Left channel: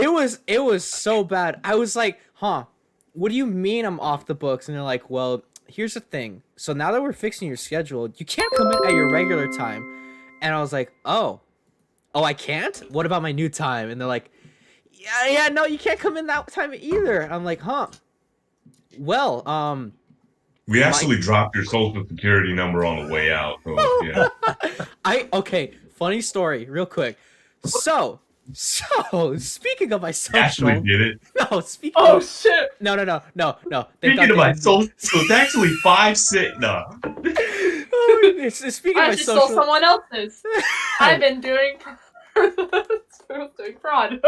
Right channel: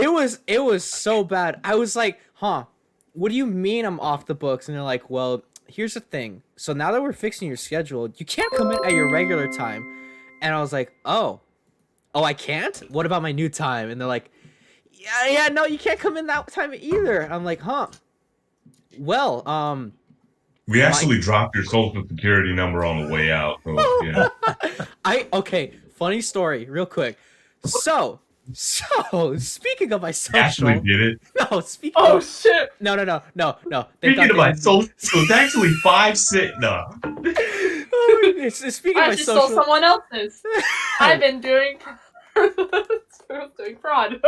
It was so bad. I was like, huh, what do you mean I'm off the books? And they're like, well, here's the thing. So now that we're fixing your schedule, you can't come in at your regular time. And I was like, oh, I can't? What about my new time? And they're like, yeah, no, you can't come in that time either. I'm like, huh. Well, We my actually dropped your social security number on the way out. So, yeah. okay, funny story, real quick. So speaking of my Actually social, did it. no, speaking Oh of shit! no. They Speaking thought of they my didn't. social, so it's actually 5 cent. No. Oh, speaking I of my actually stole social, someone else's. I've been doing fraud.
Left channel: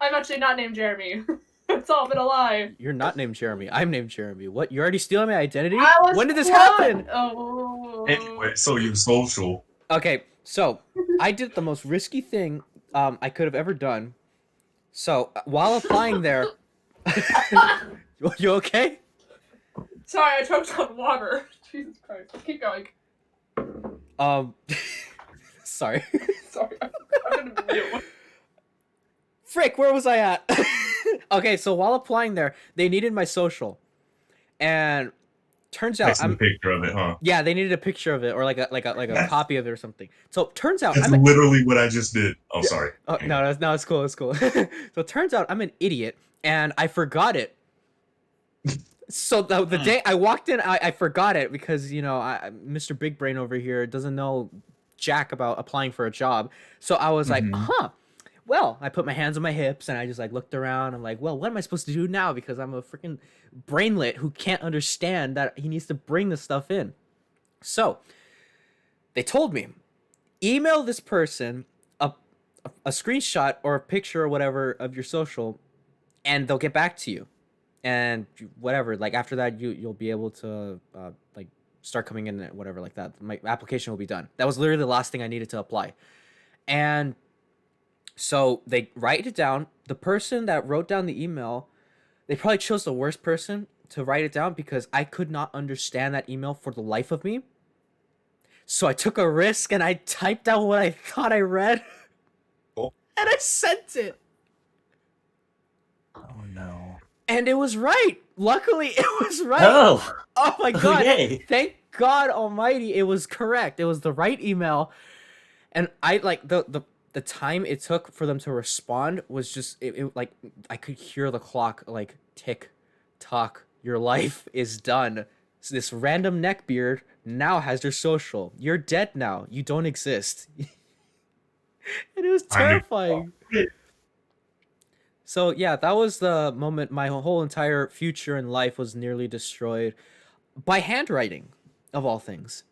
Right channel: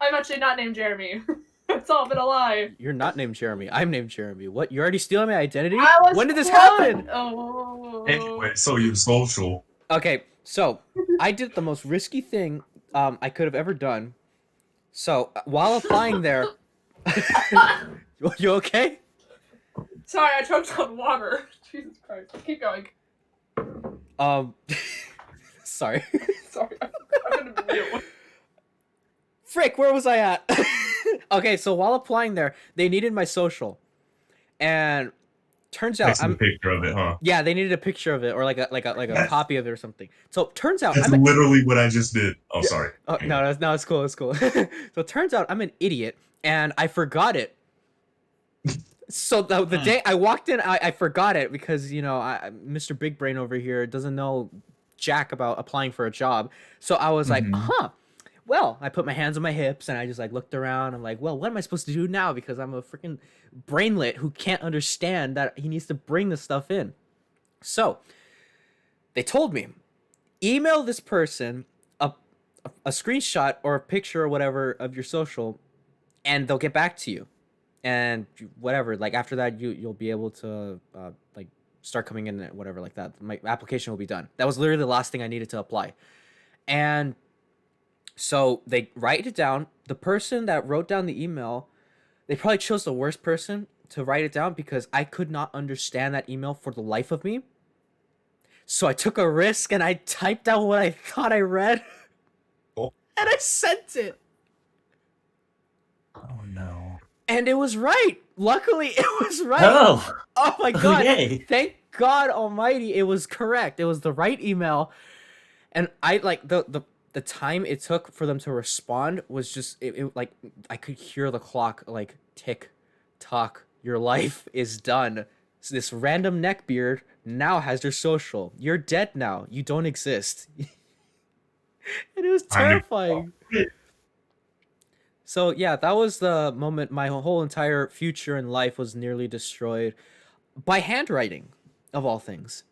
I'm actually not named Jeremy. It's all been a lie. You're not named Jeremy. I'm named Jeremy. What? You're already stealing my identity? I was When did this fraud. happen? Oh. Anyway, so your social. Okay, so I did the most risky thing I could have ever done. So while applying there, you okay? Sorry, I choked on water. Jesus Christ. Keep going. Um, sorry. Sorry. I'm gonna mute. Frick, where was I at? Okay, so while applying there, they needed my social, and turns out Text me a picture of it, huh? yeah, they needed a picture of it or like a copy of it or something. So turns out That's literally what I just did. Oh, sorry. oh, no, it's cool, it's cool. So it turns out I'm an idiot and I forgot it. So the day I walked in, I forgot it because Mr. Big Brain over here doesn't know jack about applying for a job. So I was like, huh. Well, I put my hands on my hips and I just like looked around. I'm like, well, what am I supposed to do now? Because I'm a freaking brainlet who can't understand that he needs to bring the stuff in. So they told me, email this person a screenshot or a picture or whatever of your social, and they'll get back to you. And whatever, like after that, you'll be able to like start coming in and whatever like that. My application will be done. That was literally the last thing I needed to apply, and so they write it down. The person that wrote down the email, they probably chose the worst person to write it down because I could not understand that email for the life of me. So I took a risk and I typed out what I thought I read, Oh. and I sent it. Oh no. And it was right. Luckily, it was right. Oh my god. Yay. Thank God Almighty, it was correct. It was the right email. And I like the time it took for them to respond was just it like I could hear the clock like tick tock. Your life is done. So this random neckbeard now has your social. You're dead now. You don't exist. And it was terrifying. So yeah, that was the moment my whole entire future in life was nearly destroyed by handwriting, of all things.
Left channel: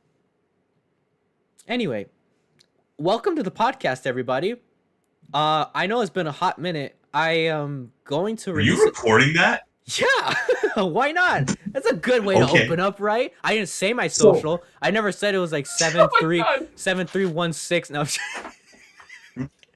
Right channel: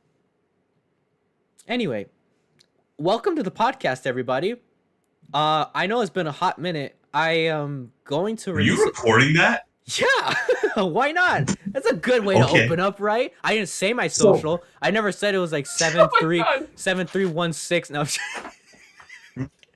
Anyway, welcome to the podcast, everybody. I know it's been a hot minute. I am going to Are release you recording that? Yeah, why not? That's a good way to open up, right? I didn't say my social. I never said it was like 7316. No.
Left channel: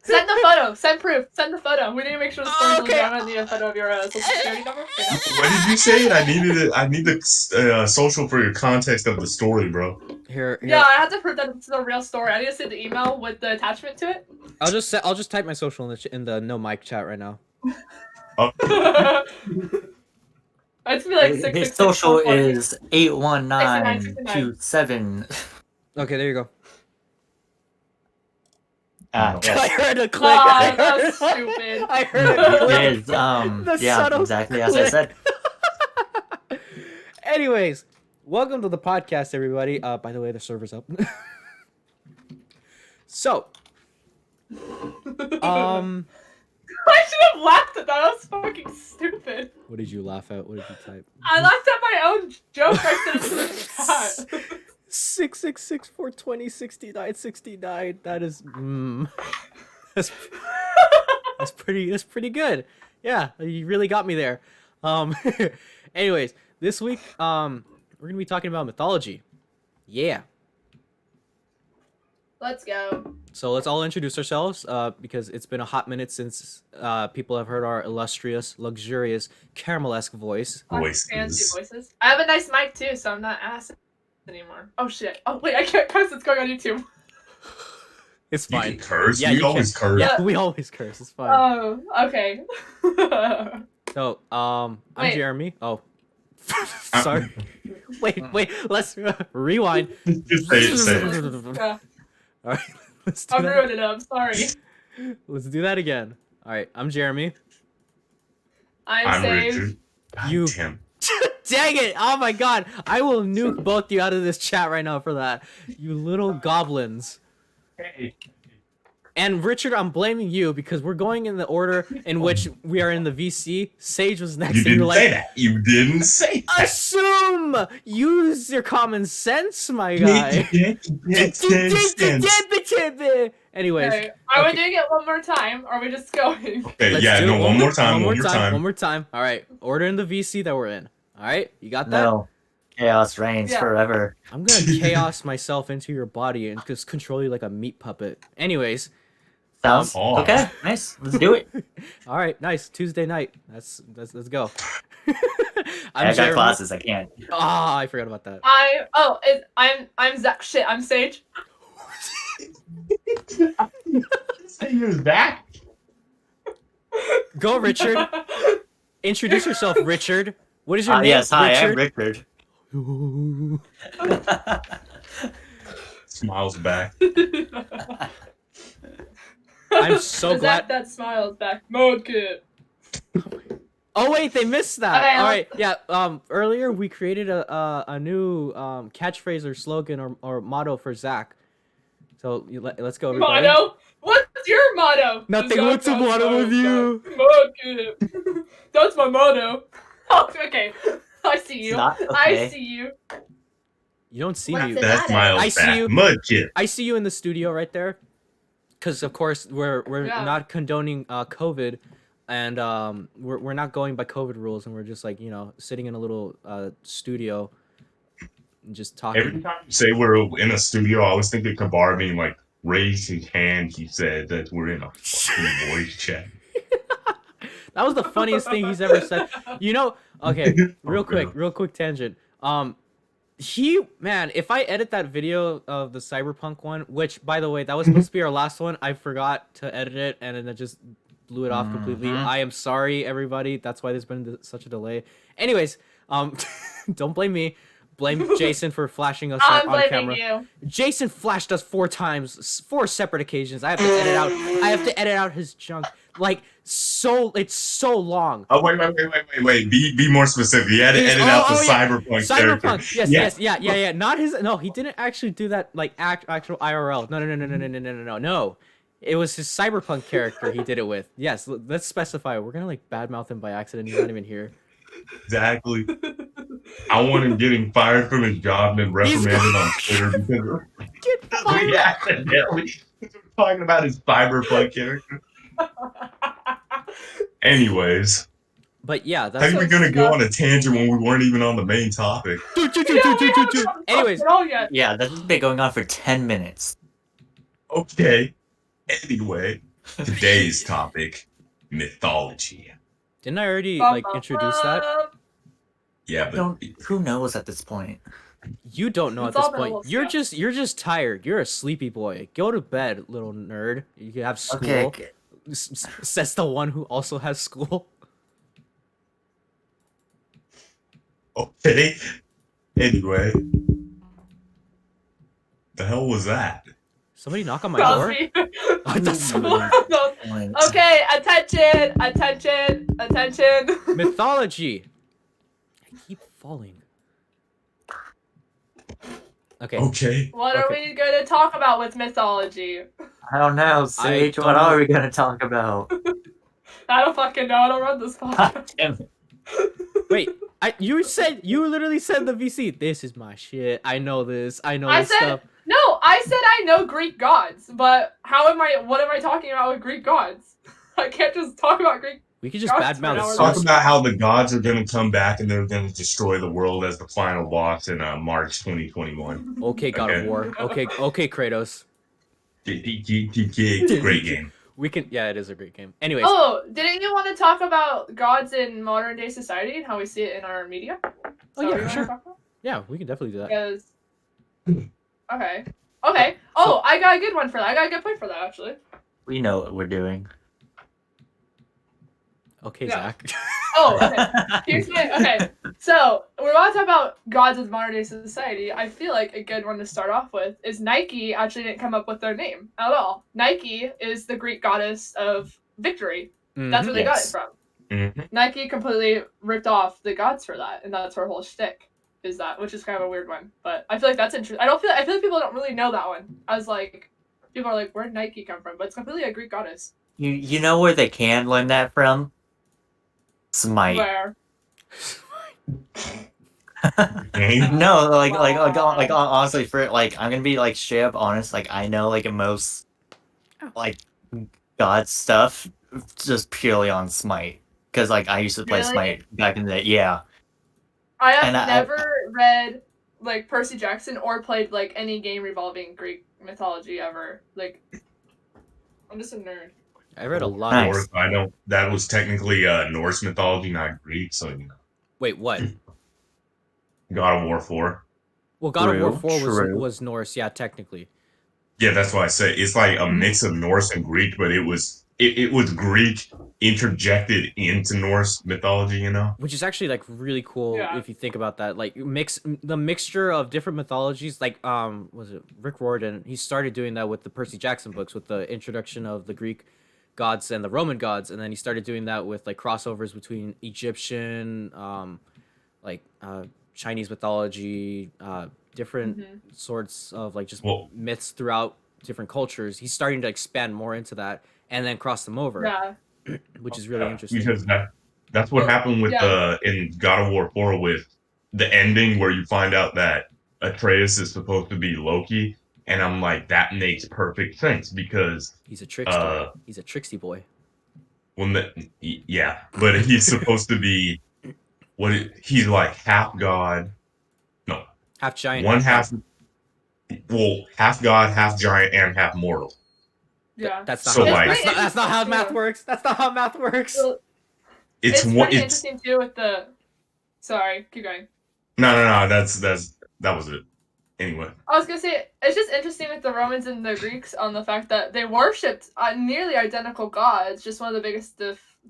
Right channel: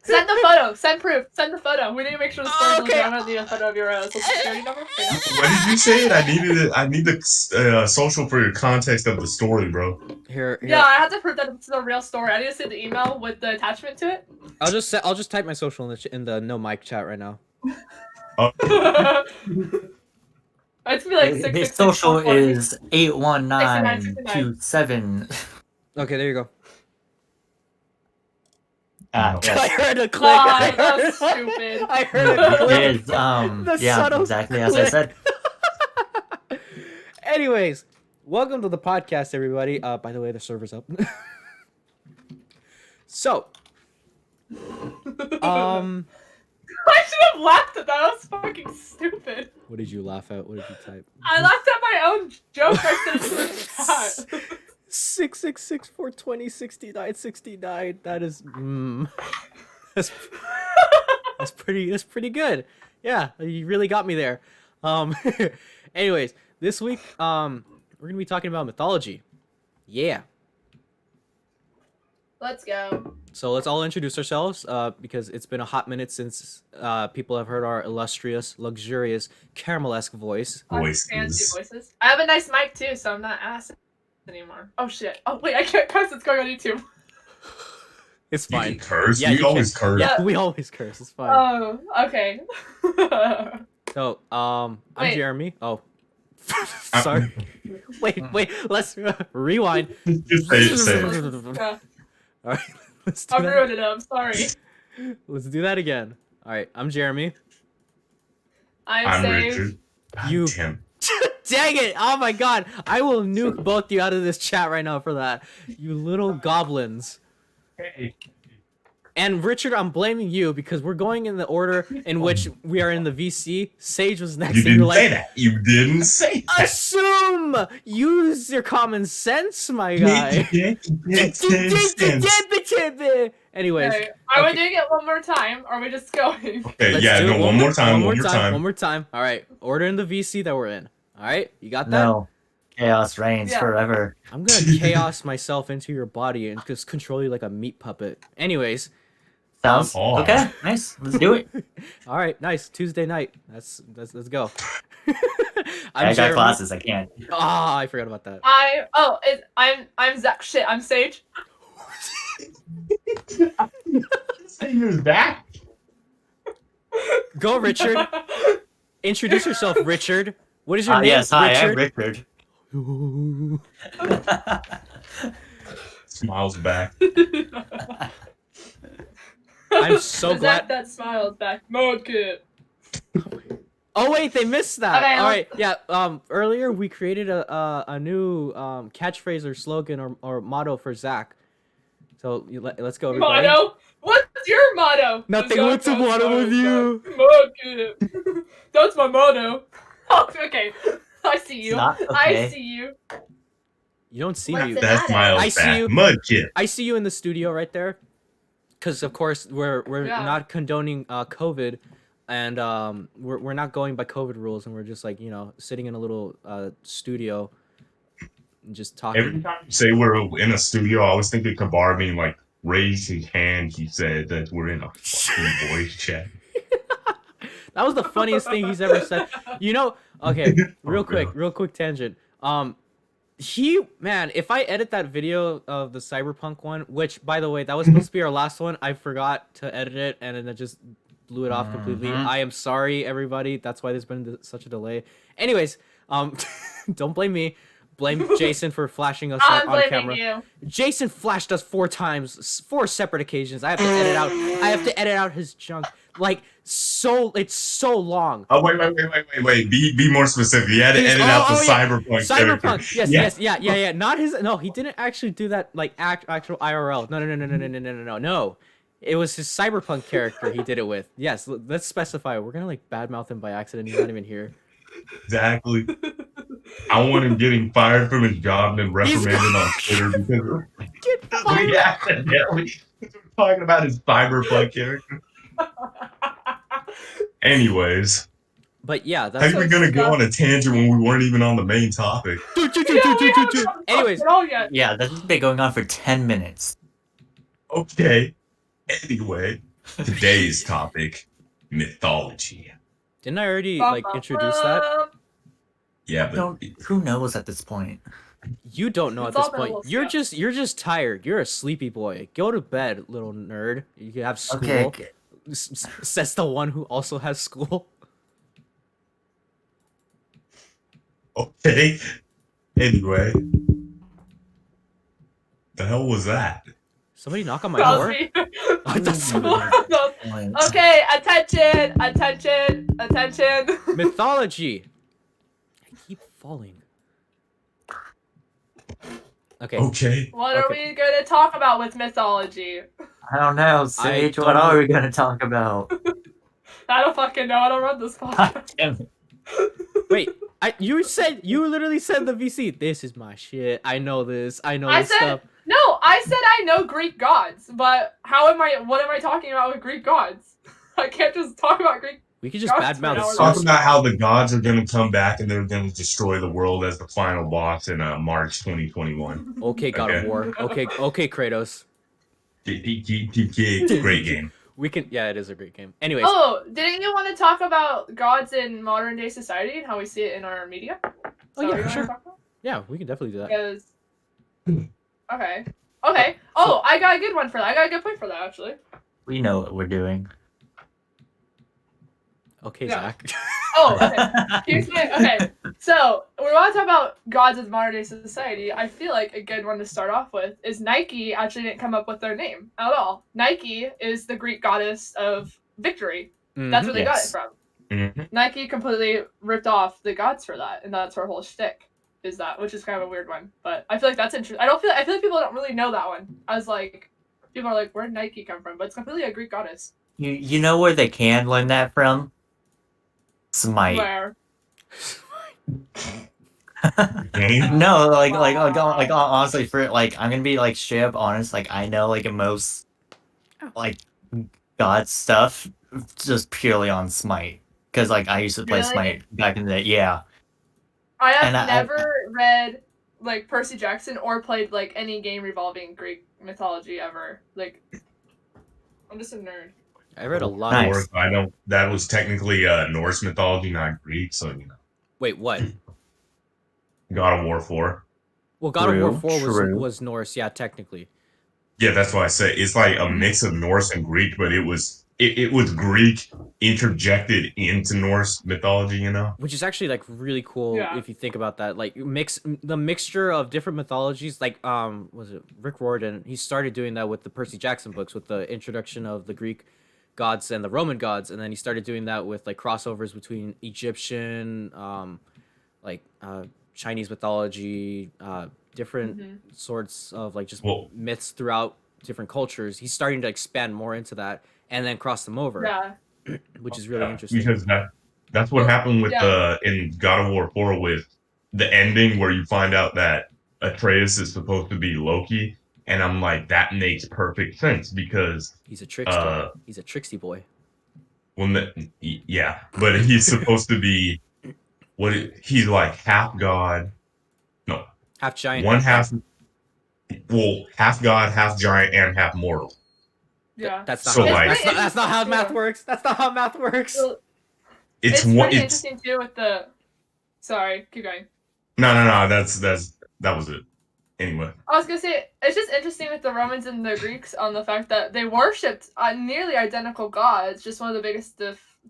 Send the photo. Send proof. Send the photo. We need to make sure the Oh, okay. I'm gonna need a photo of your social security number. What did you say? I needed it. I need the social for your context of the story, bro. Here. Yeah, I have to prove that it's the real story. I need to see the email with the attachment to it. I'll just type my social in the no mic chat right now. Oh, It's be like His social is 81927. Okay, there you go. Well, I heard a click. Wow, I that heard was stupid. I heard a click. is, The yeah, subtle exactly as I click. said. Anyways, welcome to the podcast, everybody. By the way, the server's up. So, I should have laughed at that. That was fucking stupid. what did you laugh at? What did you type? I laughed at my own joke. I said it in the chat. 666-420-6969. That is that's pretty good. Yeah, you really got me there. Anyways, this week we're gonna be talking about mythology. Yeah. Let's go. So let's all introduce ourselves because it's been a hot minute since people have heard our illustrious, luxurious, caramel-esque voice. Fancy voices. I have a nice mic too, so I'm not ass anymore. Oh shit. Oh wait, I can't cuss. It's going on YouTube. It's You fine. can curse. Yeah, we you always can. curse. Yeah, we always curse. It's fine. Oh, okay. So, I'm Wait. Jeremy. Oh, sorry. Wait. Let's rewind. Just say it. Yeah, All right, let's do I'm that. ruining it up. Sorry. Let's do that again. All right, I'm Jeremy. I'm I'm saved. Richard. God You- damn. Dang it! Oh my god, I will nuke both of you out of this chat right now for that. You little goblins. Hey. And Richard, I'm blaming you because we're going in the order in which we are in the VC. Sage was next, You and you're didn't like, say that. You didn't say that. assume! Use your common sense, my guy. Anyways, Okay. Are we okay. doing it one more time? Or are we just going? Okay, Let's yeah, do no, it one more time. One more time. All right, order in the VC that we're in. All right, you got that? No. Chaos reigns Yeah. forever. I'm gonna chaos myself into your body and just control you like a meat puppet. Anyways, Sounds Oh. okay. Nice. Let's do it. all right, nice Tuesday night. Let's go. I'm I got Jeremy. classes. I can't. Ah, I forgot about that. I'm Zach. Shit, I'm Sage. Say you're that. Go, Richard. Introduce yourself, Richard. What is your name, Yes, hi, Richard? I'm Richard. Smiles back. I'm so glad. That smiles back. Mode kit. Oh wait, they missed that. Okay, All right, yeah. Earlier we created a new catchphrase or slogan or motto for Zach. So let's go, everybody. Motto? What's your motto? Nothing. What's the motto with you? Mode kit. That's my motto. Oh, okay. I see you. It's not I okay. see you. You don't see What's me. it? That smiles I back. see you. Mudkip. I see you in the studio right there. Because of course we're Yeah. not condoning COVID, and we're not going by COVID rules, and we're just like sitting in a little studio, and just talking. Every time you say we're in a studio, I always think of Kabar being like, raise his hand. He said that we're in a fucking voice chat. That was the funniest thing he's ever said. Okay, real quick tangent. If I edit that video of the Cyberpunk one, which by the way, that was supposed to be our last one, I forgot to edit it and then it just blew it off completely. Mhm. I am sorry, everybody. That's why there's been such a delay. Anyways, don't blame me. Blame Jason for flashing us I'm on blaming camera. you. Jason flashed us 4 times, 4 separate occasions. I have to edit out his junk. It's so long. Oh, wait. Be more specific. You had to edit out the Cyberpunk. Cyberpunk. character. Yes. Yeah. Not his. No, he didn't actually do that. Actual IRL. No. It was his Cyberpunk character he did it with. Yes. Let's specify. We're gonna badmouth him by accident. He's not even here. Exactly. I want him getting fired from his job and then He's reprimanded on Twitter because Get fired. we accidentally talking about his Cyberpunk character. Anyways, But yeah, how that's. are we gonna go on a tangent when we weren't even on the main topic? Anyways. Yeah, this has been going on for 10 minutes. Okay. Anyway, today's topic: mythology. Didn't I already introduce that? Yeah, but Who knows at this point? You don't know It's at this all been a point. little You're just tired. You're a sleepy boy. Go to bed, little nerd. You have school. Okay. Says the one who also has school. okay. Anyway, the hell was that? Somebody knock on my door. I thought somebody- Okay, attention. Mythology. I keep falling. Okay. Okay. What are we gonna talk about with mythology? I don't know. Sage, don't what know. are we going to talk about? I don't fucking know. I don't run this podcast. Damn it. Wait. You literally said the VC. This is my shit. I know this. I know I this said- stuff. No, I said I know Greek gods, but what am I talking about with Greek gods? I can't just talk about Greek. We could just Gods for badmouth an hour. Talk Zeus. about how the gods are going to come back and they're going to destroy the world as the final boss in March 2021. Okay, God of Okay. War. Okay, Kratos. Great game. We can. Yeah, it is a great game. Anyways, Oh, didn't you want to talk about gods in modern day society and how we see it in our media? Oh, yeah, Is that what for you sure. wanna talk about? yeah, we can definitely do that. Because okay, Okay. Oh, I got a good one for that. I got a good point for that actually. We know what we're doing. Okay, Yeah. Zach. Oh, okay. Here's my okay. So we're about to talk about gods of modern day society. I feel like a good one to start off with is Nike. Actually, didn't come up with their name at all. Nike is the Greek goddess of victory. That's where they got it Yes. from. Mhm. Nike completely ripped off the gods for that, and that's her whole shtick. Is that, which is kind of a weird one, but I feel like that's interesting. I feel like people don't really know that one. I was like, people are like, where did Nike come from? But it's completely a Greek goddess. You know where they can learn that from? Smite. Where Game? No, Wow. honestly, for like, I'm gonna be like straight up honest. Like, I know like most like god stuff just purely on Smite because like I used to play Really? Smite back in the day. Yeah, I have and never read like Percy Jackson or played like any game revolving Greek mythology ever. Like, I'm just a nerd. I read a lot Nice. of. Norse, I don't. That was technically Norse mythology, not Greek. So Wait, what? God of War 4. Well, God of War True, 4 true. was Norse, yeah, technically. Yeah, that's why I say it's like a mix of Norse and Greek, but it was Greek interjected into Norse mythology. You know. Which is actually like really cool Yeah. if you think about that. Like the mixture of different mythologies. Like was it Rick Riordan? He started doing that with the Percy Jackson books, with the introduction of the Greek gods and the Roman gods, and then he started doing that with like crossovers between Egyptian, like Chinese mythology, different sorts of like just Well, myths throughout different cultures. He's starting to expand more into that and then cross them over, Yeah. which is really yeah, interesting. because that's what happened with Yeah. in God of War 4 with the ending where you find out that Atreus is supposed to be Loki, and I'm like, that makes perfect sense because He's a trickster. He's a tricksy boy. when yeah, but he's supposed to be he's like half god, no, Half giant, one half half, well, half god, half giant, and half mortal. Yeah. That's not So, how like- that's not how math works. That's not how math works. Well, It's it's one. pretty It's interesting too with the. Sorry, keep going. no. That was it. Anyway, I was gonna say it's just interesting with the Romans and the Greeks on the fact that they worshipped nearly identical gods. Just one of the biggest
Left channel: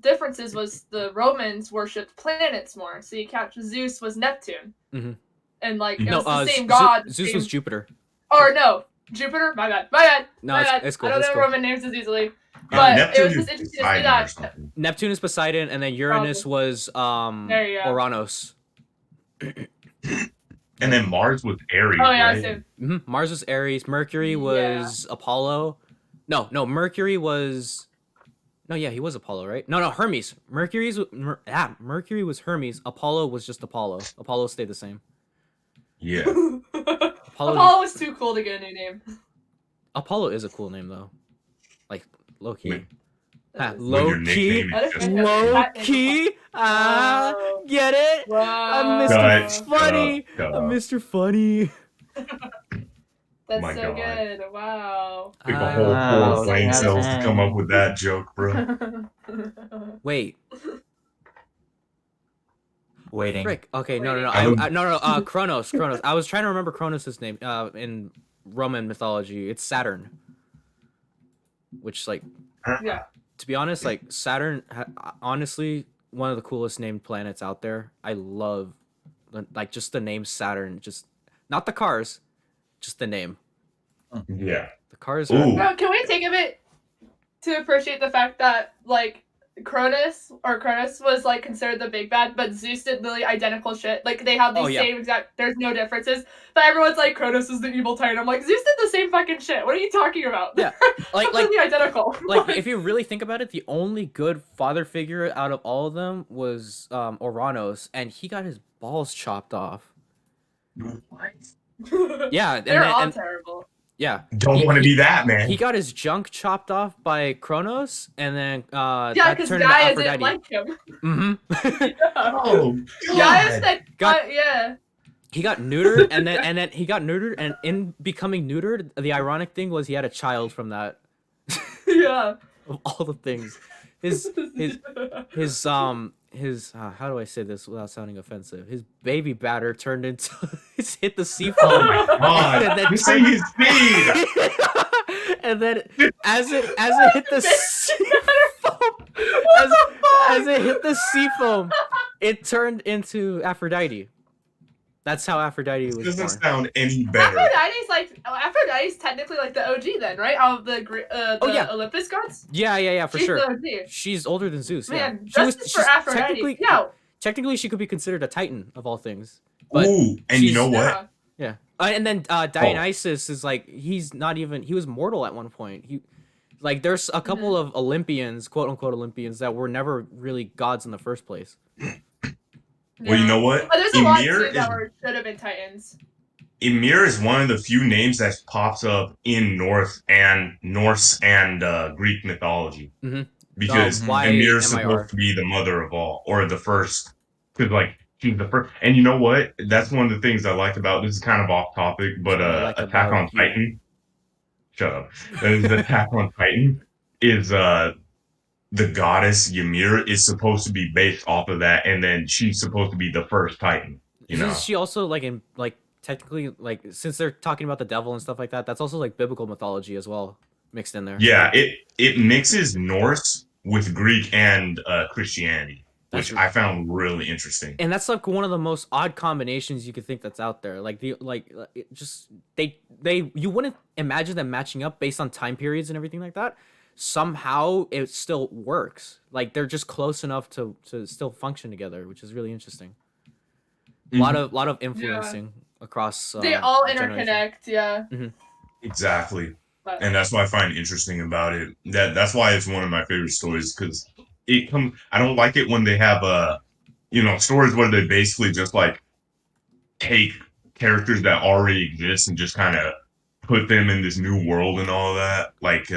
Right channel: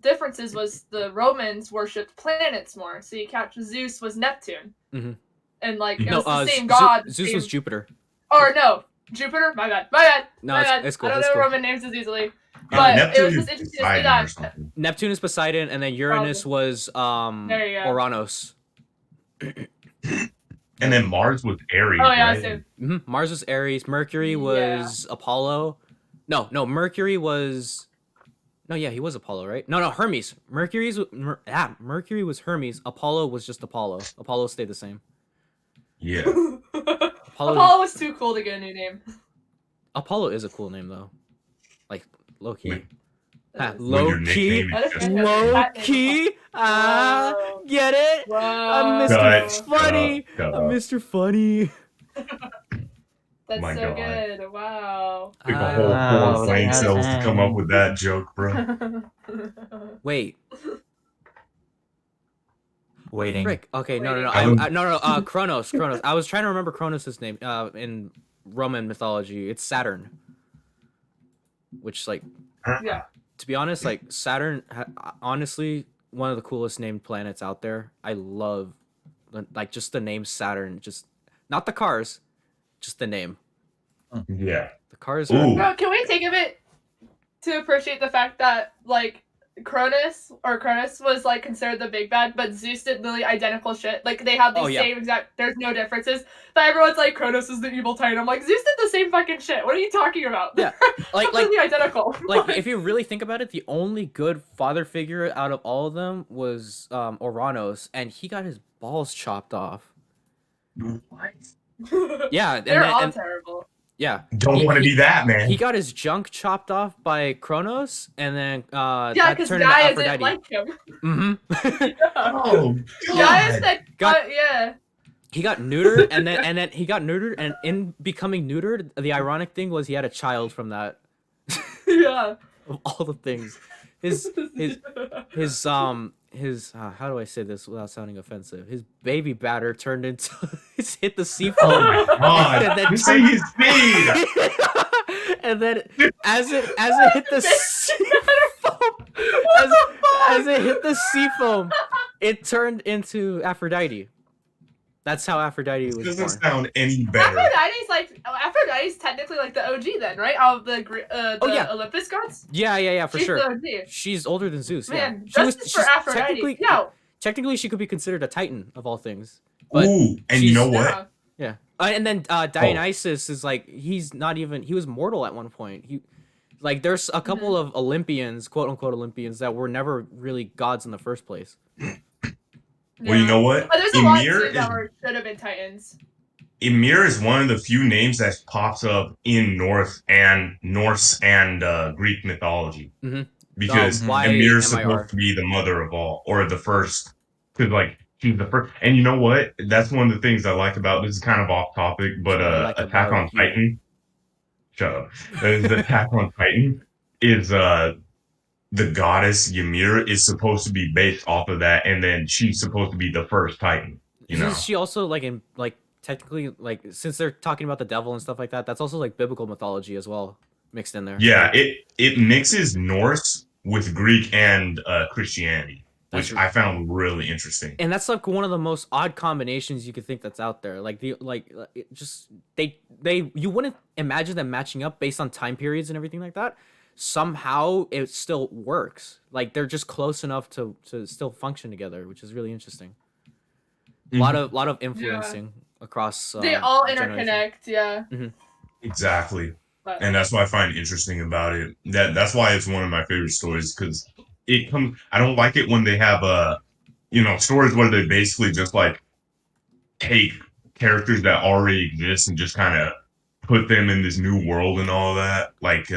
differences was the Romans worshipped planets more. So you catch Zeus was Neptune, Mhm. and like it No, was the same Zeus god. was same- Jupiter. Or no, Jupiter. My bad. No, My it's, bad. it's cool. I don't It's know cool. Roman names as easily. But Neptune it was is just interesting to see Poseidon or that. something. Neptune is Poseidon, and then Uranus was There you go. Uranus. And then Mars was Aries, Oh yeah, right? so Mars was Aries. Mercury was Apollo. No, Mercury was. No, yeah, he was Apollo, right? No, Hermes. Mercury was Hermes. Apollo was just Apollo. Apollo stayed the same. Yeah. Apollo was too cool to get a new name. Apollo is a cool name though. Like low key. When- Ha, when low your key. nickname is just- Low key. Ah, Whoa. get it? Whoa. I'm Mr. Cut. Funny. Cut. I'm Mr. Funny. That's My so God. good. Wow. Took a whole Oh, four brain that's cells to come up with that joke, bro. Wait, waiting. frick. Okay, no. Kronos. I was trying to remember Kronos' name. In Roman mythology, it's Saturn. Which, like, Yeah. to be honest, like Saturn, honestly, one of the coolest named planets out there. I love, like, just the name Saturn. Just not the cars, just the name. Yeah. The cars Ooh. are. Bro, can we take a bit to appreciate the fact that like Cronus was like considered the big bad, but Zeus did literally identical shit. Like they have the Oh, yeah. same exact. There's no differences. But everyone's like Cronus is the evil titan. I'm like Zeus did the same fucking shit. What are you talking about? Yeah, like completely identical. like if you really think about it, the only good father figure out of all of them was Oranos, and he got his balls chopped off. Yeah, and they're then, all and terrible. yeah, Don't want to be that, man. he got his junk chopped off by Kronos, and then Yeah, that because turned into Gaia Aphrodite. didn't like him. Mm-hmm. Oh, Gaia God. said, Got- yeah. He got neutered, and then he got neutered, and in becoming neutered, the ironic thing was he had a child from that. Yeah. Of all the things, his how do I say this without sounding offensive? His baby batter turned into hit the sea Oh foam, my god! and then You see his speed. and then as it hit the sea foam, as it hit the sea foam, it turned into Aphrodite. That's how Aphrodite This was doesn't born. sound any better. Aphrodite's technically like the OG then, right? Out of the Oh, yeah. Olympus gods. Yeah, for She's sure. the OG. She's older than Zeus. Man, Yeah, justice for Aphrodite. technically she could be considered a Titan of all things. But Ooh, and you know what? Yeah. yeah, and then Dionysus is like he was mortal at one point. There's a couple of Olympians, quote unquote Olympians, that were never really gods in the first place. Well, you know what? But there's a lot Ymir too that should have been Titans. Ymir is one of the few names that pops up in Norse and Greek mythology. Mhm. Because Why Ymir is MIR? supposed to be the mother of all, or the first, because like she's the first. And you know what? That's one of the things I like about this. Is kind of off topic, but What I like Attack about on you. Titan. Shut up. Attack on Titan is the goddess Ymir is supposed to be based off of that, and then she's supposed to be the first Titan. You know? Isn't she also technically since they're talking about the devil and stuff like that? That's also like biblical mythology as well mixed in there. Yeah, it mixes Norse with Greek and Christianity, which I found really interesting. And that's like one of the most odd combinations you could think that's out there. You wouldn't imagine them matching up based on time periods and everything like that. Somehow it still works. Like they're just close enough to still function together, which is really interesting. A lot of influencing across. They all generation. interconnect. Yeah. Mm-hmm. Exactly. And that's what I find interesting about it. That's why it's one of my favorite stories, because I don't like it when they have stories where they basically just like take characters that already exist and just kind of put them in this new world and all that. Like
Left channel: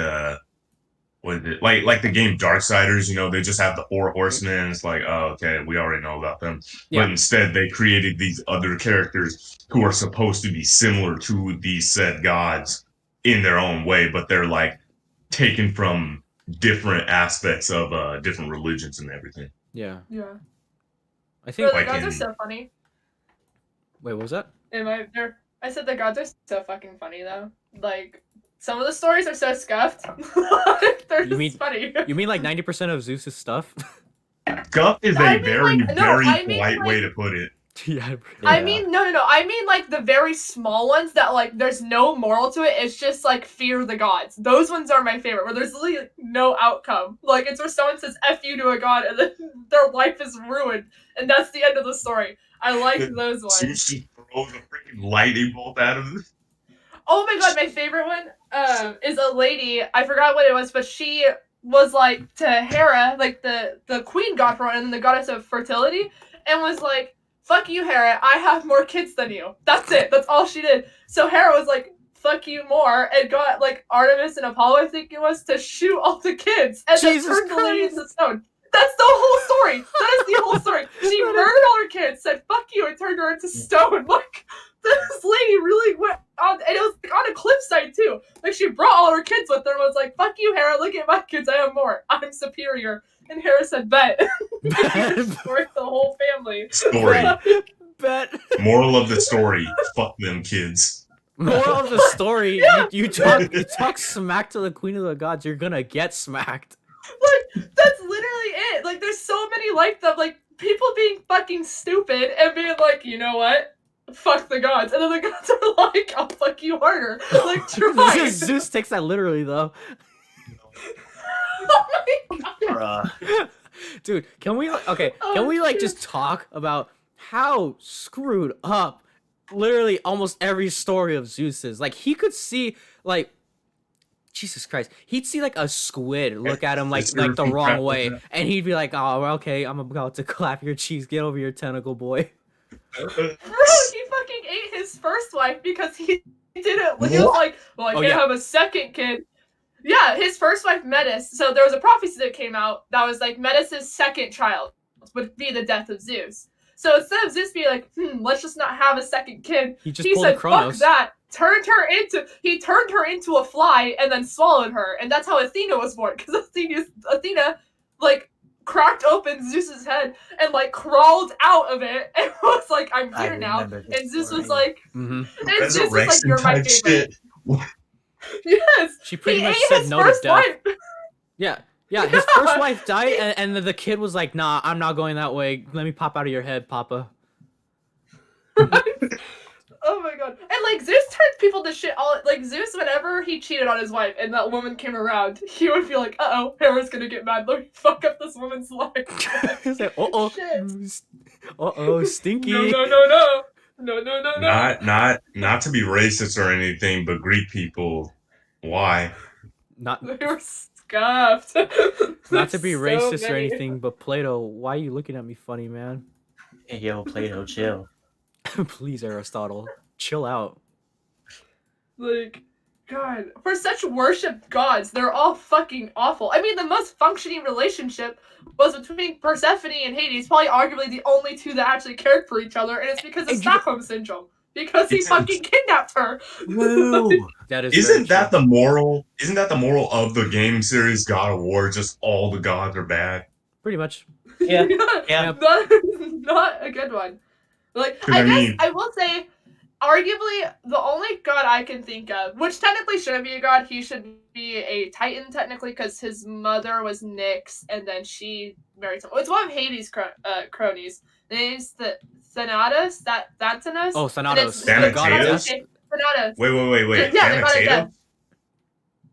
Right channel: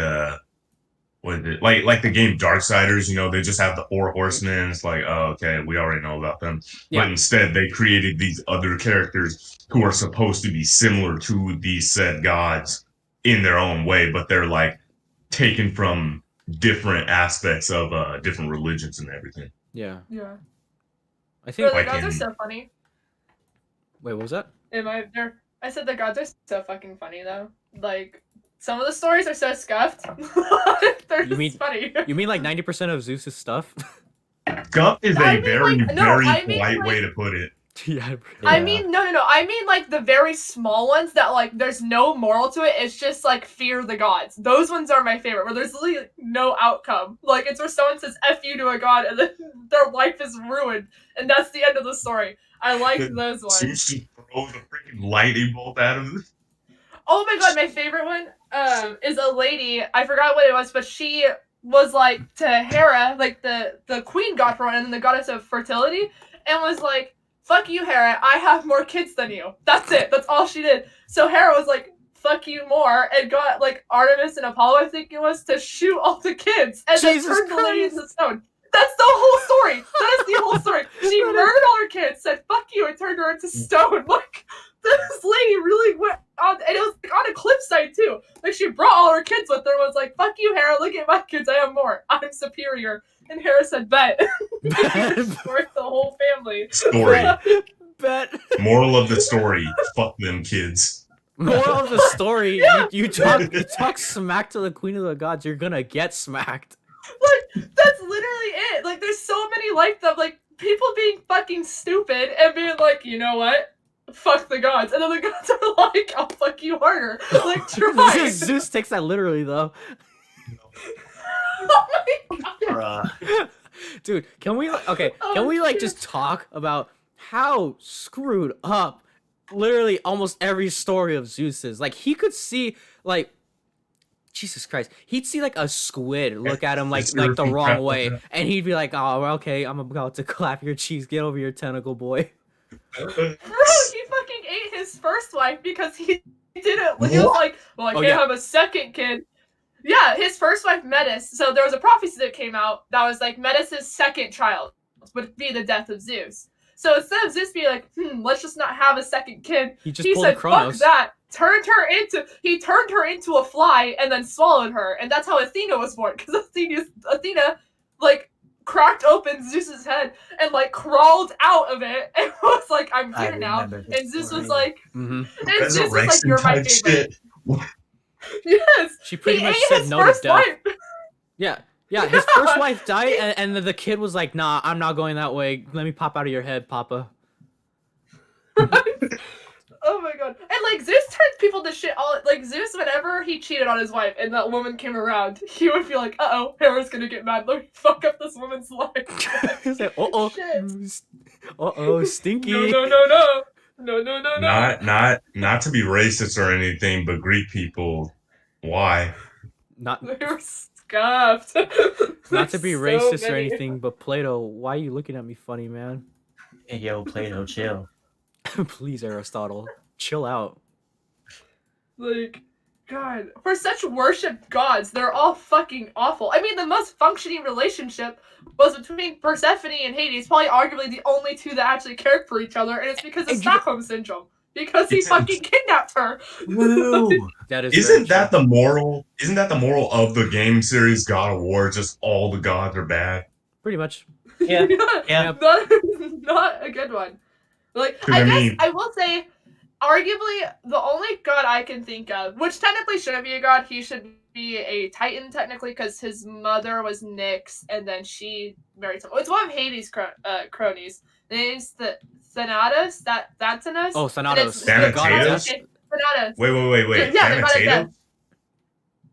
what is it? Like the game Darksiders, they just have the 4 horsemen, and it's like, oh, okay, we already know about them. Yeah. But instead they created these other characters who are supposed to be similar to these said gods in their own way, but they're like taken from different aspects of different religions and everything. Yeah. Yeah. I think the gods are so funny. Wait, what was that? I said the gods are so fucking funny though. Like some of the stories are so scuffed. They're just funny. You mean like 90% of Zeus's stuff? Scuffed is a very polite way to put it. Yeah. I mean, no. I mean, like, the very small ones that, like, there's no moral to it. It's just, like, fear the gods. Those ones are my favorite, where there's literally no outcome. Like, it's where someone says F you to a god, and then their life is ruined. And that's the end of the story. I like those ones. Zeus just throws a freaking lightning bolt at him. Oh my god, my favorite one is a lady. I forgot what it was, but she was, like, to Hera, like, the queen god for one, and the goddess of fertility, and was like, fuck you, Hera, I have more kids than you. That's it. That's all she did. So Hera was like, fuck you more, and got, like, Artemis and Apollo, I think it was, to shoot all the kids. And Jesus then turned the lady Christ. into stone. That's the whole story. That is the whole story. She murdered all her kids, said fuck you, and turned her into stone. Like, this lady really went on, and it was like on a cliffside too. Like, she brought all her kids with her and was like, fuck you, Hera, look at my kids, I have more. I'm superior. And Hera said, bet. For the whole family. Story. Bet. Moral of the story, fuck them kids. Moral of the story, you talk smack to the queen of the gods, you're gonna get smacked. Like, that's literally it. Like, there's so many like them, like, people being fucking stupid and being like, you know what? Fuck the gods. And then the gods are like, I'll fuck you harder. Like, try. Zeus takes that literally, though. Oh my god. Bruh. Dude, can we just talk about how screwed up literally almost every story of Zeus is? Like, he could see, like, Jesus Christ, he'd see like a squid look at him like the wrong way, and he'd be like, oh, okay, I'm about to clap your cheeks, get over your tentacle, boy. Bro, he fucking ate his first wife because he didn't. He was like, well, I can't have a second kid. Yeah, his first wife, Metis. So there was a prophecy that came out that was like Metis' second child would be the death of Zeus. So instead of Zeus being like, let's just not have a second kid, he pulled said, a Kronos. Fuck that. He turned her into a fly and then swallowed her, and that's how Athena was born. Because Athena, like, cracked open Zeus's head and like crawled out of it and was like, "I'm I here now." remember this And Zeus was story. like, Mm-hmm. and Zeus was like, Resurrection "You're my type favorite." shit. Yes. She pretty he much ate said his no to first death. wife. Yeah, his first wife died, and the kid was like, "Nah, I'm not going that way. Let me pop out of your head, Papa." Oh my god. And like Zeus turns people to shit all like Zeus whenever he cheated on his wife and that woman came around, he would feel like, uh-oh, Hera's gonna get mad. Let me fuck up this woman's life. He's like, "Uh-oh. Shit. Uh-oh, stinky." No, no, no, no. No, no, no, no. Not to be racist or anything, but Greek people, why? Not They were scuffed. not to be So racist or many. anything, but Plato, why are you looking at me funny, man? Hey, yo, Plato, chill. Please, Aristotle, chill out. Like, God, for such worshipped gods, they're all fucking awful. I mean, the most functioning relationship was between Persephone and Hades, probably arguably the only two that actually cared for each other, and it's because of And you- Stockholm Syndrome. Because he fucking kidnapped her. Woo! That is very Isn't that true. the moral? Isn't that the moral of the game series God of War? Just all the gods are bad. Pretty much. Yeah. Yeah. Not a good one. Like, 'Cause I I guess mean- I will say, arguably, the only god I can think of, which technically shouldn't be a god, he should be a titan, technically, because his mother was Nyx, and then she married someone. It's one of Hades' cronies. The name's the Thanatos, Thanatos? Oh, Thanatos, the the god of death? Thanatos. Wait. Yeah, the god of Thanatos? death.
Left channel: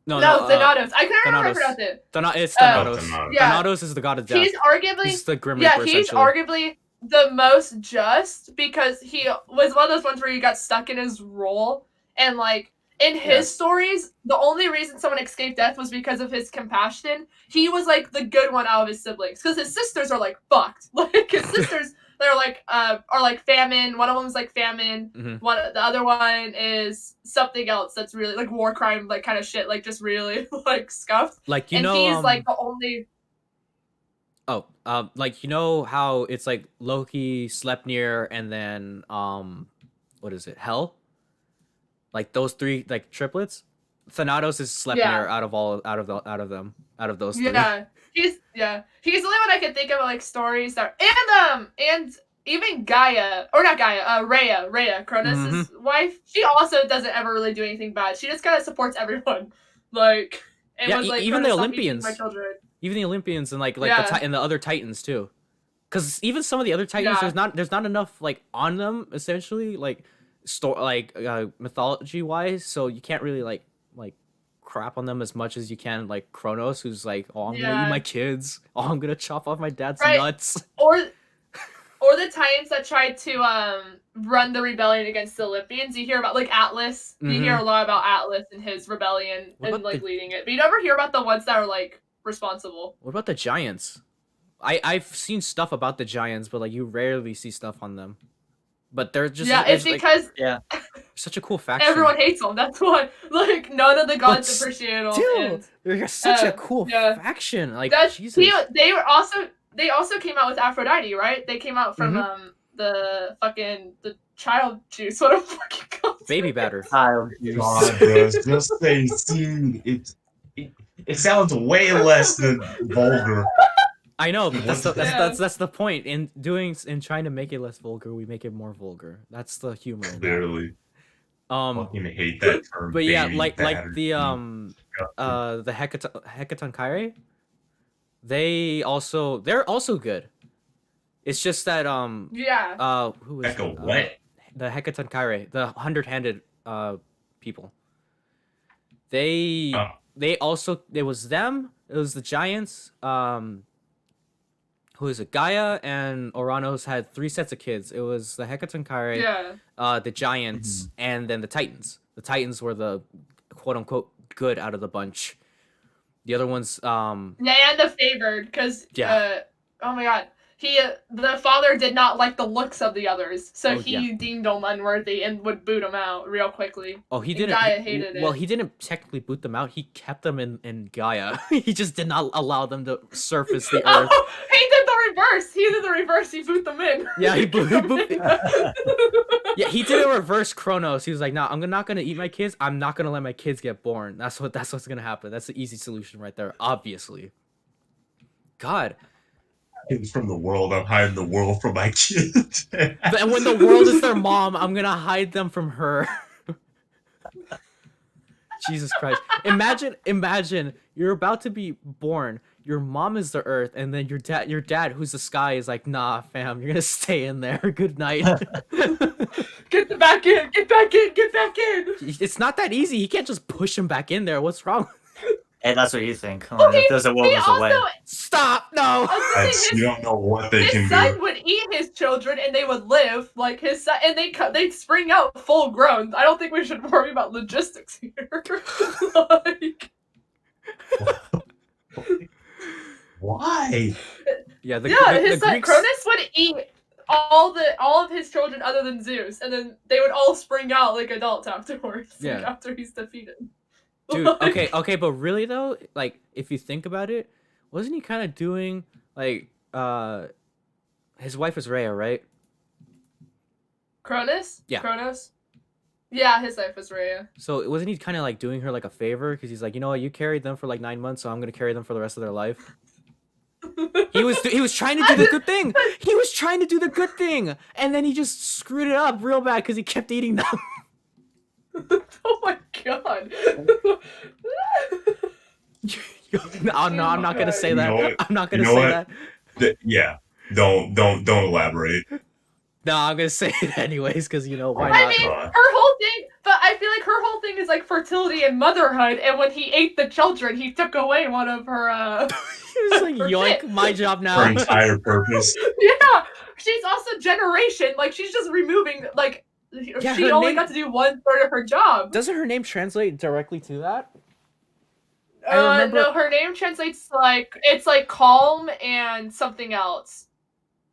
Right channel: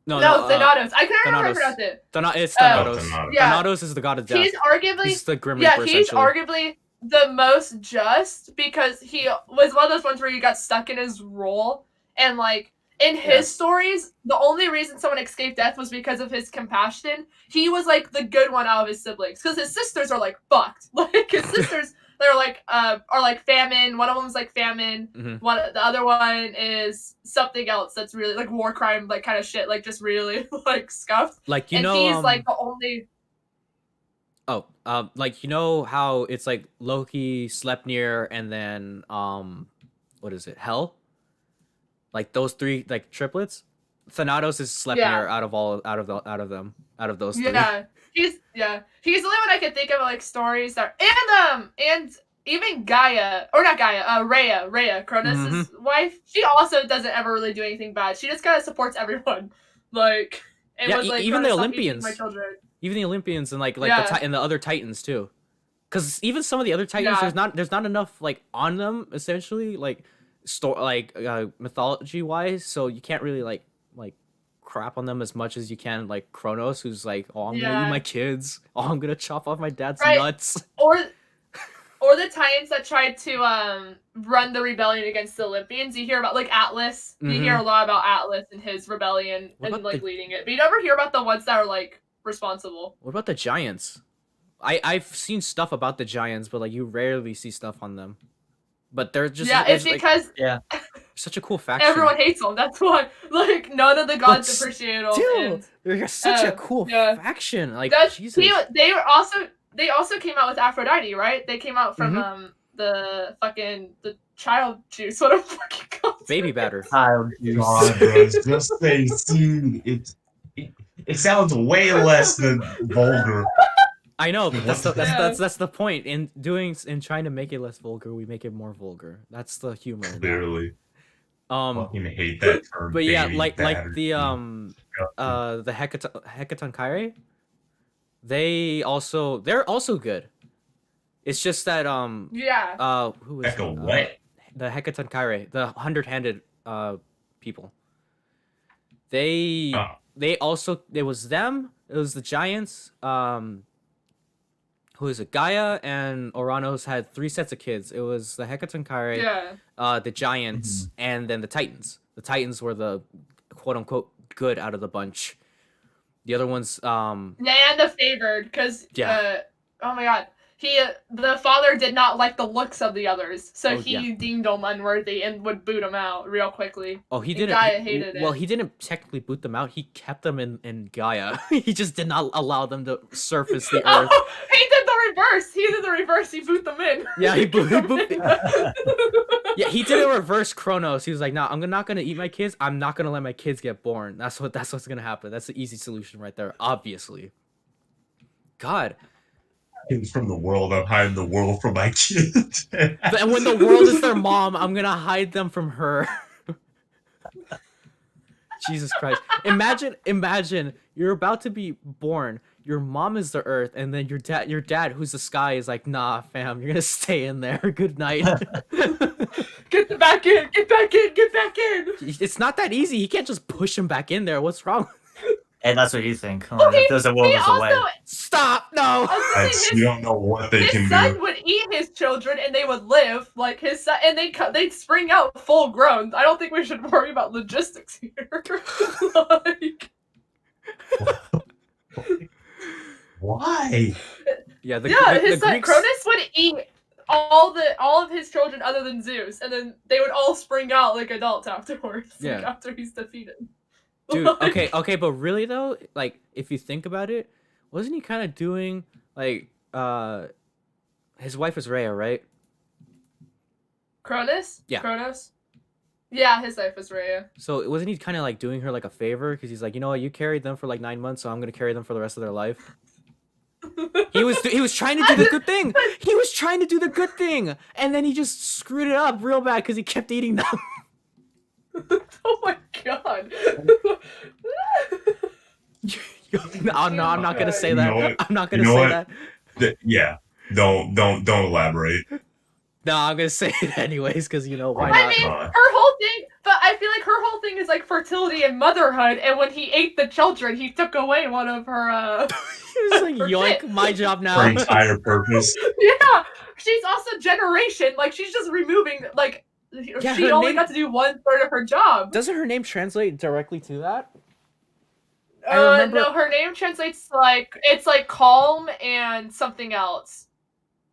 No, Thanatos. I can't remember how Thanatos. to pronounce it. It's Oh, Thanatos. Thanatos. Yeah. Thanatos is the god of death. He's arguably He's the Grim yeah, Reaper, he's essentially. arguably the most just because he was one of those ones where he got stuck in his role and like in his stories, the only reason someone escaped death was because of his compassion. He was like the good one out of his siblings because his sisters are like fucked. Like his sisters, they're like are like famine. One of them's like famine. Mhm. The other one is something else that's really like war crime, like kind of shit, like just really like scuffed. Like, you and know, he's like the only. like, you know how it's like Loki, Sleipnir, and then what is it, Hel? Like those three, like triplets. Thanatos is Sleipnir Yeah. out of those three. Yeah, he's the only one I can think of like stories that and even Gaia or not Gaia, Rhea, Cronus' wife. She also doesn't ever really do anything bad. She just kind of supports everyone, like and Yeah, was like, even the "Cronus, stop eating Olympians. my children." Even the Olympians and like Yeah. and the other Titans too, because even some of the other Titans, Yeah. there's not enough like on them essentially, like mythology wise, so you can't really like crap on them as much as you can like Kronos, who's like, oh, I'm gonna eat Yeah. my kids, oh, I'm gonna chop off my dad's Right. nuts. Or the Titans that tried to run the rebellion against the Olympians. You hear about like Atlas. You hear a lot about Atlas and his rebellion What and about like the- leading it, but you never hear about the ones that are like responsible. What about the giants? I've seen stuff about the giants, but like you rarely see stuff on them. But they're just It's like, because such a cool faction. everyone hates them. That's why, like, none of the gods But appreciate them. Still, and they're such a cool yeah. faction. Like, that's Jesus. they also came out with Aphrodite, right? They came out from the child juice. What a fucking concept. Baby batter. Child God, bros, just say seed. It sounds way less than vulgar. I know, but that's Yeah. that's the point. In trying to make it less vulgar, we make it more vulgar. That's the humor in that. Clearly, Um, fucking hate that term. but yeah, baby like batter. the Hecaton Kyrie, they're also good. It's just that Yeah. who is Echo it? what? The Hecaton Kyrie, the 100-handed people. They also, it was them, it was the giants, who is it? Gaia and Oranos had 3 sets of kids. It was the Hecaton Kyrie, Yeah. the giants, and then the Titans. The Titans were the quote unquote good out of the bunch. The other ones, Yeah, and the favored, because Yeah. oh my god, the father did not like the looks of the others, so Oh, he yeah. deemed them unworthy and would boot them out real quickly. he And didn't. Gaia hated Well, it. he didn't technically boot them out. He kept them in Gaia. He just did not allow them to surface the earth. Oh, he did the reverse. He boot them in. Yeah, he boot. Yeah, he did a reverse Kronos. He was like, "Nah, I'm not gonna eat my kids. I'm not gonna let my kids get born. That's what's gonna happen. That's the easy solution right there, obviously." God, hiding from the world. I'm hiding the world from my kid. And when the world is their mom, I'm gonna hide them from her. Jesus Christ. Imagine you're about to be born. Your mom is the earth, and then your dad, who's the sky, is like, nah, fam, you're gonna stay in there. Good night. Get back in! Get back in! Get back in! It's not that easy. He can't just push him back in there. What's wrong? And that's what you think. Oh, Well, if there's a world, there's a way. Stop! No. You don't know what they His can son do. would eat his children and they would live like his son, and they'd spring out full grown. I don't think we should worry about logistics here. Like, Why? Yeah, the his son Greeks. Cronus would eat all of his children other than Zeus, and then they would all spring out like adults afterwards. Yeah. Like, after he's defeated. Dude, Like, okay, but really though, like if you think about it, wasn't he kind of doing like his wife was Rhea, right? Cronus? Yeah. Cronus? Yeah, his life was Rhea. So wasn't he kind of like doing her like a favor because he's like, you know what, you carried them for like 9 months, so I'm gonna carry them for the rest of their life. He was trying to do the good thing. He was trying to do the good thing, and then he just screwed it up real bad because he kept eating them. Oh my god. Oh no, I'm not gonna say You that. know what? I'm not gonna You know say what? that. Yeah. Don't elaborate. No, I'm gonna say it anyways because you know why I not? mean, her whole thing, but I feel like her whole thing is like fertility and motherhood, and when he ate the children, he took away one of her, He was like, her yoink, shit. my job Her now. entire purpose. Yeah, she's also generation, like, she's just removing, like, Yeah, she her only name- got to do 1/3 of her job. Doesn't her name translate directly to that? I remember- No, her name translates to, like, it's like calm and something else.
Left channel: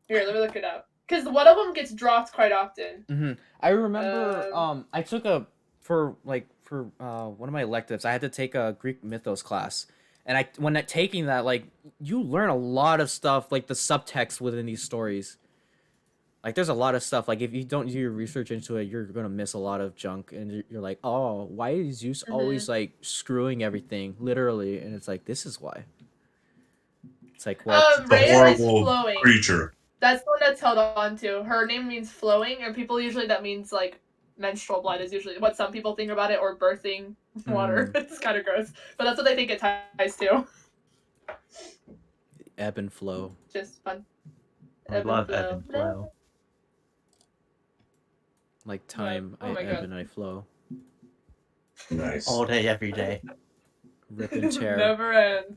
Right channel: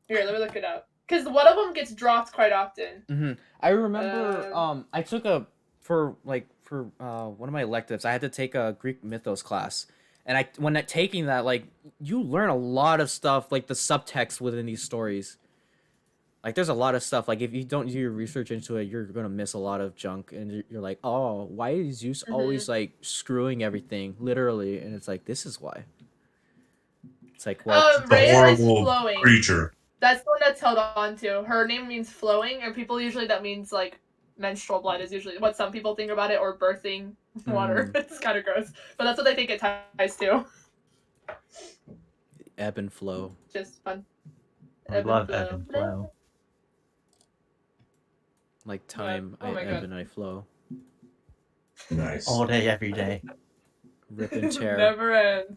Here, let me look it up. Because one of them gets dropped quite often. I remember I took for one of my electives, I had to take a Greek mythos class. And when taking that, like, you learn a lot of stuff, like the subtext within these stories. Like, there's a lot of stuff. Like, if you don't do your research into it, you're gonna miss a lot of junk, and you're like, oh, why is Zeus always like screwing everything, literally? And it's like, this is why. It's like, well, The Rhea is horrible flowing. creature. That's the one that's held on to. Her name means flowing, and people usually that means like menstrual blood is usually what some people think about it, or birthing water. It's kind of gross, but that's what they think it ties to. ebb and flow. Just fun. I love ebb and flow. Like time, Oh I my ebb God. and I flow. Nice. All day, every day. Rip and tear Never end.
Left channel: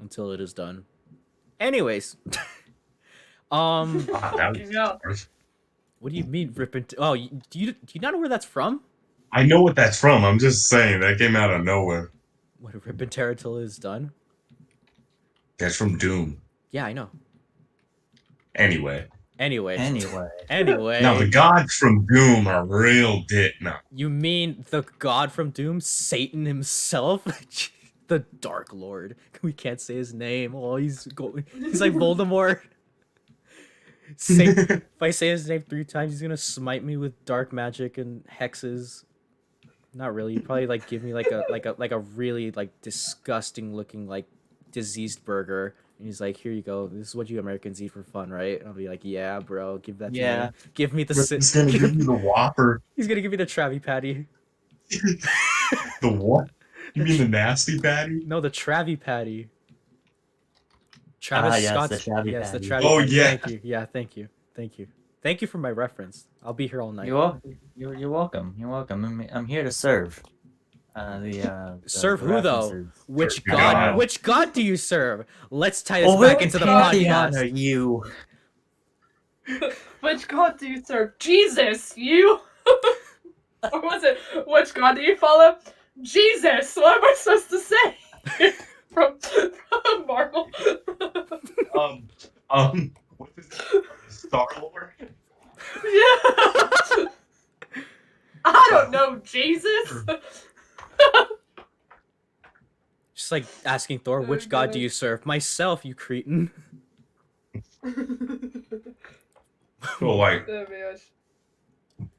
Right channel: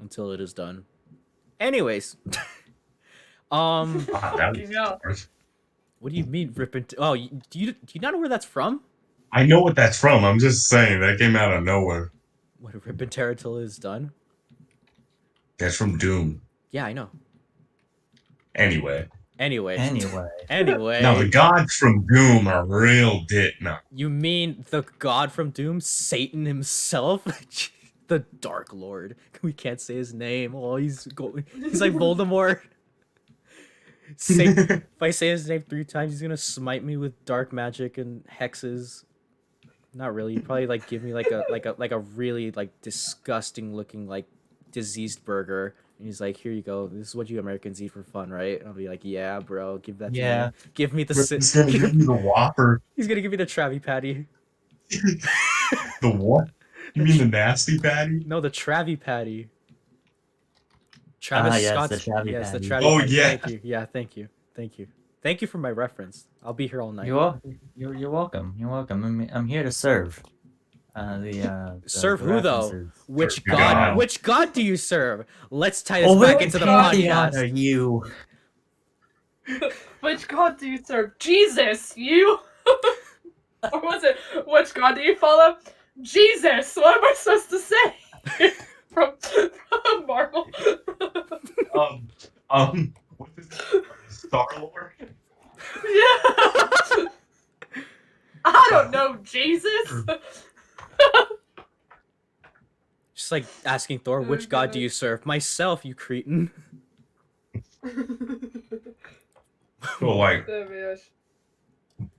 until it is done. Anyways. Ah, that You know. was- What do you mean rip and oh, do you not know where that's from? I know what that's from. I'm just saying that came out of nowhere. What, rip and tear until it is done? That's from Doom. Yeah, I know. Anyway. Anyway. Anyway. Now the gods from Doom are real dick. No. You mean the god from Doom, Satan himself? The Dark Lord. We can't say his name. Oh, he's like Voldemort. If I say his name 3 times, he's gonna smite me with dark magic and hexes. Not really. He'd probably like give me like a really like disgusting looking like diseased burger. And he's like, here you go. This is what you Americans eat for fun, right? And I'll be like, yeah, bro. Give that to Yeah. me. Give me the He's gonna give you the Whopper. He's gonna give me the Travie Patty. The what? You mean the nasty patty? No, the Travie Patty. Travis yes, Scott's. the Travie Yes, the Patty. Travie Oh, Patty. yeah. Thank you. Yeah, thank you. Thank you. Thank you for my reference. I'll be here all night. You're welcome. You're welcome. I'm here to serve. The Serve who, though? references. Which Your god? God. Which god do you serve? Let's tie this Oh, back we'll into the party honor podcast. you. Which god do you serve? Jesus, you. Or was it? Which god do you follow? Jesus. What am I supposed to say? from Marvel. What is it? Star Lord? Yeah. I don't know, Jesus. Just like asking Thor, which god do you serve? Myself, you cretin. So like, Oh my gosh.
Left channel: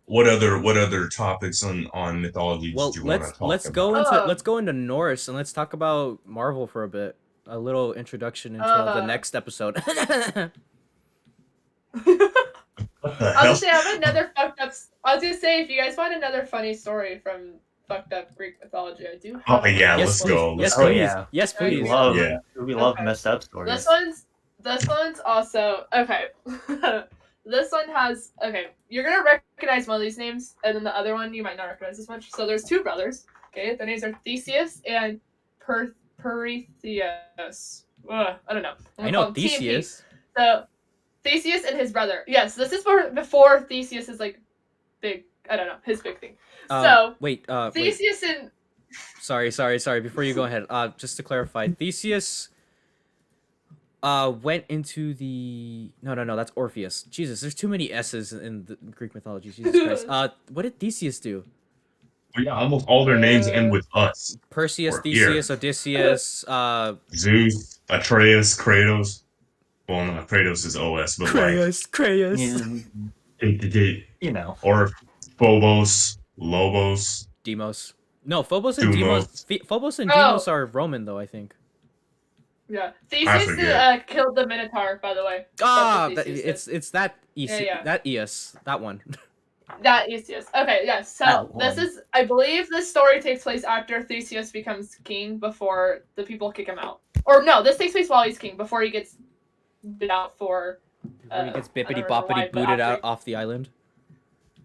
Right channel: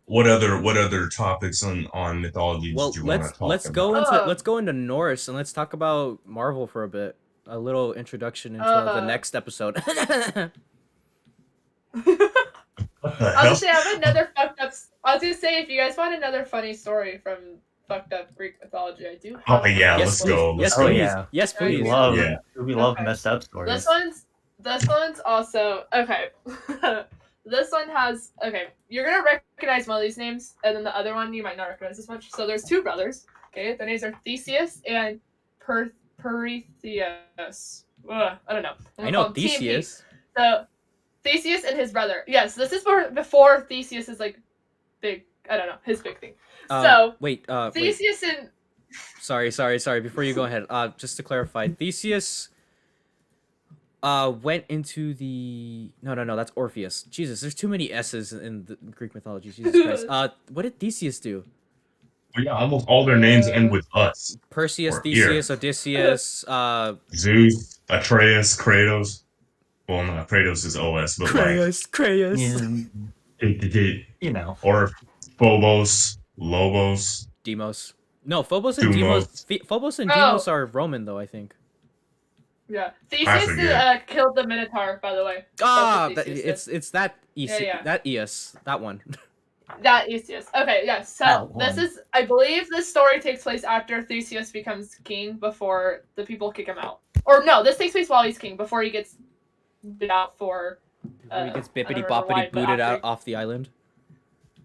what other topics on mythology Well, did you want to talk let's about? go into Norse and let's talk about Marvel for a bit. a little introduction into the next episode. What the I hell? was gonna say, I have another fucked up. I was gonna say, if you guys want another funny story from fucked up Greek mythology, I do have. Oh, yeah, Yes, let's please. go. Yes, Oh, please. yeah. Yes, Please. please. We love Okay. messed up stories. This one's also okay. This one has okay. You're gonna recognize one of these names, and then the other one you might not recognize as much. So there's two brothers. Okay, their names are Theseus and Pertheus. I don't know. I know TMP. Theseus. So Theseus and his brother. Yes, this is before Theseus is like big. I don't know his big thing. So Wait. Wait. Theseus and Sorry. Before you go ahead, just to clarify, Theseus went into the no, that's Orpheus. Jesus, there's too many S's in the Greek mythology. Jesus Christ. What did Theseus do? Yeah, almost all their names end with us. Perseus, Or Theseus, Odysseus, Zeus, Atreus, Kratos. Well, no, Kratos is OS, but Creus. You know. or Phobos, Lobos. Demos. No, Phobos and Deimos. Phobos and Oh. Demos are Roman though, I think. yeah, I Theseus forget. killed the Minotaur. By the way. Ah, That's what Theseus did. it's that Yeah. that Eos, that one. That Theseus. Okay, yes. So That this one. is, I believe, this story takes place after Theseus becomes king, before the people kick him out. Or no, this takes place while he's king, before he gets booted out for. Before he gets I don't bippity remember why, boppity but booted out after- off the island.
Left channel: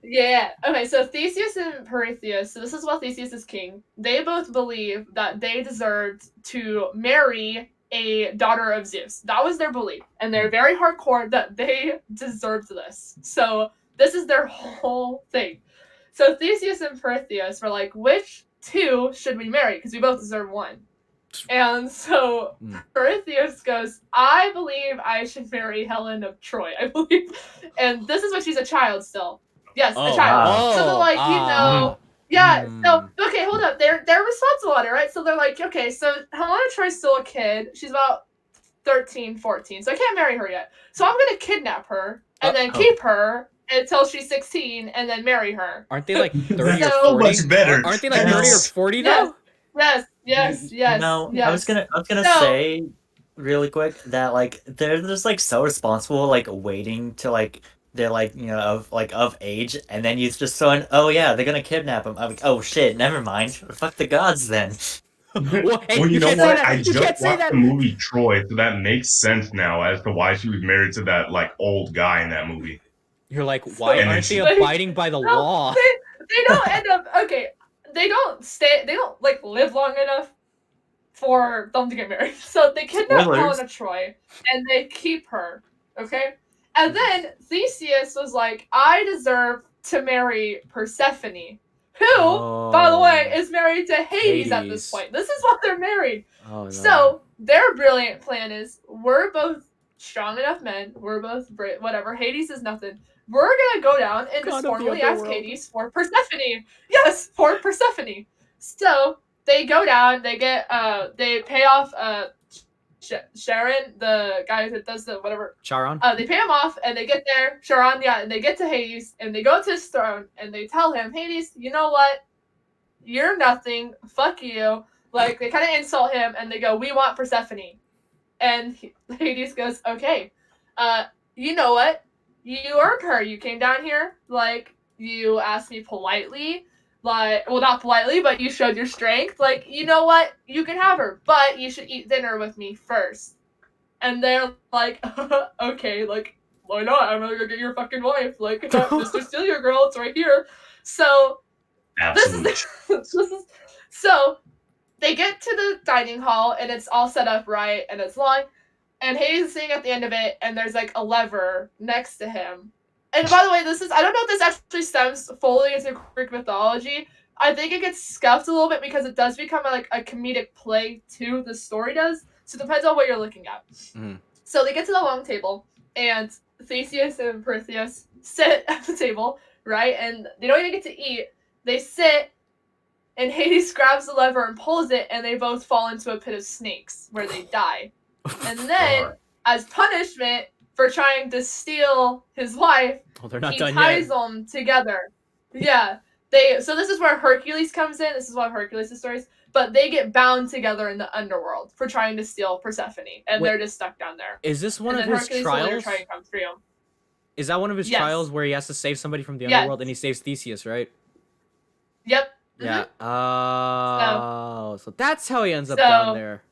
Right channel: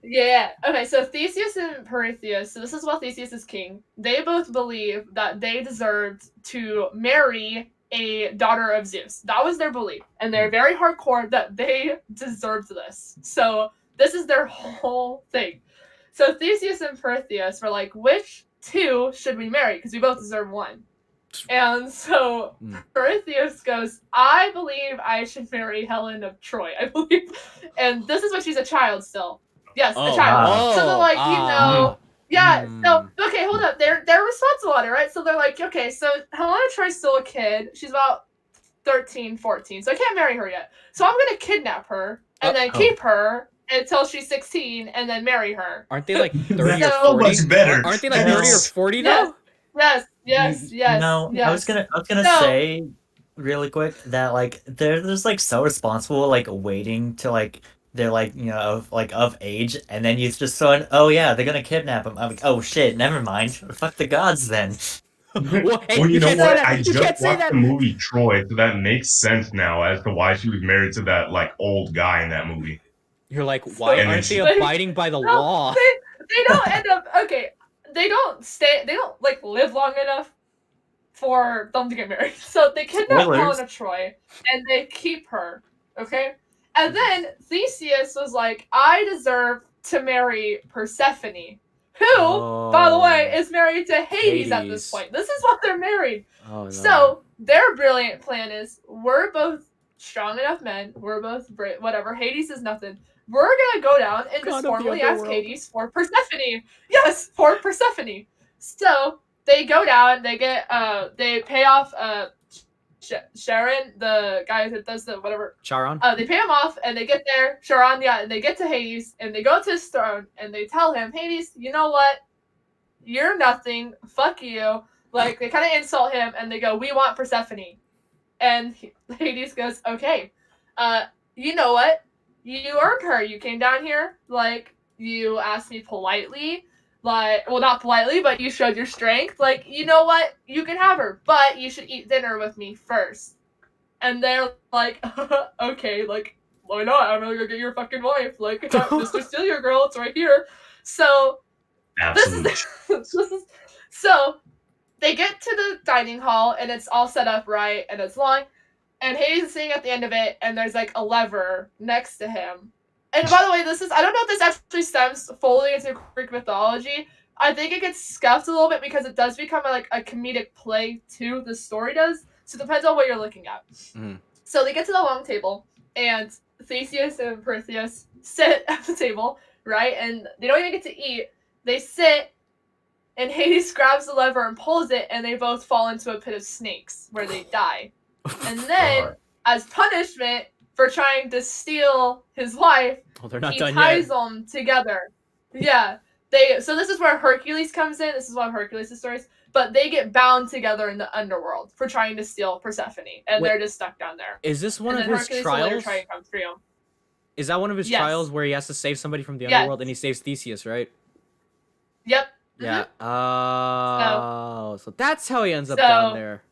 Yeah. Okay, so Theseus and Perseus. So this is while Theseus is king. They both believe that they deserved to marry a daughter of Zeus. That was their belief, and they're very hardcore that they deserved this. So this is their whole thing. So Theseus and Perseus were like, which two should we marry? Because we both deserve one. And so Mm. Perseus goes, I believe I should marry Helen of Troy, I believe. And this is when she's a child still. Yes, Oh, a child. wow. So they're like, yeah, so, Mm. okay, hold up. They're responsible on it, right? So they're like, okay, so Helena Troy's still a kid. She's about 13, 14, so I can't marry her yet. So I'm going to kidnap her and then keep her until she's 16 and then marry her. Aren't they like 30 or So 40? much better. Aren't they like Yes. 30 or 40 though? Yes. No, yes. I was gonna No. say really quick that like they're just like so responsible, like waiting to like they're like of age, and then you just throw in, oh yeah, they're gonna kidnap him. I'm like, oh shit, never mind. Fuck the gods then. Well, hey, Well, you know can't what? say that. I You just can't say watched that. the movie Troy, so that makes sense now as to why she was married to that like old guy in that movie. You're like, why And aren't they it's- abiding by the No, law? They don't end up, okay, they don't like live long enough for them to get married. So they kidnap Spoilers. Helena Troy and they keep her, okay? And then Theseus was like, I deserve to marry Persephone, who, by the way, is married to Hades at this Hades. point. This is what they're married. Oh, no. So their brilliant plan is, we're both strong enough men, we're both whatever, Hades is nothing. We're gonna go down and God just of the formally ask underworld. Hades for Persephone. Yes, for Persephone. So they go down, they get they pay off Sharon, the guy that does the whatever. Charon? They pay him off, and they get there, Charon, yeah, and they get to Hades, and they go to his throne, and they tell him, Hades, you know what? You're nothing. Fuck you. Like, they kind of insult him, and they go, we want Persephone. And Hades goes, okay. You know what? You earned her. You came down here. Like, you asked me politely. Like, well, not politely, but you showed your strength. Like, you know what? You can have her, but you should eat dinner with me first. And they're like, okay, like, why not? I'm gonna go get your fucking wife. Like, Mr. Steal Your Girl, it's right here. So, Absolutely. so they get to the dining hall and it's all set up right and it's long, and Hades is sitting at the end of it and there's like a lever next to him. And by the way, I don't know if this actually stems fully into Greek mythology. I think it gets scuffed a little bit because it does become a comedic play too. The story does, so it depends on what you're looking at. Mm. So they get to the long table and Theseus and Perseus sit at the table, right? And they don't even get to eat. They sit, and Hades grabs the lever and pulls it, and they both fall into a pit of snakes where they die. And then, Alright. as punishment for trying to steal his wife, Oh, they're not he done ties yet. them together. Yeah. So this is where Hercules comes in. This is one of Hercules' stories. but they get bound together in the underworld for trying to steal Persephone, and Wait, they're just stuck down there. Is this one And of then his Hercules will later trials? try and come free him. Is that one of his Yes. trials where he has to save somebody from the Yes. underworld and he saves Theseus, right? Yep. Yeah. Oh, so that's how he ends up down there.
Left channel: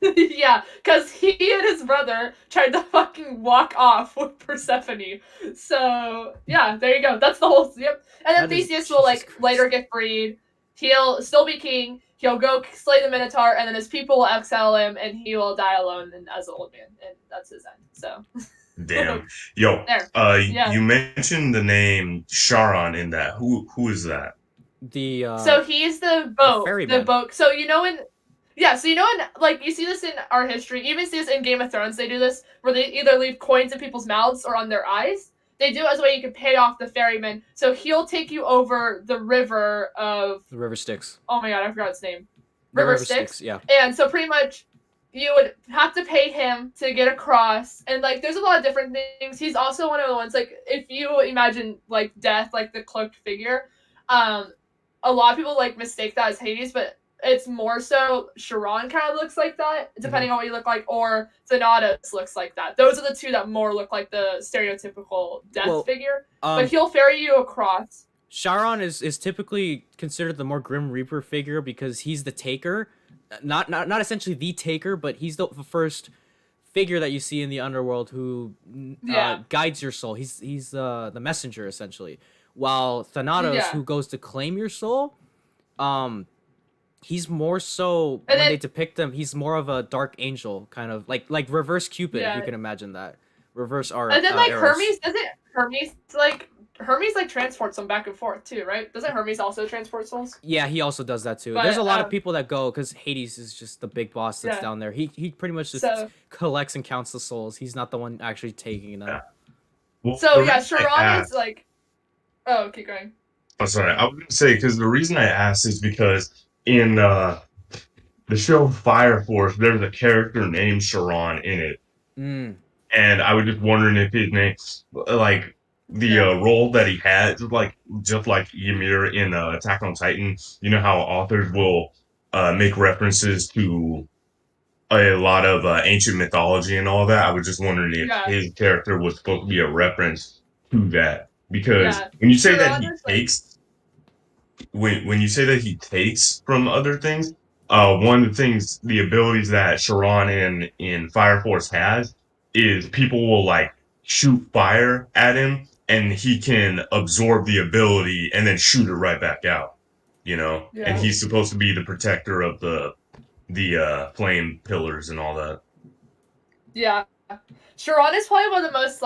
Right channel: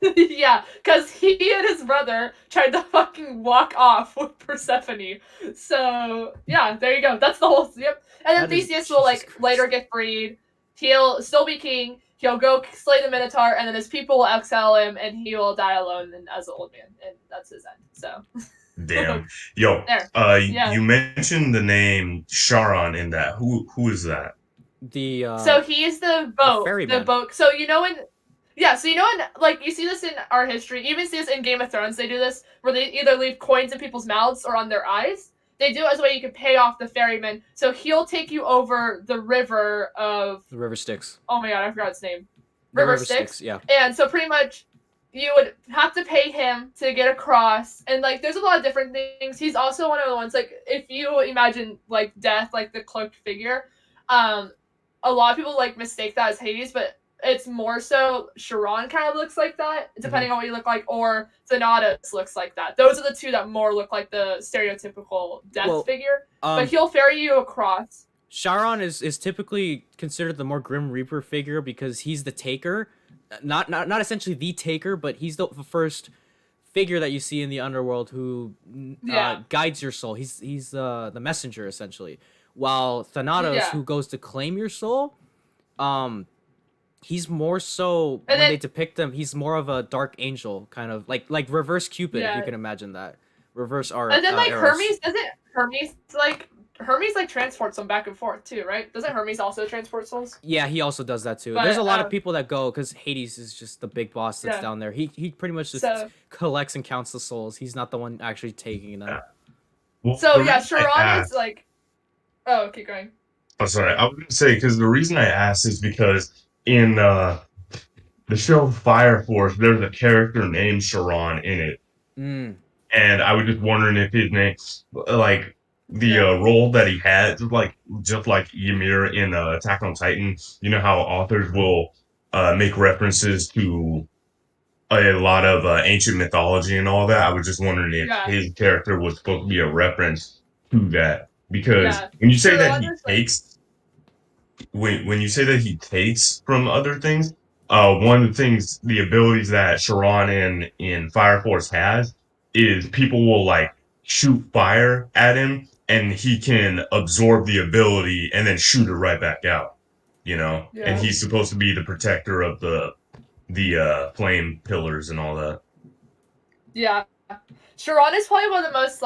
Yeah, because he and his brother tried to fucking walk off with Persephone. So yeah, there you go. That's the whole. Yep. And then That is- Theseus will Jesus Christ. later get freed. He'll still be king. He'll go slay the Minotaur, and then his people will exile him, and he will die alone and as an old man, and that's his end. So. Damn. Yo. There. Yeah. You mentioned the name Charon in that. Who is that? The So he's the boat. ferryman. The boat. So you know in. Yeah, so you know in like you see this in our history, you even see this in Game of Thrones, they do this where they either leave coins in people's mouths or on their eyes. They do it as a way you can pay off the ferryman. So he'll take you over the river of the river Styx. oh my god, I forgot its name. The river Styx, yeah. And so pretty much you would have to pay him to get across. And like there's a lot of different things. He's also one of the ones like if you imagine like death, like the cloaked figure, a lot of people like mistake that as Hades, but it's more so Charon kind of looks like that, depending on what you look like, or Thanatos looks like that. Those are the two that more look like the stereotypical death figure. But he'll ferry you across. Charon is typically considered the more Grim Reaper figure because he's the taker, not essentially the taker, but he's the first figure that you see in the underworld who guides your soul. He's the messenger essentially. While Thanatos, who goes to claim your soul, he's more so when they depict him, he's more of a dark angel kind of like reverse Cupid, if you can imagine that. Reverse Eros. And then like Hermes transports them back and forth too, right? Doesn't Hermes also transport souls? Yeah, he also does that too. But, there's a lot of people that go because Hades is just the big boss that's down there. He pretty much just collects and counts the souls. He's not the one actually taking them. Well, so yeah, Charon is like. Oh, keep going. Oh, sorry. I was gonna say because the reason I asked is because in the show Fire Force, there's a character named Charon in it, and I was just wondering if his name, like the role that he had, just like Ymir in Attack on Titan. You know how authors will make references to a lot of ancient mythology and all that. I was just wondering if his character was supposed to be a reference to that because when you say that he takes. When you say that he takes from other things, one of the things, the abilities that Charon in Fire Force has is people will like shoot fire at him and he can absorb the ability and then shoot it right back out, you know? Yeah. And he's supposed to be the protector of the flame pillars and all that. Yeah. Charon is probably one of the most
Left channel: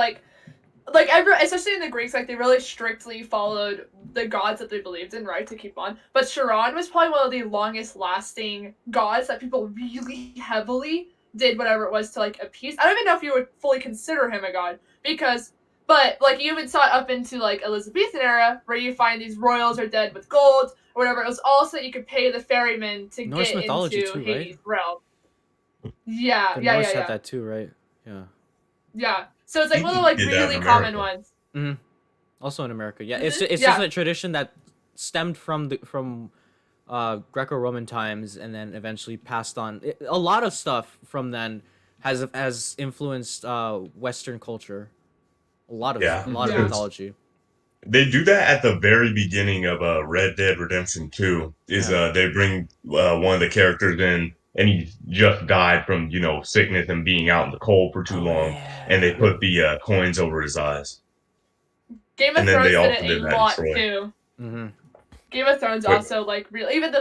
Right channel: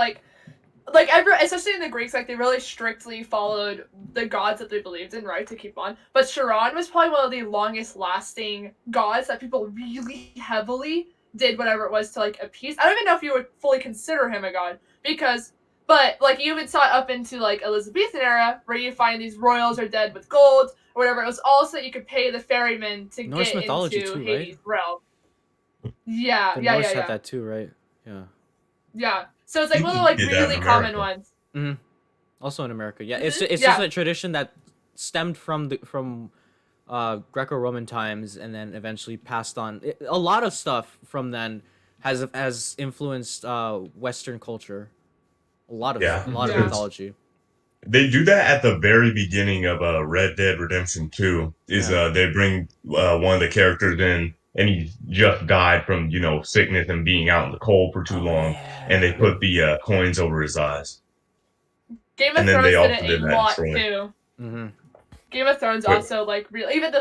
especially in the Greeks, like they really strictly followed the gods that they believed in, right, to keep on. But Charon was probably one of the longest lasting gods that people really heavily did whatever it was to like appease. I don't even know if you would fully consider him a god but like you even saw it up into like Elizabethan era where you find these royals are dead with gold or whatever. It was also that you could pay the ferryman to Norse get mythology into too, Hades' right? realm. Yeah, The Norse had that too, right? Yeah. Yeah. So it's like one of the like really common ones. Mm-hmm. Also in America, yeah. It's just a tradition that stemmed from Greco-Roman times and then eventually passed on. A lot of stuff from then has influenced Western culture. A lot of mythology. They do that at the very beginning of Red Dead Redemption 2. They bring one of the characters in, and he just died from sickness and being out in the cold for too long, and they put the coins over his eyes. Game of Thrones did it a lot too. Mm-hmm. Game of Thrones also even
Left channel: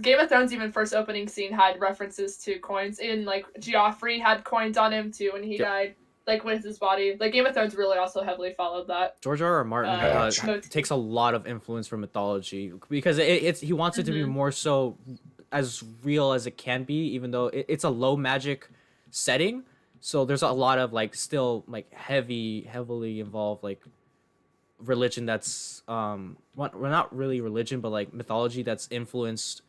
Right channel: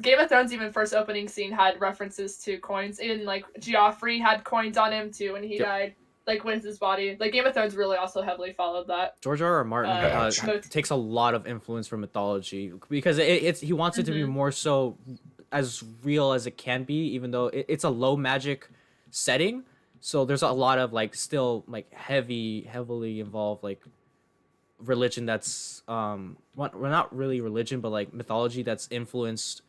Game of Thrones even first opening scene had references to coins. Even like Joffrey had coins on him too when he died. Like with his body, like Game of Thrones really also heavily followed that. George R.R. Martin takes a lot of influence from mythology because he wants it to be more so as real as it can be, even though it's a low magic setting. So there's a lot of like still like heavily involved like religion that's well not really religion but like mythology that's influenced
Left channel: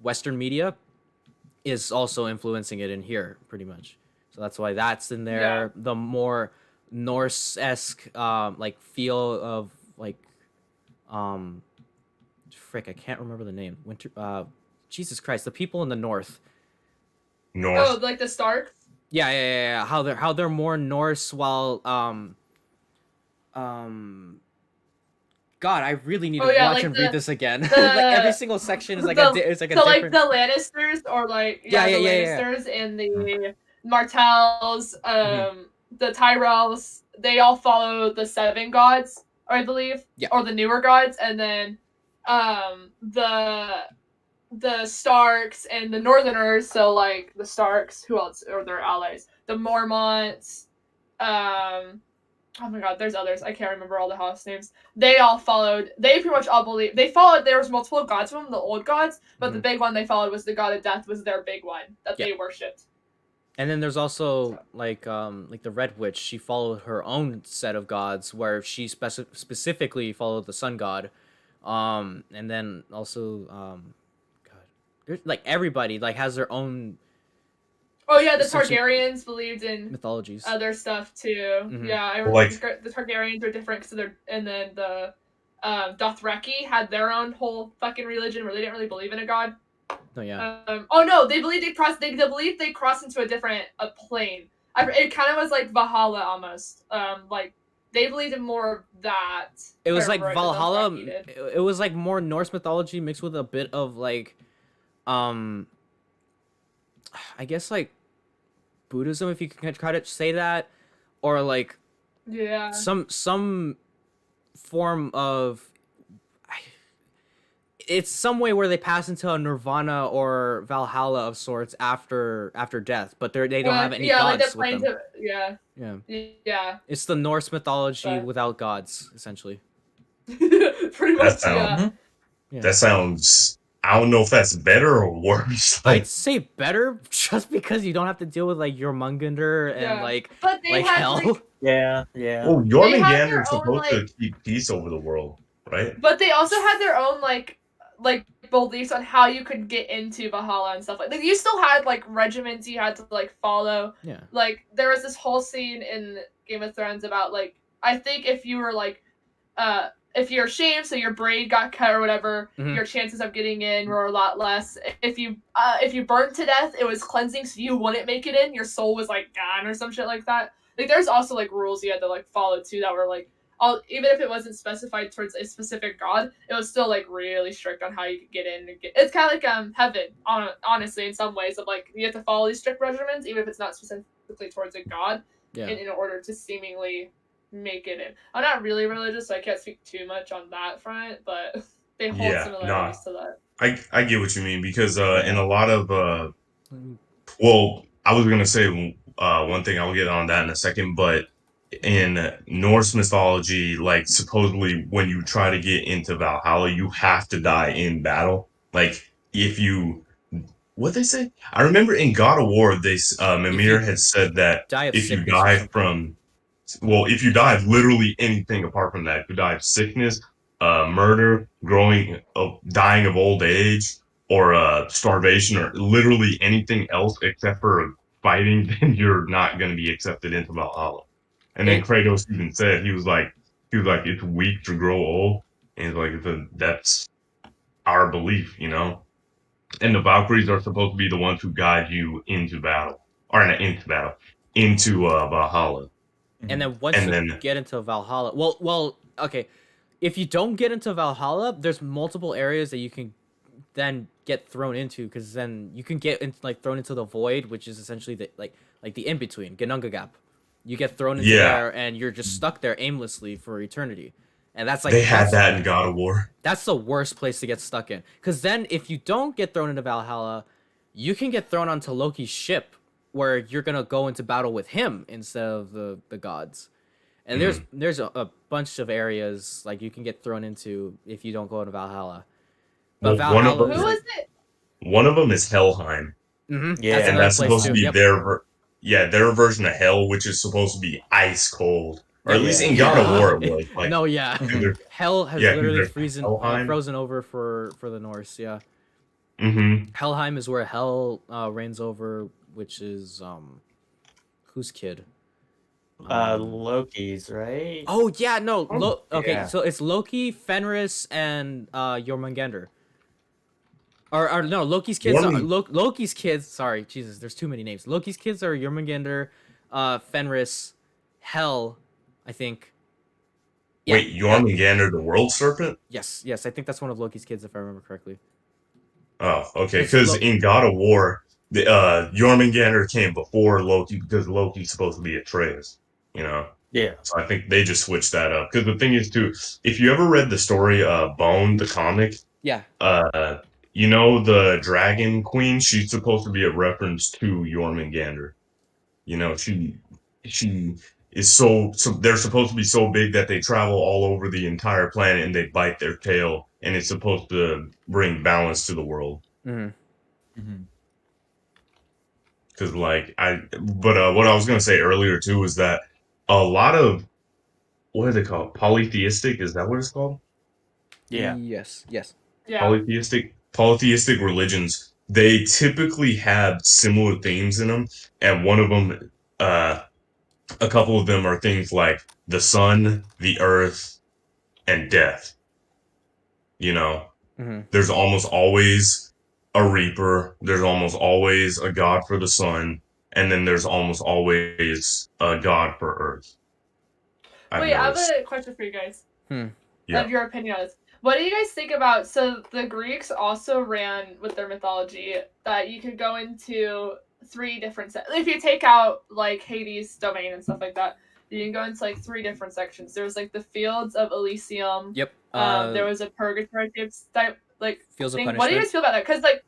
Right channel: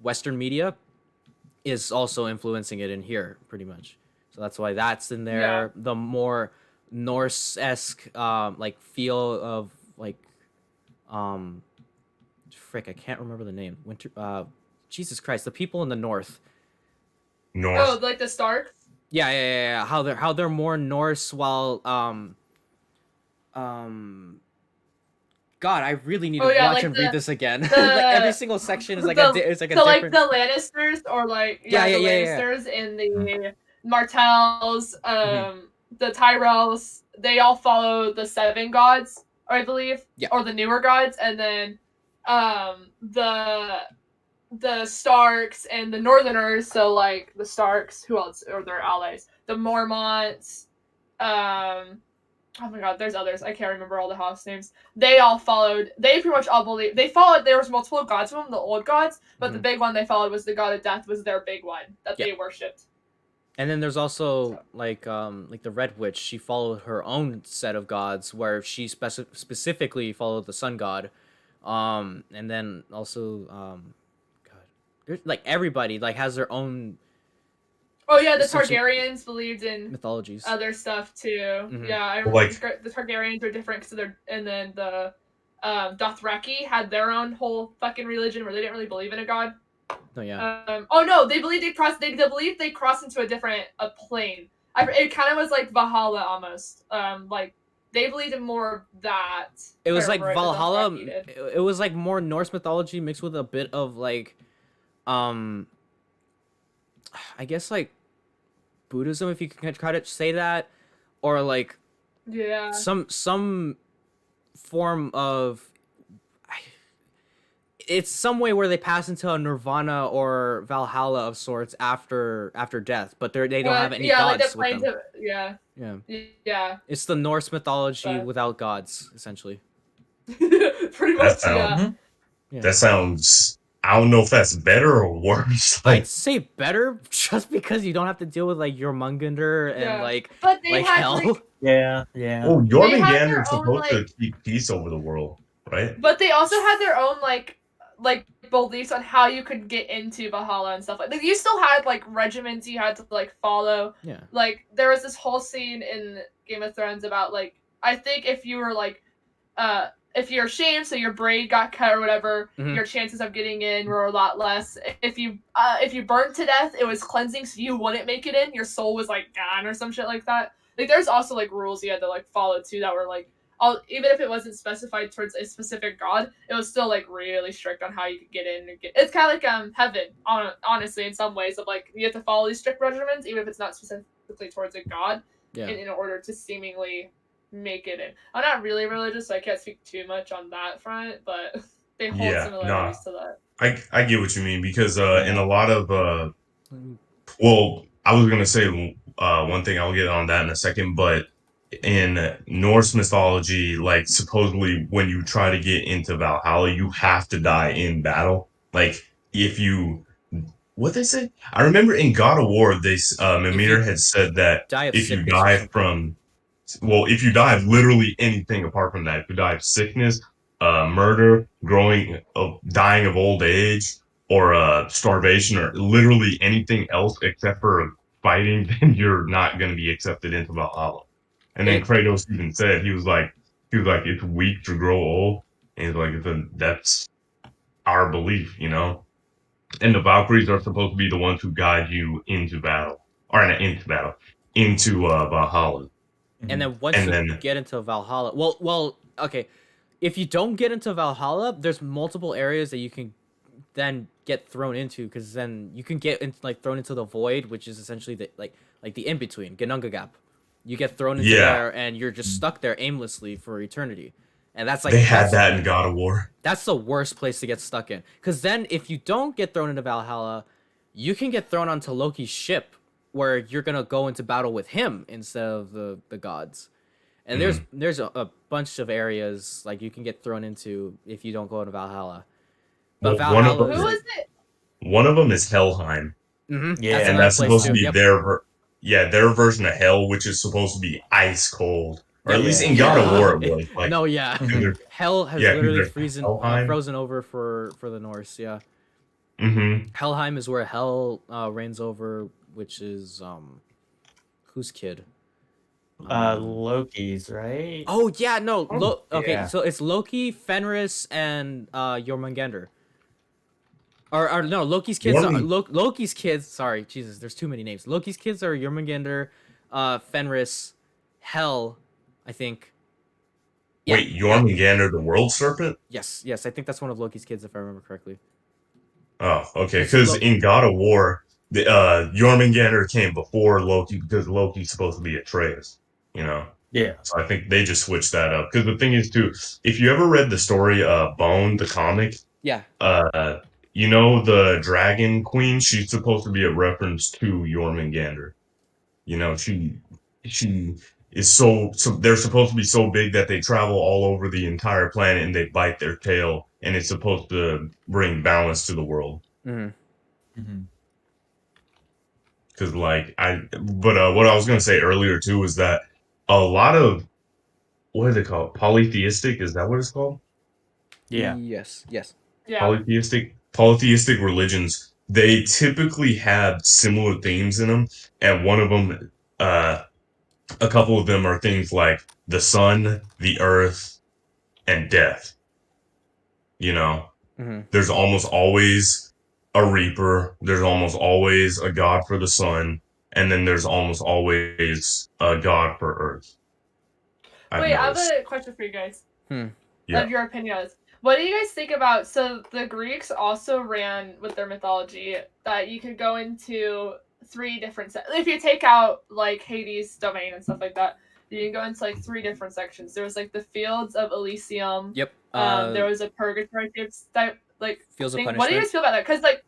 Western media is also influencing it in here pretty much. So that's why that's in there. The more Norse-esque like feel of like I can't remember the name. Jesus Christ, the people in the north. North. Oh, like the Starks. Yeah. How they're more Norse while God, I really need to watch like and read this again. the Like every single section is like it's like a so different. like the Lannisters or like the Yeah. Lannisters and the Martells, the Tyrells, they all follow the seven gods, I believe, Yeah. or the newer gods, and then the Starks and the Northerners, so like the Starks, who else or their allies, the Mormonts, oh my god, there's others. I can't remember all the house names. They all followed. They pretty much all believed. They followed. There was multiple gods of them, the old gods, but the big one they followed was the god of death. Was their big one that they worshipped. And then there's also like the Red Witch. She followed her own set of gods, where she specifically followed the sun god. And then also God, there's like everybody like has their own. Oh yeah, the Targaryens believed in mythologies, other stuff too. Yeah, I Like the Targaryens are different because they're, and then the Dothraki had their own whole fucking religion where they didn't really believe in a god. Oh yeah. Oh no, they believed they crossed. They believed they crossed into a plane. It kind of was like Valhalla almost. Like they believed in more of that. It was like Valhalla. It was like more Norse mythology mixed with a bit of like, I guess like Buddhism, if you can try to say that, or like some form of. It's some way where they pass into a nirvana or Valhalla of sorts after death, but they don't have any gods with them. Yeah. It's the Norse mythology without gods, essentially. Pretty much, yeah. That sounds. I don't know if that's better or worse. I'd say better, just because you don't have to deal with like Jormungandr and like hell. Yeah. Oh, Jormungandr is supposed to keep peace over the world, right? But they also had their own like beliefs on how you could get into Valhalla and stuff like you still had like regiments you had to like follow. Yeah. Like there was this whole scene in Game of Thrones about like I think if you were like if you're ashamed, so your braid got cut or whatever, your chances of getting in were a lot less. If you burned to death, it was cleansing, so you wouldn't make it in. Your soul was like gone or some shit like that. Like there's also like rules you had to like follow too that were like even if it wasn't specified towards a specific god, it was still like really strict on how you could get in. It's kind of like heaven, honestly, in some ways of like you have to follow these strict regimens, even if it's not specifically towards a god, in order to seemingly make it in. I'm not really religious, so I can't speak too much on that front, but they hold similarities to that. I get what you mean because in a lot of well, I was gonna say one thing. I'll get on that in a second, but in Norse mythology, like supposedly when you try to get into Valhalla, you have to die in battle. Like if you, what they say? I remember in God of War, Mimir had said that if you die from, well, if you die of literally anything apart from that, if you die of sickness, murder, dying of old age, or starvation, or literally anything else except for fighting, then you're not going to be accepted into Valhalla. And then Kratos even said he was like it's weak to grow old, and he's like that's our belief, you know. And the Valkyries are supposed to be the ones who guide you into battle, or not into battle, into Valhalla. And then once you get into Valhalla, well, okay, if you don't get into Valhalla, there's multiple areas that you can then get thrown into, because then you can get thrown into the void, which is essentially the the in between Ginnungagap. You get thrown into there, and you're just stuck there aimlessly for eternity. And that's like they had that in God of War. That's the worst place to get stuck in, because then if you don't get thrown into Valhalla, you can get thrown onto Loki's ship, where you're gonna go into battle with him instead of the gods. And there's a bunch of areas like you can get thrown into if you don't go into Valhalla. But Valhalla one of them is Helheim. Yeah, that's another place supposed to be their version of hell, which is supposed to be ice cold. Or at least in God of War it was. Like, no, yeah. Hell has literally frozen over for the Norse, yeah. Helheim is where hell reigns over, which is whose kid? Loki's, right? Oh yeah, no. Okay, so it's Loki, Fenris, and Jormungandr. Or no, Loki's kids are Jormung- Loki's kids. Sorry, Jesus, there's too many names. Loki's kids are Jormungandr, Fenris, Hel, I think. Yeah, Wait, Jormungandr, the world serpent? yes, I think that's one of Loki's kids if I remember correctly. Oh, okay. 'Cause Because in God of War, the Jormungandr came before Loki because Loki's supposed to be Atreus. You know. Yeah. So I think they just switched that up. Because the thing is, too, if you ever read the story Bone, the comic, Yeah. you know the Dragon Queen, she's supposed to be a reference to Jormungandr. You know, she is so they're supposed to be so big that they travel all over the entire planet and they bite their tail, and it's supposed to bring balance to the world. Mm-hmm. Mm-hmm. Because what I was gonna say earlier too is that a lot of what is it called? Polytheistic, is that what it's called? Yeah. Yes. Yeah. Polytheistic religions, they typically have similar themes in them, and one of them, a couple of them are things like the sun, the earth, and death. You know, Mm-hmm. there's almost always a reaper. There's almost always a god for the sun, and then there's almost always a god for earth. Wait, I have noticed. a question for you guys. Yeah. Of your opinion on this. What do you guys think about? So the Greeks also ran with their mythology that you could go into 3 different if you take out like Hades' domain and stuff like that, you can go into like 3 different sections. There was like the fields of Elysium. Yep. There was a purgatory type like Fields of thing. What do you Punishment. guys feel about that? Because like,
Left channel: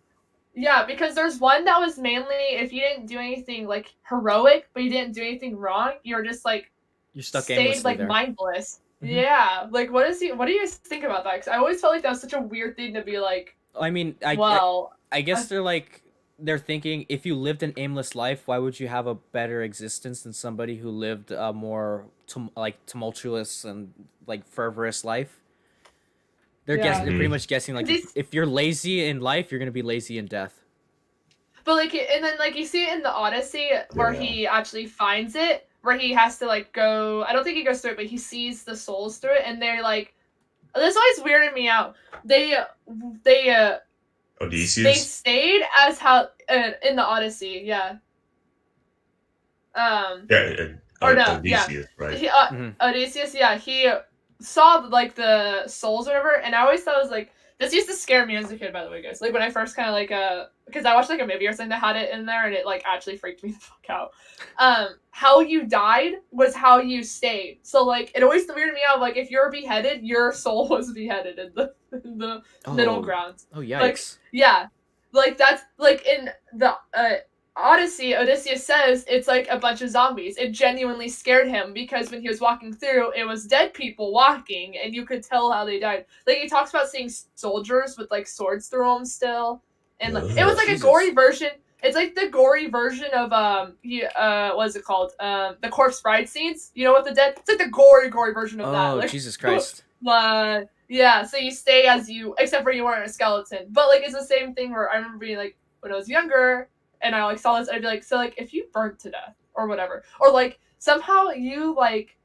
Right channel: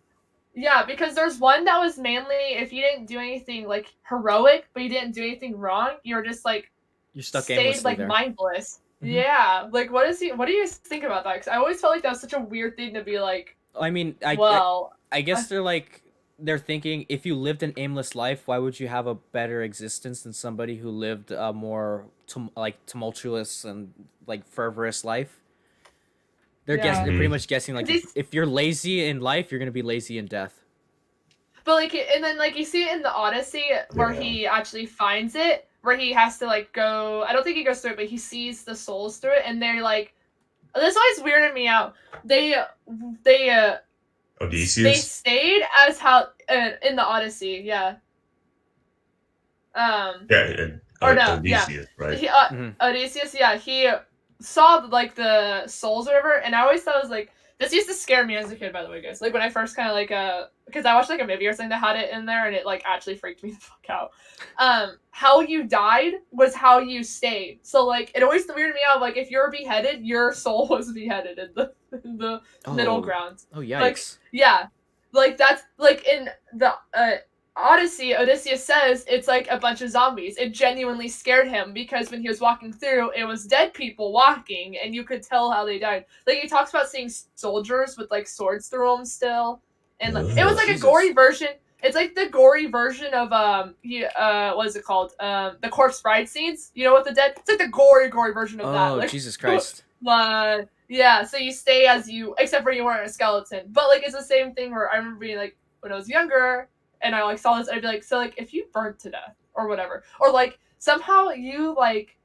yeah, because there's one that was mainly if you didn't do anything like heroic, but you didn't do anything wrong, you're just like You're stuck stayed aimlessly like there. mindless. Mhm. Yeah, like what do you guys think about that? Because I always felt like that was such a weird thing to be like. I mean, I guess they're thinking if you lived an aimless life, why would you have a better existence than somebody who lived a more tumultuous and like fervorous life? They're Yeah. pretty much guessing like if you're lazy in life, you're gonna be lazy in death. But like, and then like you see it in the Odyssey where he actually finds it, where he has to like go. I don't think he goes through it, but he sees the souls through it, and they're like, this always weirded me out. They Odysseus? stayed as how in the Odyssey, yeah. Yeah, Or no, Odysseus, right? He, Odysseus, yeah, he saw like the souls or whatever, and I always thought it was like this used to scare me as a kid, by the way, guys. Like when I first kind of like because I watched like a movie or something that had it in there, and it like actually freaked me the fuck out. How you died was how you stayed. So like it always weirded me out. Like if you're beheaded, your soul was beheaded in the middle ground. Oh yikes! Like, yeah, like that's like in the Odyssey, Odysseus says it's like a bunch of zombies. It genuinely scared him because when he was walking through, it was dead people walking, and you could tell how they died. Like he talks about seeing soldiers with like swords through them still, and like, it was like Jesus. a gory version. It's like the gory version of what is it called? The corpse bride scenes. You know, with the dead. It's like the gory version of that. Oh Like, Jesus Christ! Yeah. So you stay as you, except for you weren't a skeleton. But like it's the same thing where I remember being like when I was younger. And I like saw this, I'd be like, so like if you burnt to death or whatever, or like somehow you like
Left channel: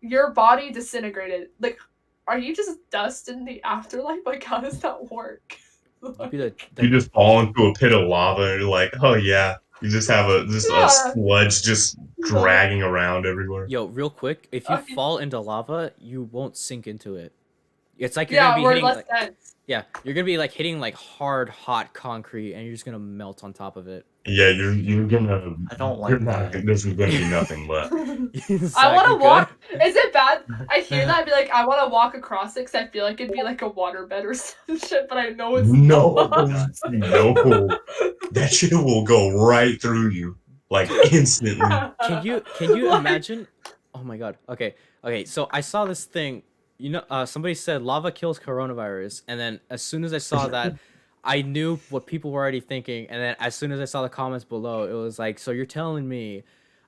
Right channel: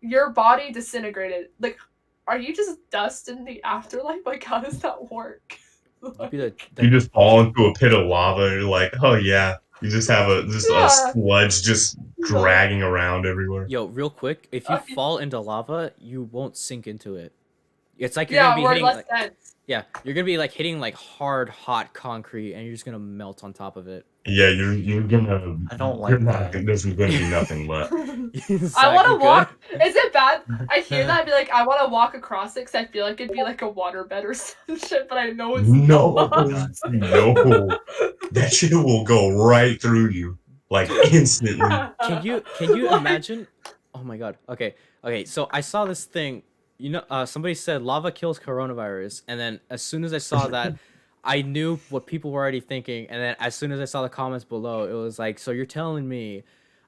your body disintegrated, like are you just dust in the afterlife? Like how does that work? You just fall into a pit of lava and you're like, oh yeah, you just have a sludge just dragging around everywhere. Yo, real quick, if you fall into lava, you won't sink into it. It's like you're gonna be hitting like, you're gonna be like hitting like hard hot concrete and you're just gonna melt on top of it. Yeah, you're gonna. I don't like that. There's gonna be nothing left. I want to walk. Is it bad? I hear that. I'd be like, I want to walk across it because I feel like it'd be like a waterbed or some shit, but I know it's no, not. no. That shit will go right through you, like instantly. Can you imagine? Oh my god. Okay. So I saw this thing. You know, somebody said lava kills coronavirus, and then as soon as I saw that. I knew what people were already thinking, and then as soon as I saw the comments below, it was like, so you're telling me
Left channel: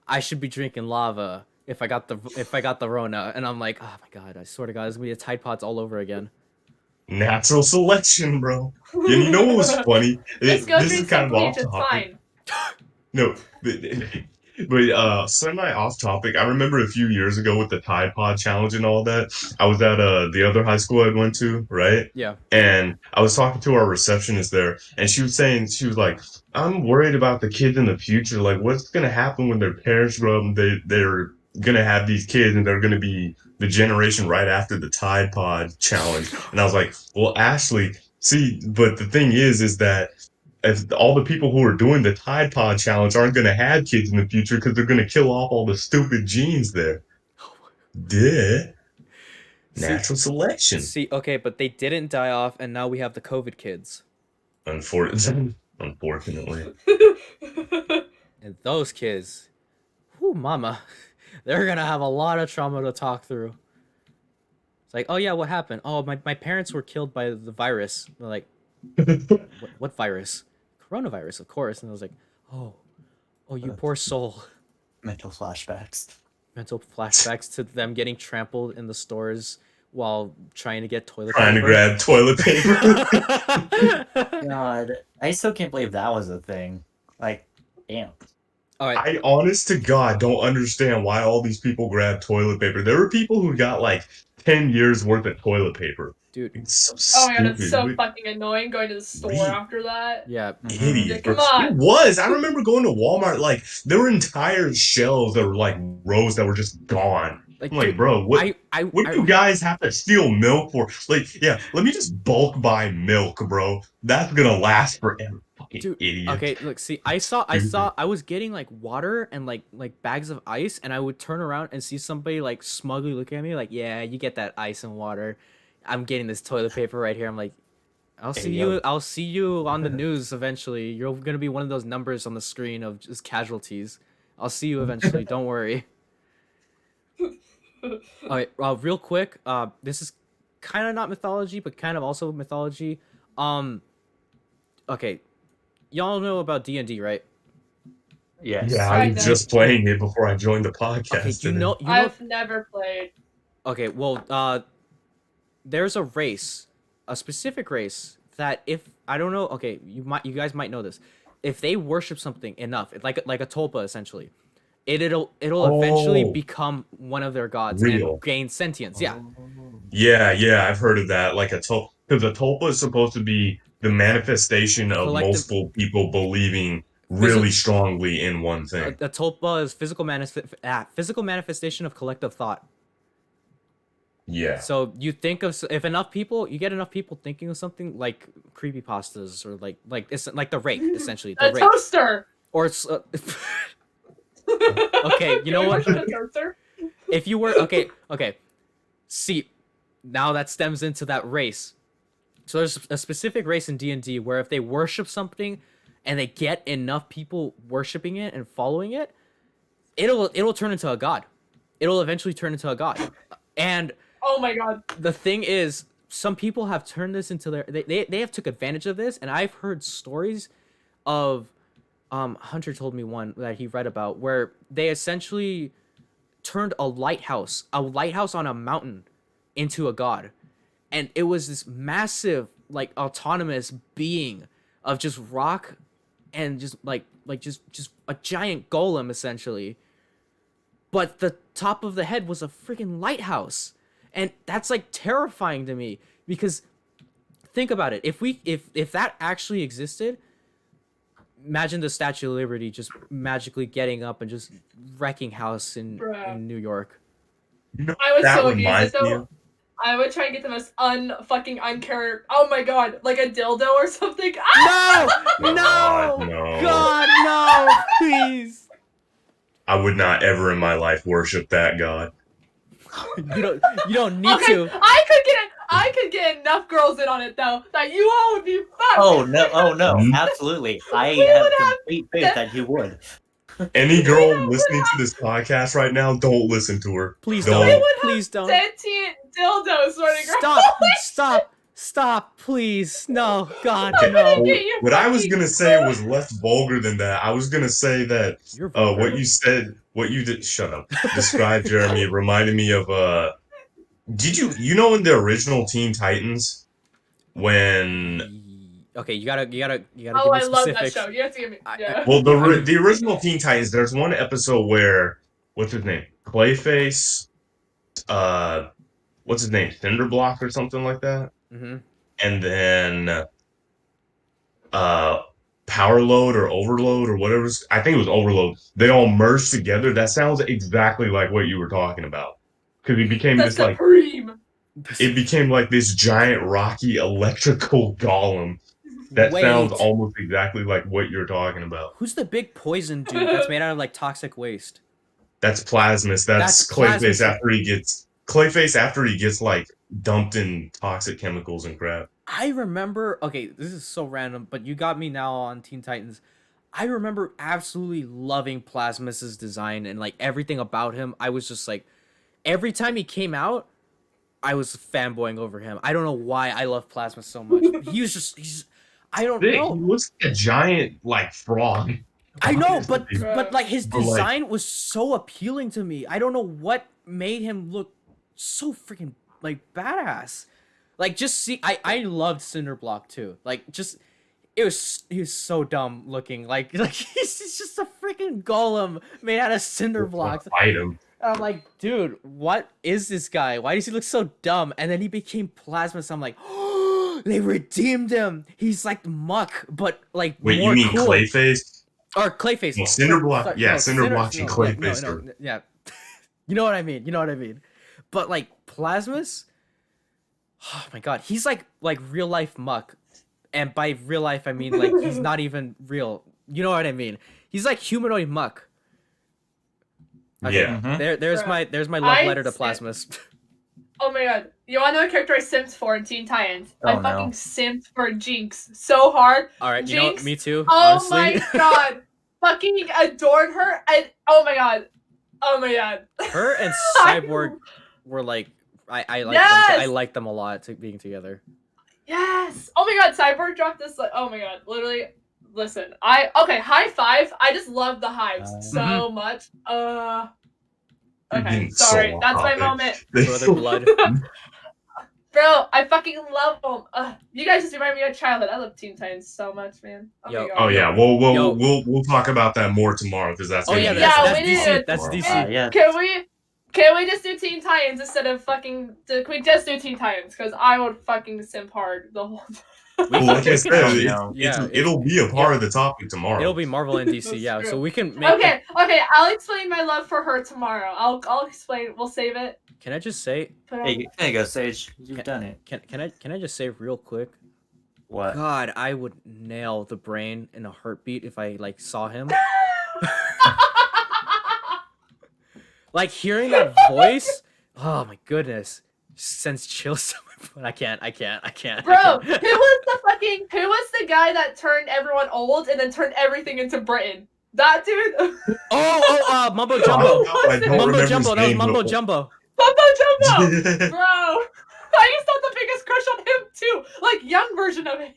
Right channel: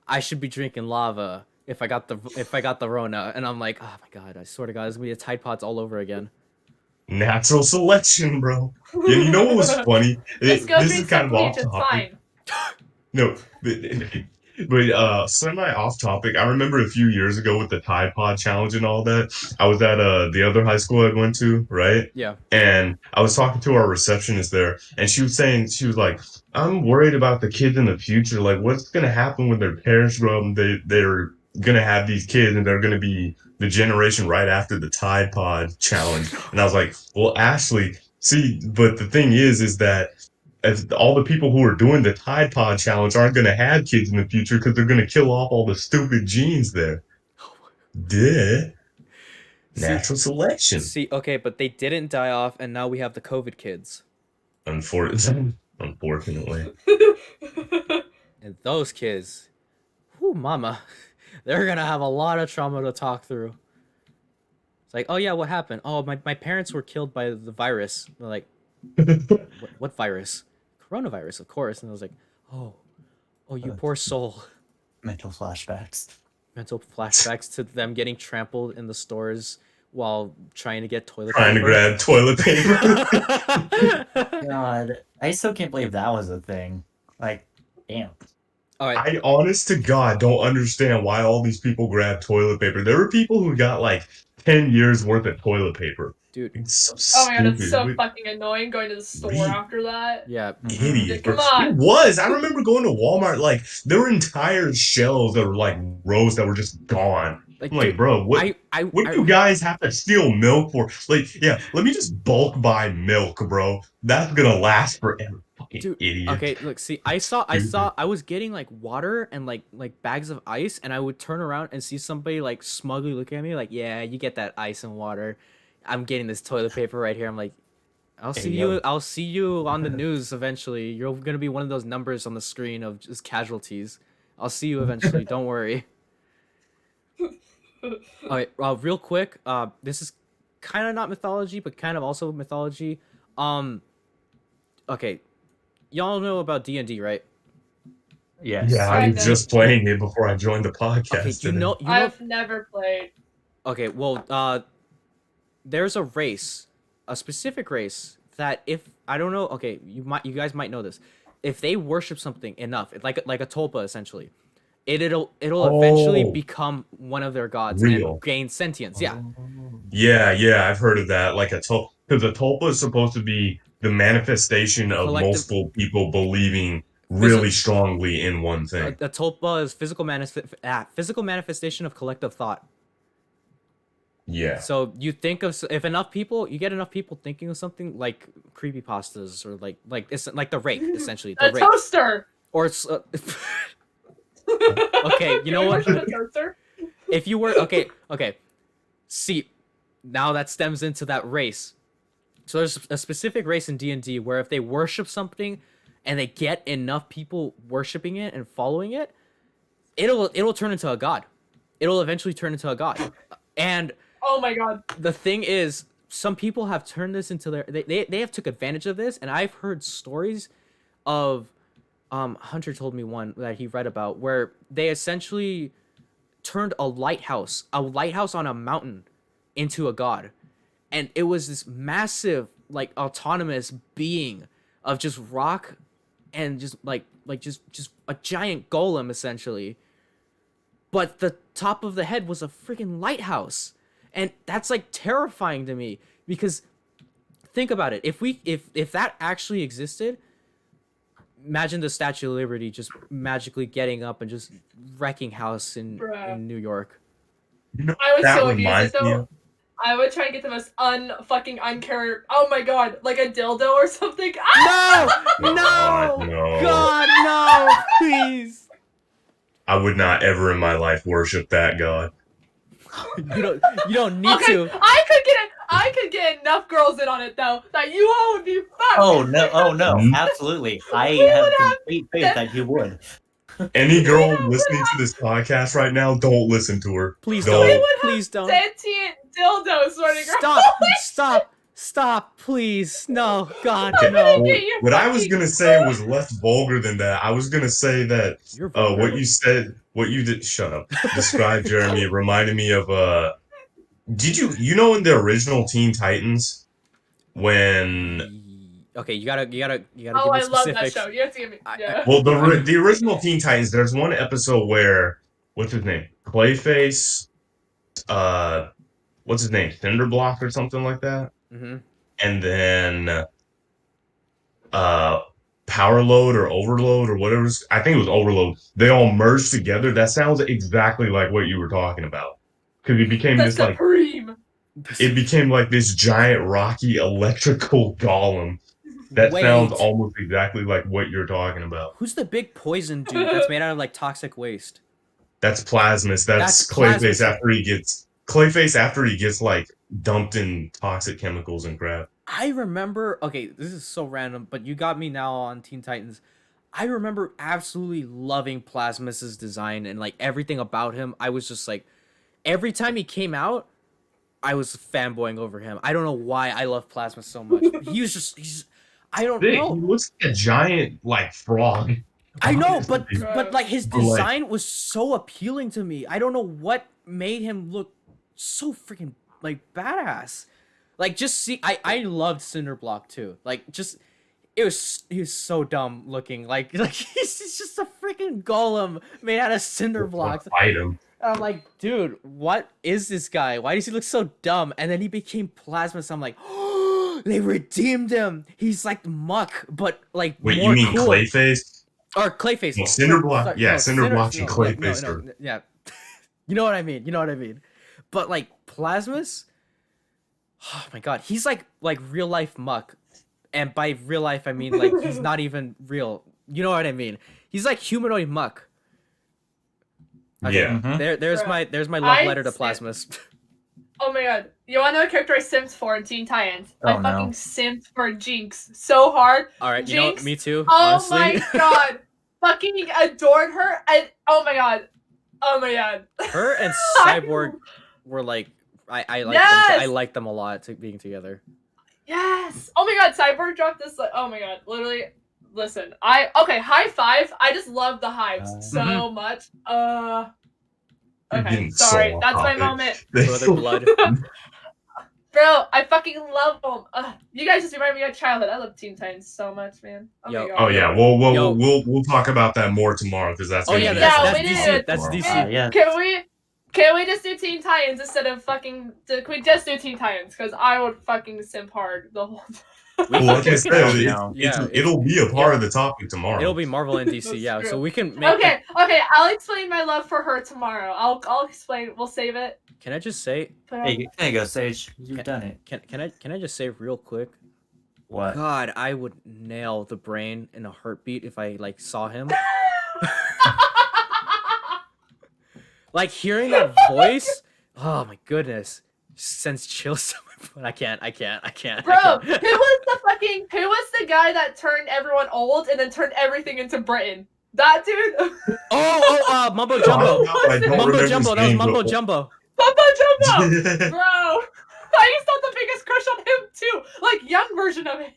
I should be drinking lava if I got the Rona, and I'm like, oh my god, I swear to God, it's gonna be the Tide Pods all over again. Natural selection, bro. Yeah, you know what was funny? This is kind of off topic. No, But semi off topic. I remember a few years ago with the Tide Pod challenge and all that. I was at the other high school I went to, right? Yeah. And I was talking to our receptionist there, and she was saying, she was like, "I'm worried about the kids in the future. Like, what's gonna happen when their parents grow up? And they're gonna have these kids, and they're gonna be the generation right after the Tide Pod challenge." And I was like, "Well, Ashley, see, but the thing is that." If all the people who are doing the Tide Pod challenge aren't going to have kids in the future because they're going to kill off all the stupid genes there. Duh. Natural selection. See, okay, but they didn't die off, and now we have the COVID kids. Unfortunately. And those kids, whoo, mama, they're gonna have a lot of trauma to talk through. It's like, oh yeah, what happened? Oh, my parents were killed by the virus. They're like, what virus? Coronavirus, of course. And I was like, oh, you poor soul. Mental flashbacks. Mental flashbacks to them getting trampled in the stores while trying to get toilet Trying paper. to grab toilet paper. God, I still can't believe that was a thing. Like, damn. All right. I honest to God don't understand why all these people grab toilet paper. There were people who got like 10 years worth of toilet paper. Dude. It's so Oh my god, it's stupid. so fucking annoying going to the store Read. after that. Yeah. Idiot. Come on. It was. I remember going to Walmart, like, there were entire shelves that were like rows that were just gone. Like, I'm like, dude, bro, what do you guys have to steal milk for? Like, yeah, let me just bulk buy milk, bro. That's gonna last forever. Fucking Dude, idiot. okay, look, see, I was getting like water and like bags of ice, and I would turn around and see somebody like smugly looking at me like, yeah, you get that ice and water. I'm getting this toilet paper right here. I'm like, I'll see you on the news eventually. You're gonna be one of those numbers on the screen of just casualties. I'll see you eventually. Don't worry. All right, real quick. This is kind of not mythology, but kind of also mythology. Okay, y'all know about D&D, right? Yes. Yeah, I I'm know. just playing it before I joined the podcast. Okay, you today. know. I've never played. Okay, well, there's a race, a specific race that if I don't know. Okay, you guys might know this. If they worship something enough, like a tulpa essentially, it'll eventually Oh. become one of their gods Real. and gain sentience. Yeah. Yeah, I've heard of that. Like because a tulpa is supposed to be the manifestation of Collective- multiple people believing really strongly in one A thing. tulpa is physical manifestation of collective thought. Yeah. So you think of if enough people, you get enough people thinking of something like creepypastas or like it's like the rake essentially the A rake toaster. or it's okay. You know what? A toaster. If you were okay. See, now that stems into that race. So there's a specific race in D&D where if they worship something and they get enough people worshiping it and following it, it'll turn into a god. It'll eventually turn into a god. And Oh my god. the thing is, some people have turned this into their they have took advantage of this, and I've heard stories of Hunter told me one that he read about where they essentially turned a lighthouse on a mountain into a god. And it was this massive, like, autonomous being of just rock and just just a giant golem essentially. But the top of the head was a freaking lighthouse. And that's like terrifying to me because think about it. If that actually existed, imagine the Statue of Liberty just magically getting up and just wrecking house in New York. You know, I would that so use reminds it me though. of- I would try and get the most unfucking uncare. Oh my god, like a dildo or something. Ah! No! God, no. God, no! Please! I would not ever in my life worship that god. You don't need Okay, to. I could get enough girls in on it though that you all would be fucked. Oh no, Mhm. absolutely. I We have would have- complete faith that you would. Any girl listening to this podcast right now, don't listen to her. Please Don't. don't. Please don't. Sentient dildos running around. Stop, please. No, God, Okay, no. Get your What I was fucking- gonna say was less vulgar than that. I was gonna say that You're vulgar. what you did, shut up. Describe Jeremy reminded me of did you know in the original Teen Titans when Okay, you gotta Oh, give me I love that specifics. show. You have to give me. Yeah. Well, the original Teen Titans. There's one episode where what's his name? Clayface. What's his name? Cinderblock or something like that. Mm-hmm. And then Power Load or Overload or whatever. I think it was Overload. They all merged together. That sounds exactly like what you were talking about. Because it became The this like Supreme. it became like this giant rocky electrical golem. That sounds Wait, almost exactly like what you're talking about. who's the big poison dude that's made out of like toxic waste? That's Plasmus. That's Plasmus. Clayface after he gets like dumped in toxic chemicals and crap. I remember. Okay, this is so random, but you got me now on Teen Titans. I remember absolutely loving Plasmus's design and like everything about him. I was just like, every time he came out, I was fanboying over him. I don't know why I love Plasmus so much. He's I don't know. He looks like a giant like frog. I know, but like his But, like- design was so appealing to me. I don't know what made him look so freaking like badass. Like just see, I loved Cinderblock too. Like just he was so dumb looking. Like he's just a freaking golem made out of cinder blocks. Fight him. And I'm like, dude, what is this guy? Why does he look so dumb? And then he became Plasmus. I'm like, oh, they redeemed him. He's like Muck, but like Wait, more you mean cool. Clayface? Or Clayface. No, Cinderblock. Yeah, Cinderblock and Clayface. No, yeah. You know what I mean. You know what I mean. But like Plasmus, oh my god, he's like real life Muck, and by real life I mean like he's not even real. You know what I mean? He's like humanoid Muck. Okay, Yeah. there's my love letter to Plasmus. Oh my god. You wanna know a character I simped for in Teen Titans? Oh, I fucking simped for Jinx so hard. All right, you know what? Jinx, Me too. Oh Honestly. my god. Fucking adored her. And oh my god. Oh my god. Her and Cyborg were like I like Yes! them. I like them a lot being together. Yes. Oh my god, Cyborg dropped this like oh my god. Literally listen. Okay, high five. I just love the hives so much. Okay, sorry. so That's my off moment. Brother blood. Bro, I fucking love them. You guys just remind me of childhood. I love Teen Titans so much, man. Oh Yo. my god. Oh yeah, Yo. we'll talk about that more tomorrow because that's. Oh gonna yeah, be that's we DC. did. That's DC. Yeah. Can we just do Teen Titans instead of fucking? Can we just do Teen Titans? Because I would fucking simp hard the whole time. Well, like I said, Yeah, it'll be a part of the topic tomorrow. It'll be Marvel and DC, That's yeah. true. So we can make. Okay, I'll explain my love for her tomorrow. I'll explain. We'll save it. Can I just say? Put it Hey, there you go, Sage. You've done it. Can I just say real quick? What? God, I would nail the brain in a heartbeat if I like saw him. on. Like hearing that voice. Oh my goodness, sends chills to my blood. I can't. Bro, who was the guy that turned everyone old and then turned everything into Britain? That dude. Mumbo Jumbo. I don't Mumbo remember Jumbo. his That was name, Mumbo but- Jumbo. Mumbo Jumbo. Bro, I used to have the biggest crush on him too. Like young version of him.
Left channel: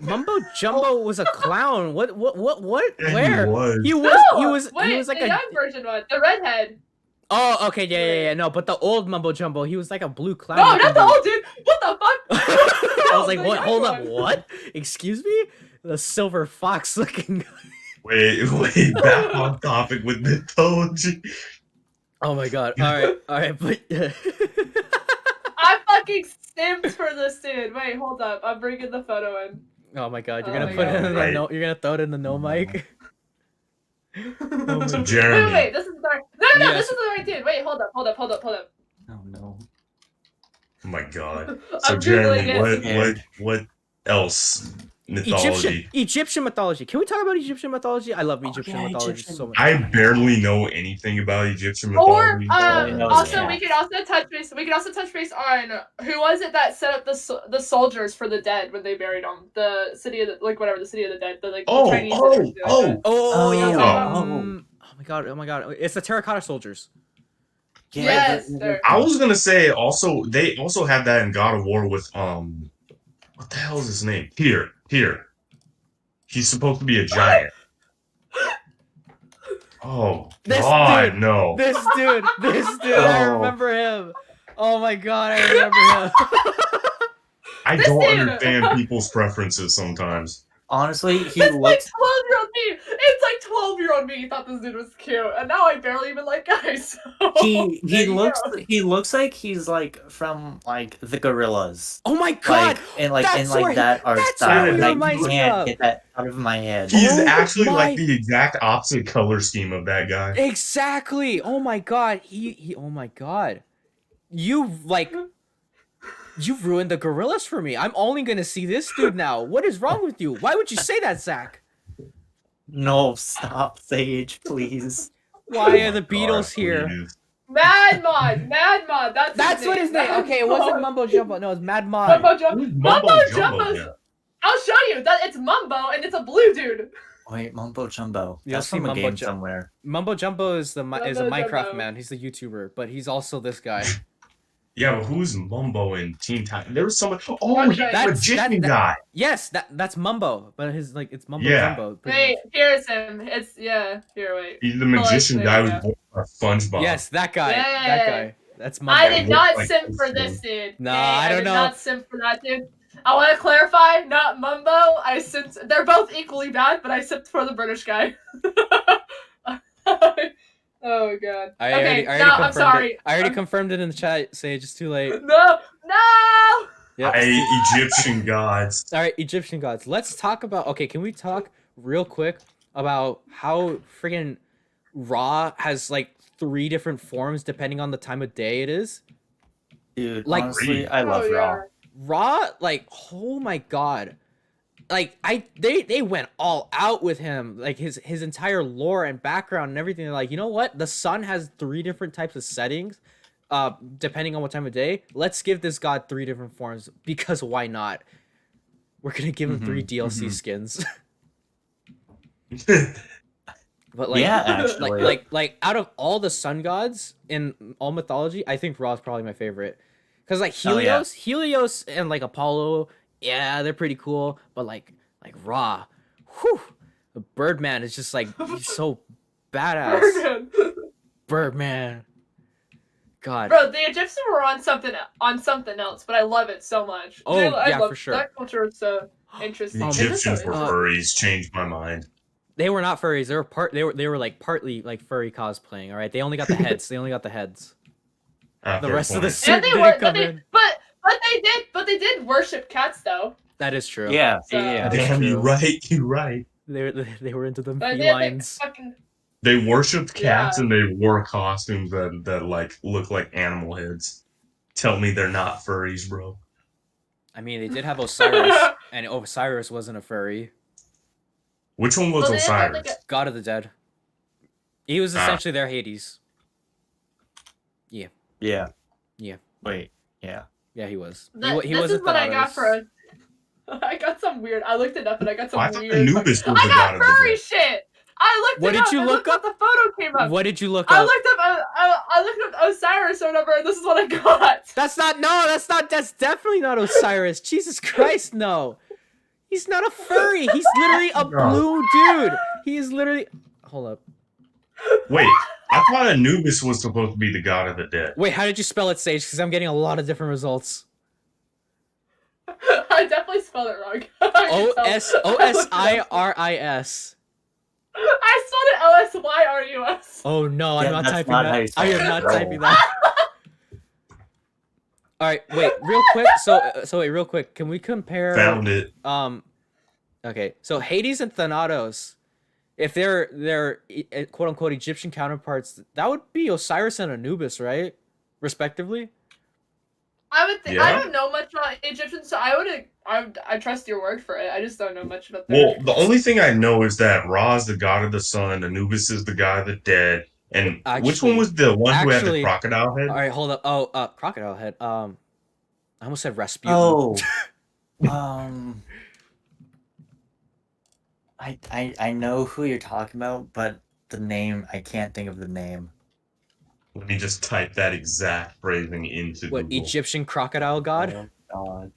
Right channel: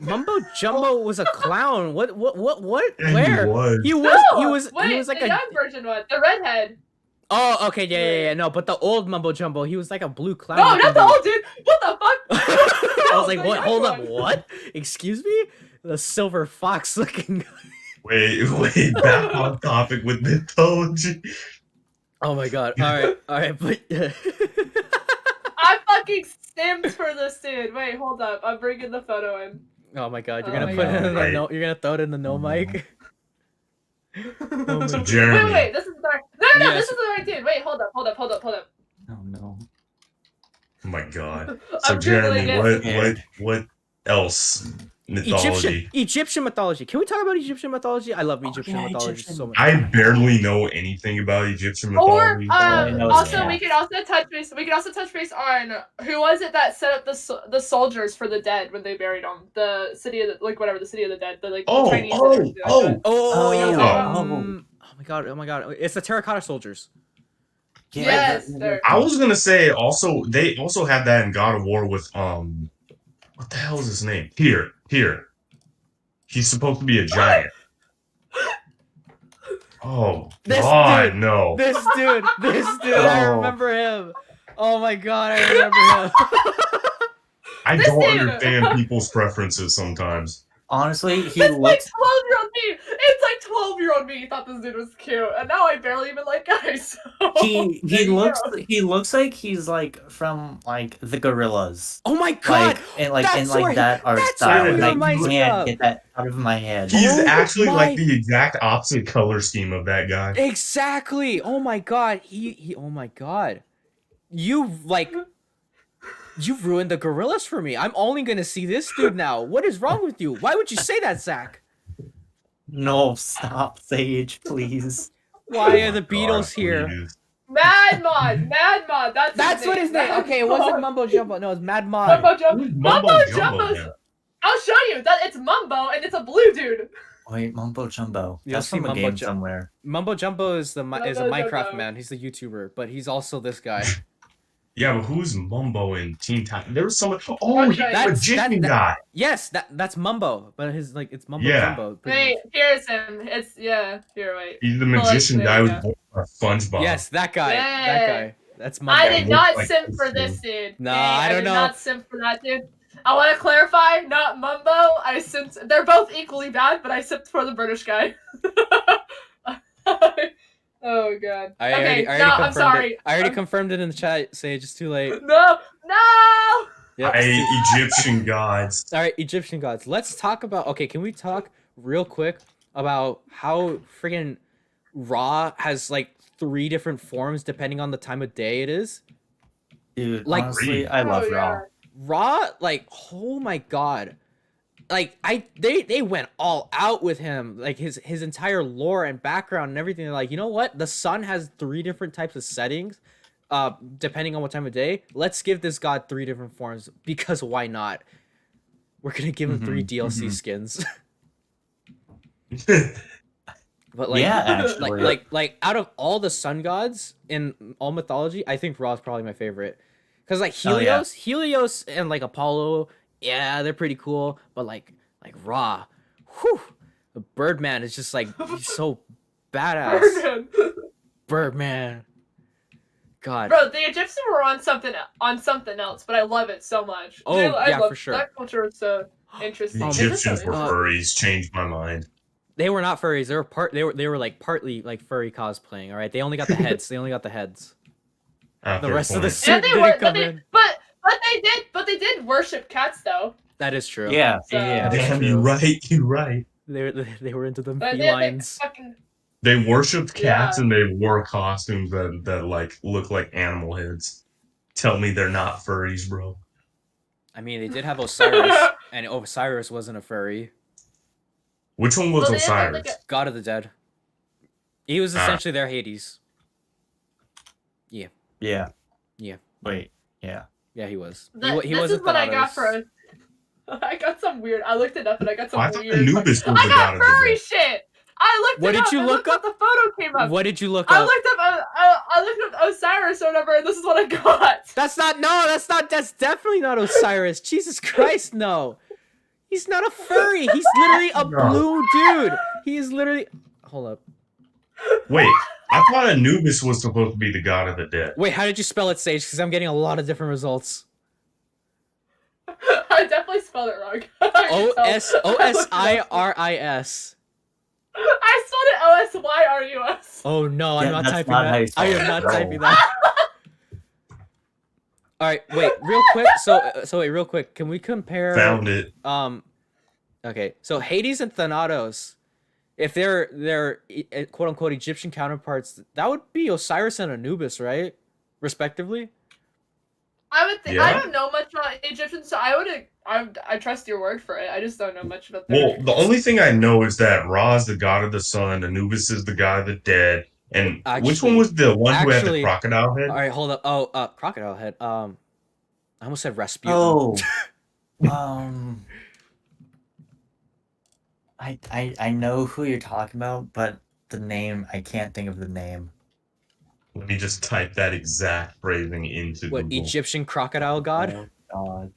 Mumbo Jumbo was a clown. What? Yeah, Where? was. He was like the a. young version one, the redhead. Oh, okay, yeah. No, but the old Mumbo Jumbo, he was like a blue clown. No, looking not the dude. old dude. What the fuck? I was like, The what? young Hold up, one. what? Excuse me? The silver fox looking. Wait, back on topic with mythology. Oh my god. All right, but. I fucking simped for this dude. Wait, hold up. I'm bringing the photo in. Oh my god, you're Oh gonna my put it God. in the Right. no. You're gonna throw it in the no mic. Oh my god. Jeremy. Wait, this is the right. No, Yes. this is the right dude. Wait, hold up. Oh no. Oh my god. So I'm Jeremy, Googling it. what else mythology? Egyptian mythology. Can we talk about Egyptian mythology? I love Egyptian yeah, mythology Egyptian. so much. I barely know anything about Egyptian Or mythology. I know it's also cat. we could also touch base. We could also touch base on who was it that set up the soldiers for the dead when they buried them. The city of the, the city of the dead. The Oh, Chinese. oh. Oh yeah. Oh. Oh my god. It's the terracotta soldiers. Yes. they're- I was gonna say also they also had that in God of War with what the hell is his name? Here. He's supposed to be a giant. Oh This God, dude. no. This dude. I Oh. remember him. Oh my god, I remember him. I This don't dude. understand people's preferences sometimes. Honestly, he It's like looks. 12-year-old me. It's like 12-year-old me thought this dude was cute, and now I barely even like guys. So He there you looks go. he looks like he's like from like the Gorillas. Oh my god! Like That's where that art that's style. who he And I reminds me can't of. get that out of my head. He is Oh actually my- like the exact opposite color scheme of that guy. Exactly. Oh my god. He. Oh my god. You've ruined the gorillas for me. I'm only gonna see this dude now. What is wrong with you? Why would you say that, Zach? No, stop, Sage, please. Why are Oh the my Beatles God, here? please. Mad Mod. That's what his name. Mad Okay, it wasn't Mod. Mumbo Jumbo. No, it's Mad Mod. Mumbo Jumbo. Who's Mumbo Jumbo Jumbo's. then? I'll show you. That it's Mumbo and it's a blue dude. Wait, Mumbo Jumbo. You'll That's see from a Mumbo game Jumbo. somewhere. Mumbo Jumbo is a Minecraft Jumbo. man. He's the YouTuber, but he's also this guy. Yeah, but who's Mumbo in Teen Titans? There was someone. Oh, he's the That's- magician that- guy. Yes, that's Mumbo, but it's Mumbo Yeah. Jumbo. pretty Wait, much. here's him. It's here. Wait. He's the magician there guy we who's go. born from SpongeBob. Yes, that guy. Yeah. That guy. That's Mumbo. I did not Like simp this for dude. this dude. No, Okay, I don't did know. not simp for that dude. I want to clarify, not Mumbo. I simped. They're both equally bad, but I simped for the British guy. Oh god. I Okay, already no, I'm confirmed sorry. it. I already confirmed it in the chat. Sage, it's too late. No. Yep. Egyptian gods. All right, Egyptian gods. Let's talk about. Okay, can we talk real quick about how friggin' Ra has like 3 different forms depending on the time of day it is? Dude, Like- honestly, I love Oh, Raw. Ra, like, oh my god. Like they went all out with him, like his entire lore and background and everything. They're like, you know what? The sun has 3 different types of settings, depending on what time of day. Let's give this god 3 different forms because why not? We're gonna give him 3 DLC skins. But like, Yeah, actually. like out of all the sun gods in all mythology, I think Ra is probably my favorite. Cause like Oh, yeah. Helios and like Apollo, yeah, they're pretty cool. But like Ra, whew, the Birdman is just like he's so badass. Birdman. Birdman. God. Bro, the Egyptians were on something else, but I love it so much. Oh, I yeah, love for sure. That culture is so interesting. The Um, Egyptians were uh, furries. Changed my mind. They were not furries. They were like partly like furry cosplaying. All right, they only got the heads. They only got the heads. The Fair rest of the point. suit didn't come in. But they did worship cats though. That is true. Yeah, So- yeah. That is Damn, true. you're right. You're right. They were into them But felines. They worshipped cats Yeah. and they wore costumes that like look like animal heads. Tell me they're not furries, bro. I mean, they did have Osiris, and Osiris wasn't a furry. Which one was Well, they did have, Osiris? like, God of the Dead. He was Ah. essentially their Hades. Yeah. Yeah. Wait, yeah. Yeah, he was. This He wasn't is what I got Thanatos. for. I got some weird. I looked it up and I got some I thought weird. Anubis was the I god got of the furry dead. shit. I looked. What it did up. you I look looked up? The photo came up. What did you look I up? looked up. I looked up Osiris or whatever, and this is what I got. That's definitely not Osiris. Jesus Christ, no. He's not a furry. He's literally a No. blue dude. He is literally. Hold up. Wait, I thought Anubis was supposed to be the god of the dead. Wait, how did you spell it, Sage? Because I'm getting a lot of different results. I definitely spelled it wrong. Osiris. I spelled it Osyrus. Oh no, I'm Yeah, not that's typing not how that. you spell I am it. not No. typing that. All right, wait, real quick. So wait, real quick. Can we compare? Found it. Okay, so Hades and Thanatos, if they're quote unquote Egyptian counterparts, that would be Osiris and Anubis, right? Respectively. I would think. Yeah. I don't know much about Egyptians, so I trust your word for it. I just don't know much about their. Well, the only thing I know is that Ra is the god of the sun, Anubis is the god of the dead, and which one was the one who had actually- the crocodile head? All right, hold up. Oh, crocodile head. I almost said Rasputin. Oh. I know who you're talking about, but the name, I can't think of the name. Let me just type that exact phrasing into What Google. Egyptian crocodile god? Oh, God.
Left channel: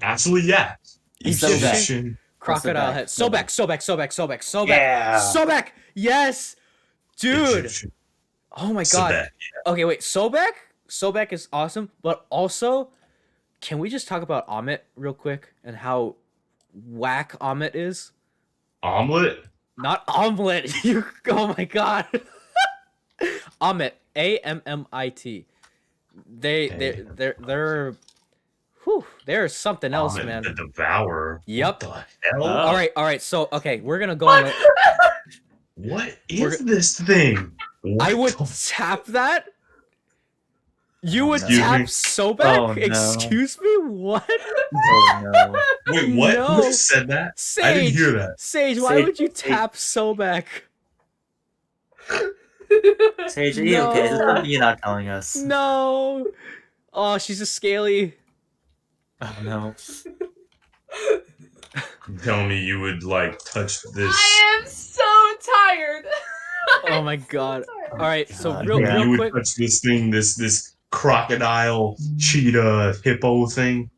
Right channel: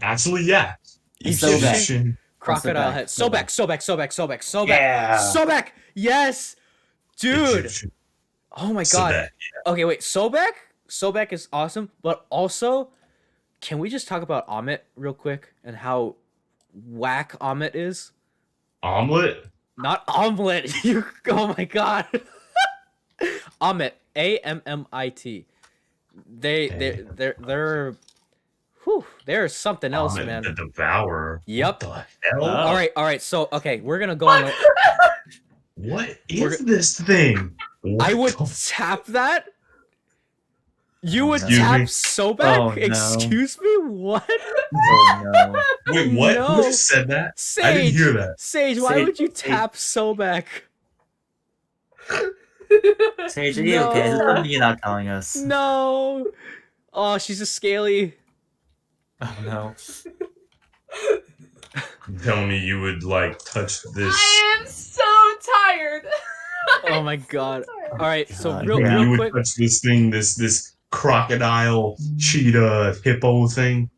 Actually, yeah. Egyptian crocodile head. Sobek. Yeah. Sobek. Yes, dude. Egyptian. Oh my god. Sobek. Okay, wait. Sobek is awesome, but also Can we just talk about Amit real quick and how whack Amit is? Omelet? Not omelet. You. Oh my god. Amit. Ammit. They're. Whew. They're something else, Omelet man. the Devourer. Yep. What the hell? Oh. All right. So okay, we're gonna go on. What is this thing? I would What the- tap that. You would Excuse tap me? Sobek? Oh, no. Excuse me? What? Oh no. Wait, what? No. Who just said that? Sage. I didn't hear that. Sage, why Sage- would you tap Sobek? Sage, are you okay? Is No. there something you're not telling us? No. Oh, she's a scaly. Oh no. You telling me you would like touch this? I am so tired. Oh my god. All right, so God, real yeah. You real would quick. touch this thing, this crocodile, cheetah, hippo thing?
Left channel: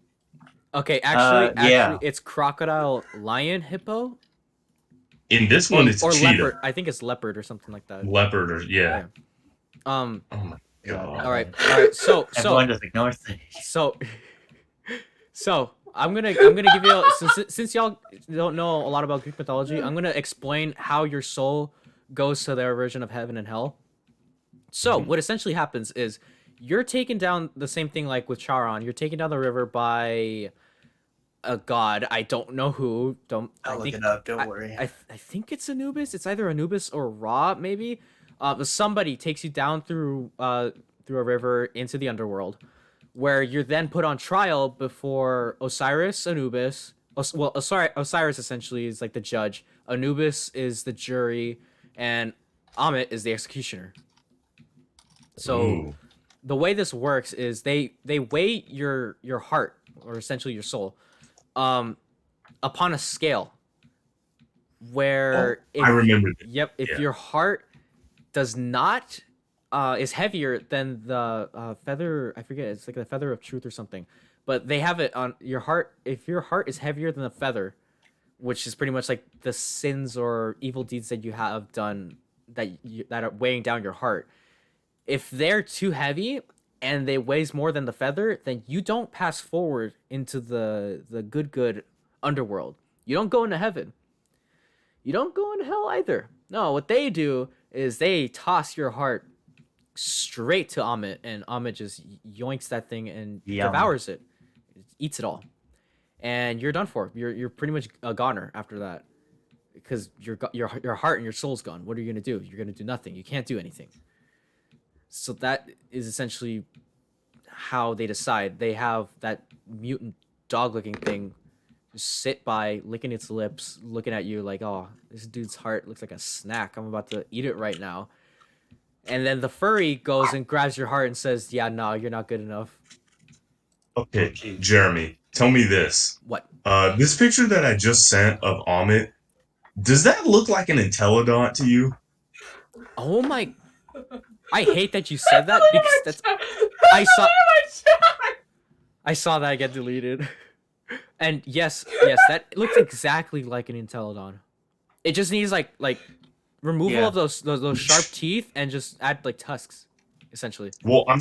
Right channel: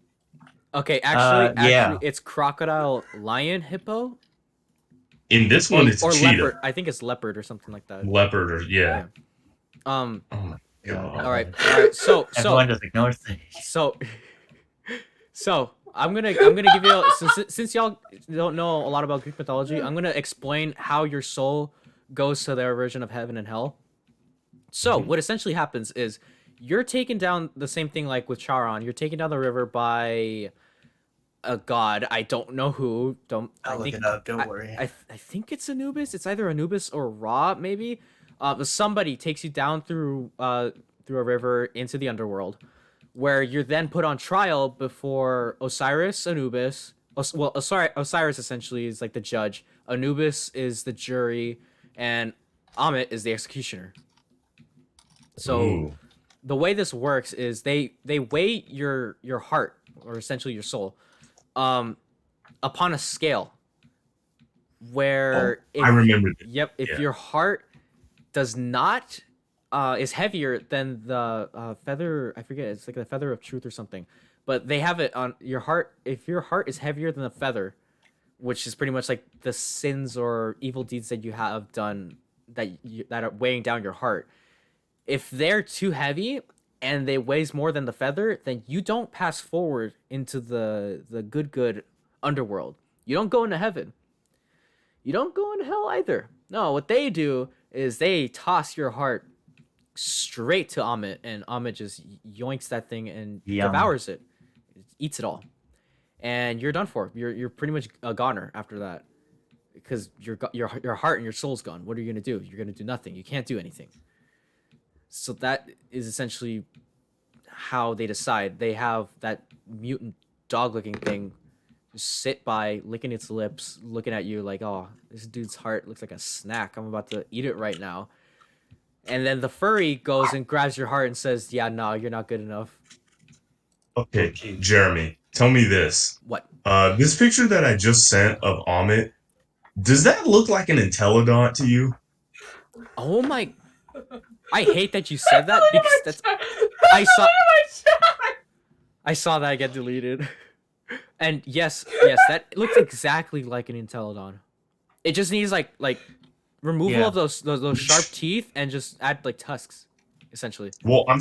Okay, actually, yeah. it's crocodile, lion, hippo, In this one, it's or cheetah. leopard. I think it's leopard or something like that. Leopard, or yeah. Um. Oh my god. All right. So Everyone just ignores Sage. so I'm gonna give you since y'all don't know a lot about Greek mythology, I'm gonna explain how your soul goes to their version of heaven and hell. So what essentially happens is you're taken down the same thing like with Charon. You're taken down the river by a god. I don't know who. I'll I look think it up. Don't worry. I think it's Anubis. It's either Anubis or Ra, maybe. But somebody takes you down through a river into the underworld, where you're then put on trial before Osiris, Anubis. Osiris essentially is like the judge. Anubis is the jury, and Amit is the executioner. So Ooh. the way this works is they weigh your heart, or essentially your soul, upon a scale. Where I remember this. Yep, if Yeah. your heart does not is heavier than the feather, I forget, it's like the feather of truth or something, but they have it on your heart. If your heart is heavier than the feather, which is pretty much like the sins or evil deeds that you have done that are weighing down your heart, if they're too heavy and they weighs more than the feather, then you don't pass forward into the good underworld. You don't go into heaven. You don't go into hell either. No, what they do is they toss your heart straight to Amit, and Amit just yoinks that thing and Yum. devours it, eats it all, and you're done for. You're pretty much a goner after that, because your heart and your soul's gone. What are you gonna do? You're gonna do nothing. You can't do anything. So that is essentially how they decide. They have that mutant dog-looking thing just sit by, licking its lips, looking at you like, oh, this dude's heart looks like a snack. I'm about to eat it right now. And then the furry goes and grabs your heart and says, yeah, no, you're not good enough. Okay, Jeremy, tell me this. What? This picture that I just sent of Amit, does that look like an Intelligent to you? Oh my... I hate that you said that because that's... I saw that get deleted. And yes, that looks exactly like an Intelligent. It just needs like removal of those sharp teeth and just add like tusks, essentially. Well, I'm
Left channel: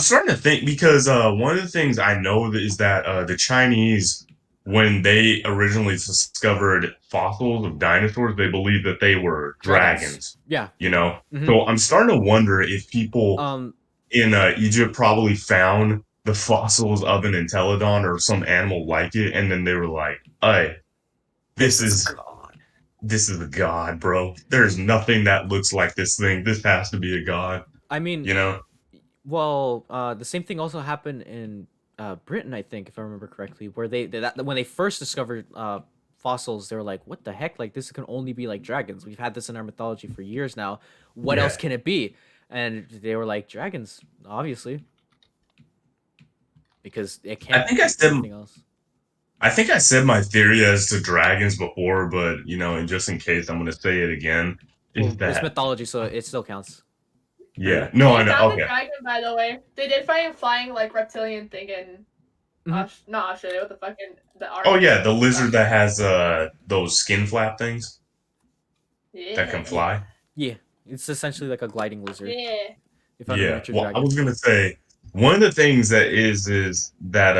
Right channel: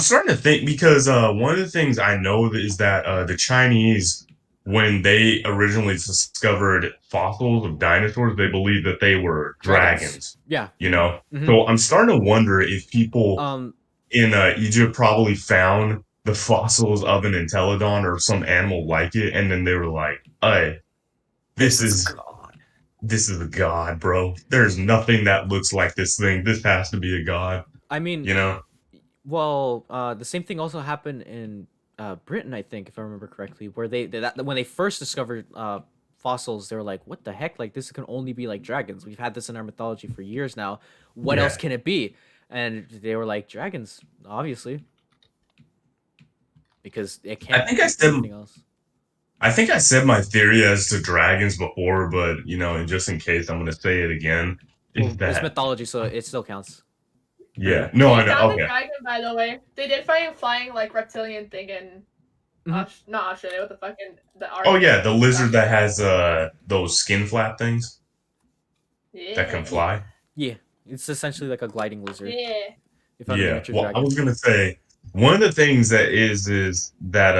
starting to think, because one of the things I know is that the Chinese, when they originally discovered fossils of dinosaurs, they believed that they were dragons. Yeah. You know? Mhm. So I'm starting to wonder if people in Egypt probably found the fossils of an Intelligent or some animal like it, and then they were like, hey, this is a god, bro. There's nothing that looks like this thing. This has to be a god. I mean, You know? well, the same thing also happened in Britain, I think, if I remember correctly, where when they first discovered fossils, they were like, what the heck? Like, this can only be like dragons. We've had this in our mythology for years now. What else can it be? And they were like, dragons, obviously. Because it can't be anything else. I think I said my theory as to dragons before, but, you know, and just in case, I'm going to say it again. Well, it's mythology, so it still counts. Yeah. No, I They know. found Okay. a dragon, by the way. They did find a flying like reptilian thing in not Australia. What the fuck in the Oh, yeah. The lizard that has those skin flap things that can fly. Yeah. It's essentially like a gliding lizard. Yeah. If I'm a miniature Well, dragon. I was going to say, one of the things that is that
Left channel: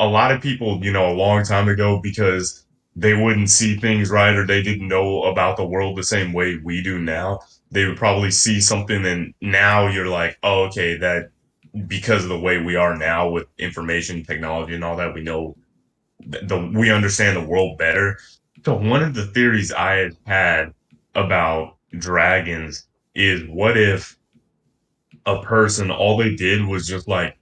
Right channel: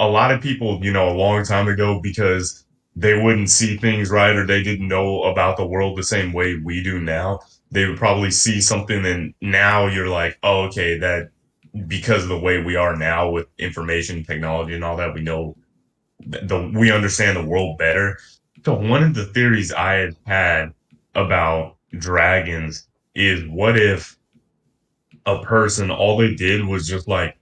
a lot of people, a long time ago, because they wouldn't see things right or they didn't know about the world the same way we do now, they would probably see something and now you're like, oh, okay, that because of the way we are now with information technology and all that, we know we understand the world better. So one of the theories I had about dragons is what if a person all they did was just like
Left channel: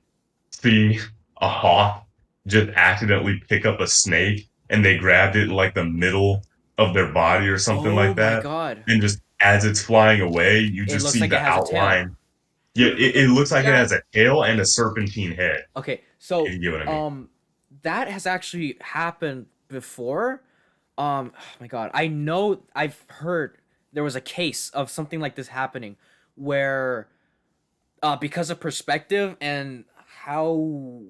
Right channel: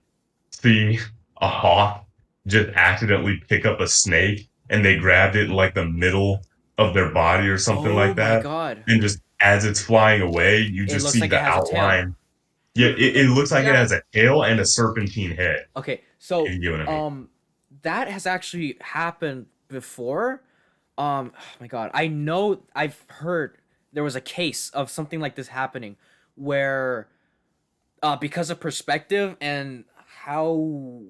see a hawk just accidentally pick up a snake and they grabbed it in like the middle of their body or something Oh like my that, god. and just as it's flying away you It just looks see like it the has a tail. outline. Yeah, it looks like it Yeah. has a tail and a serpentine head, Okay, if so you get what I mean. that has actually happened before. Oh my god, I know I've heard there was a case of something like this happening where because of perspective and how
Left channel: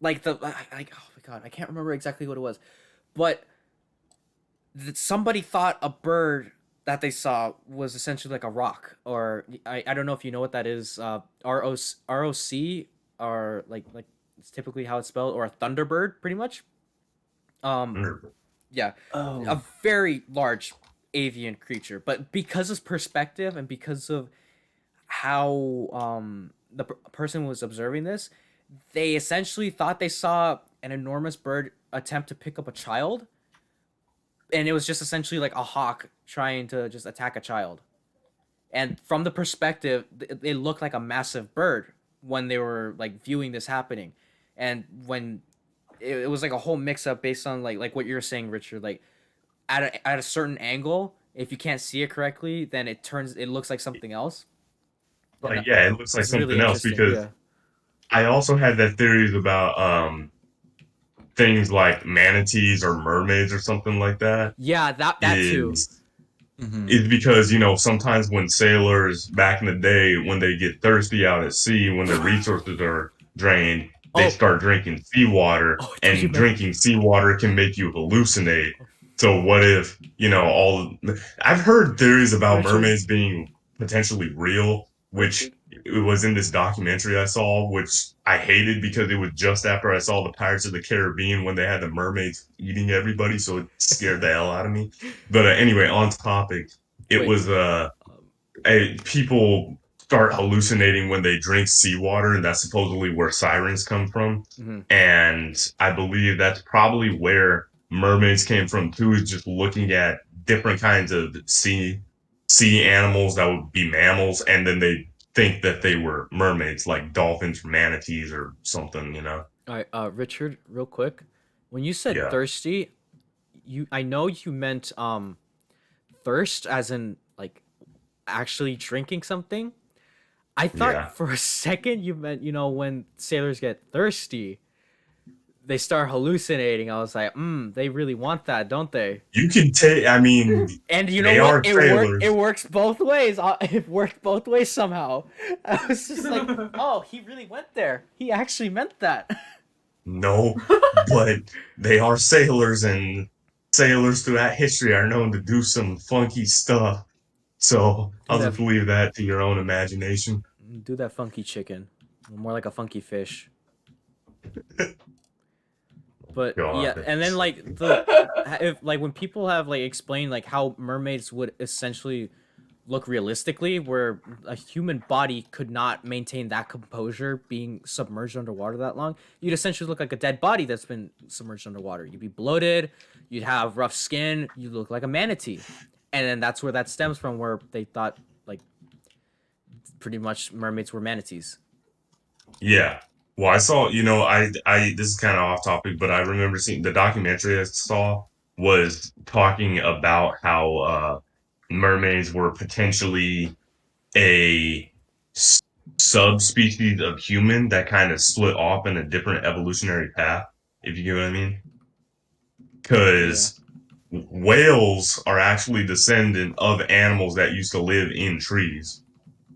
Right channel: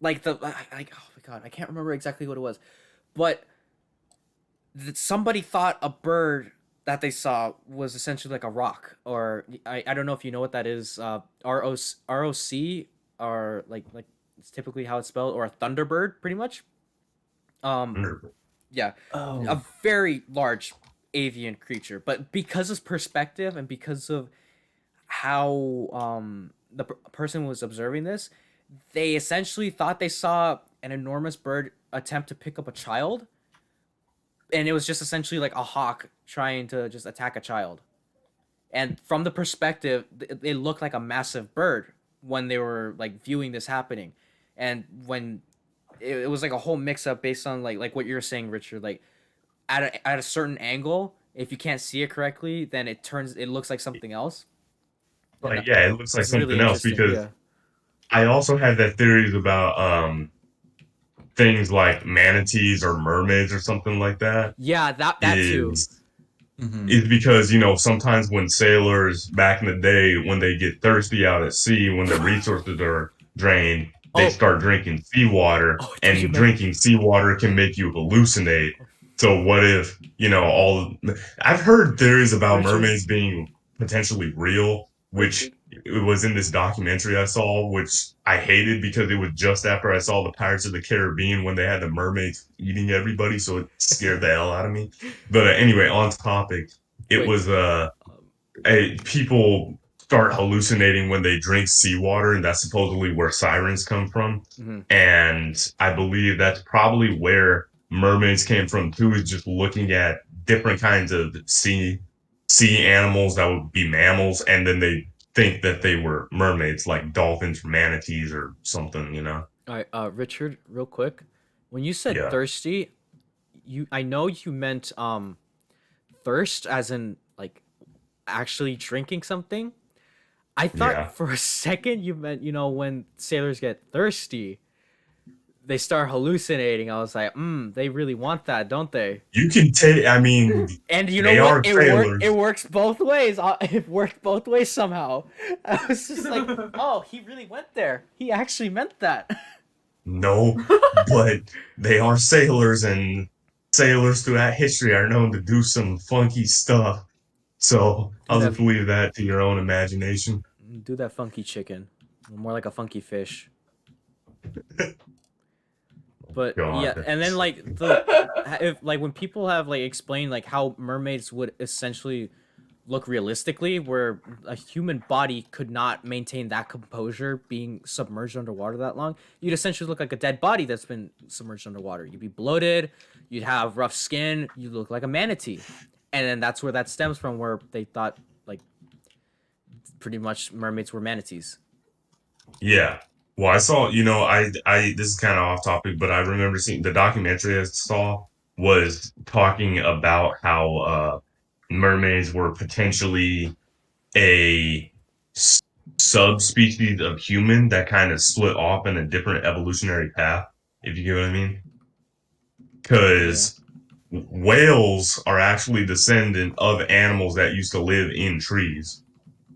like like oh my god, I can't remember exactly what it was, but somebody thought a bird that they saw was essentially like a rock, or I don't know if you know what that is. ROC, or like it's typically how it's spelled, or a thunderbird, pretty much. Um, Wonderful. yeah, a Oh. very large avian creature, but because of perspective and because of how the person was observing this, they essentially thought they saw an enormous bird attempt to pick up a child, and it was just essentially like a hawk trying to just attack a child. And from the perspective, it looked like a massive bird when they were like viewing this happening, and when it was like a whole mix up based on like what you're saying, Richard. Like at a certain angle, if you can't see it correctly, then it looks like something else, and Like, yeah, it looks like it's really something else interesting. because Yeah. I also had that theories about things like manatees or mermaids or something like that. Yeah, that too. Is Mm-hmm. is because sometimes when sailors back in the day, when they get thirsty out at sea, when the resources are drained, they Oh, start drinking seawater, oh, I thought you and meant. drinking seawater can make you hallucinate. So what if all I've heard theories about Richard. mermaids being potentially real, which Richard. it was in this documentary I saw, which I hated because it was just after I saw the Pirates of the Caribbean when they had the mermaids eating everybody, so it scared the hell out of me. But anyway, on topic, it Wait. was Um, people start hallucinating when they drink seawater, and that's supposedly where sirens come from. mhm. And I believe that's probably where mermaids came from too, is just looking at different kinds of sea animals that would be mammals, and then they think that they were mermaids, like dolphins, manatees, or something. All right, Richard, real quick. When you said Yeah, thirsty, I know you meant thirst as in like actually drinking something. I thought yeah. for a second you meant, when sailors get thirsty, they start hallucinating. I was like, they really want that, don't they? You can take. I mean, And you know they what? are It sailors. works both ways. It worked both ways somehow. I was just like, oh, he really went there. He actually meant that. No, but they are sailors, and sailors throughout history are known to do some funky stuff. So do I'll that just leave that to your own imagination. do that funky chicken. More like a funky fish. But yeah, God. and then like if like when people have like explained like how mermaids would essentially look realistically, where a human body could not maintain that composure being submerged underwater that long, you'd essentially look like a dead body that's been submerged underwater. You'd be bloated, you'd have rough skin, you look like a manatee. And then that's where that stems from, where they thought like pretty much mermaids were manatees. Yeah. Well, I saw, this is kind of off topic, but I remember seeing the documentary I saw was talking about how mermaids were potentially a s- subspecies of human that kind of split off in a different evolutionary path, if you get what I mean. Yeah. Because whales are actually descendant of animals that used to live in trees,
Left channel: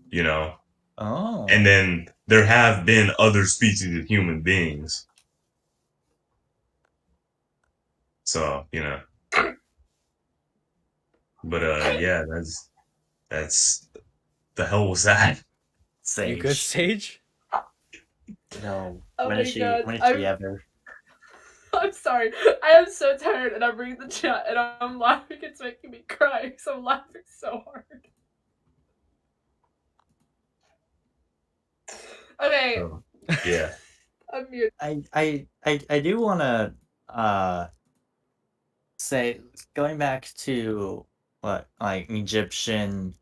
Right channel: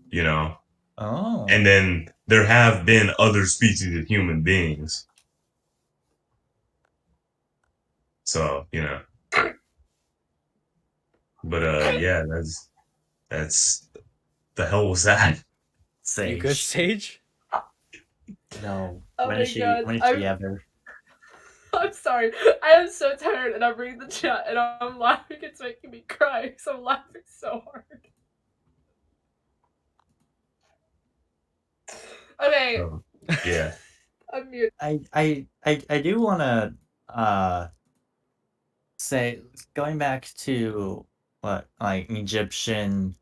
you know, Oh. and then there have been other species of human beings. So, but yeah, that's the hell was that? Sage. You good, Sage? No. Oh when my is she? God, When is I'm- she ever? I'm sorry. I am so tired, and I'm reading the chat, and I'm laughing. It's making me cry because I'm laughing so hard. Okay, Oh, yeah. I'm mute. I do wanna say, going back to what like Egyptian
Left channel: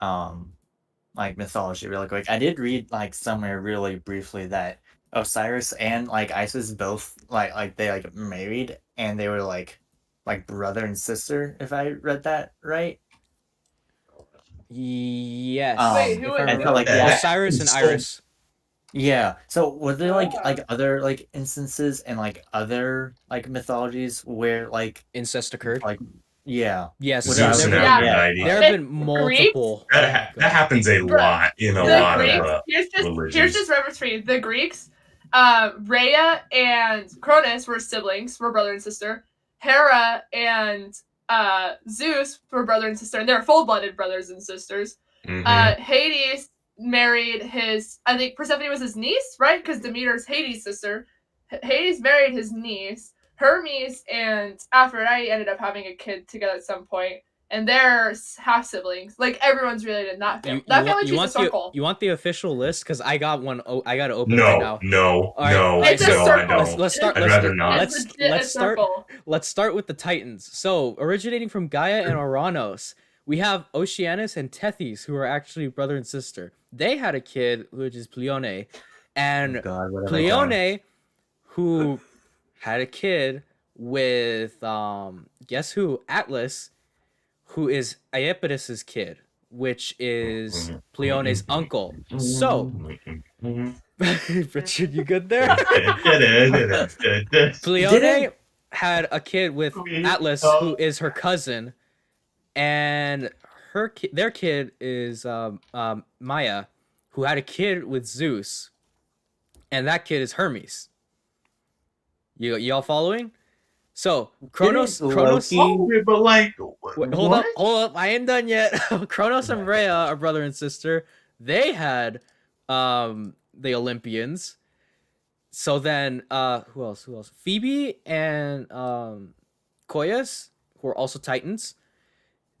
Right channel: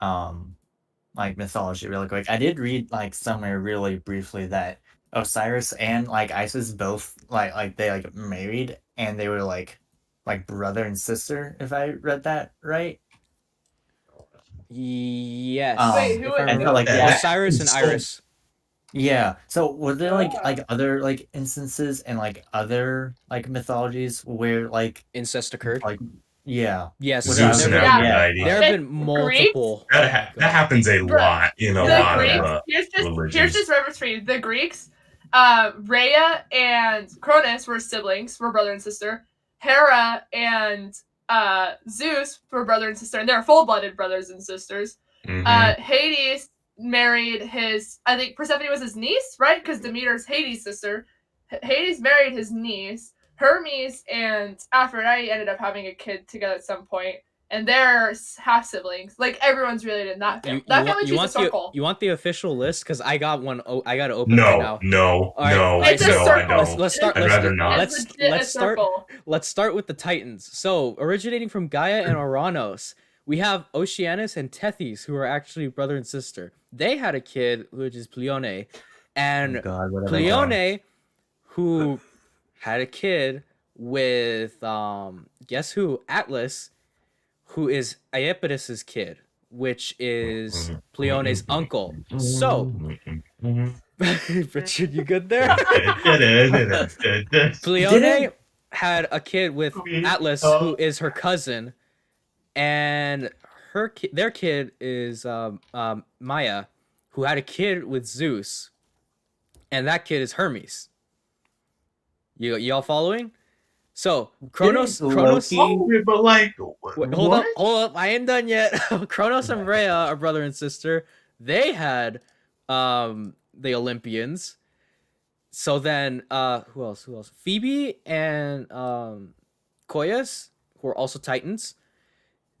like mythology really quick. I did read like somewhere really briefly that Osiris and like Isis both like they like married and they were like brother and sister, if I read that right. Yes. Wait, who if I was- remember, like, yeah. Osiris and So- Iris. Yeah. So were there like Ah. other like instances and like other like mythologies where like Incest occurred. yeah. Yes. Well, Zeus there and have Yeah. Aphrodite. there have The been multiple. That, Oh my that God. happens a Bruh, lot in a The lot Greeks, of here's religions. just reference for you. The Greeks, Rhea and Cronus were siblings, were brother and sister. Hera and Zeus were brother and sister, and they're full-blooded brothers and sisters. Mhm. Hades married his, I think Persephone was his niece, right? Because Demeter's Hades' sister. Hades married his niece. Hermes and Aphrodite ended up having a kid together at some point, and they're half siblings. Like everyone's related in that family. That family trees a circle. you want the official list? Because I got one. Oh, I got to open right now. No, All right, no, all right, It's so a no, I circle. don't. let's start. I'd rather not. It's legit Let's a start. circle. Let's start with the Titans. So, originating from Gaia and Oranos, we have Oceanus and Tethys, who are actually brother and sister. They had a kid, which is Pleione, and God, what have I done? Pleione, who had a kid with guess who? Atlas, who is Iapetus's kid, which is Pleione's uncle. So, Richard, you good there? Pleione had a kid with Atlas, who is her cousin, and their kid is Maya, who had a kid with Zeus, and that kid is Hermes. Y'all following? So Kronos, Loki, but like, wait, hold up, I ain't done yet. Kronos and Rhea are brother and sister. They had the Olympians. So then who else? Phoebe and Koyas, who are also Titans.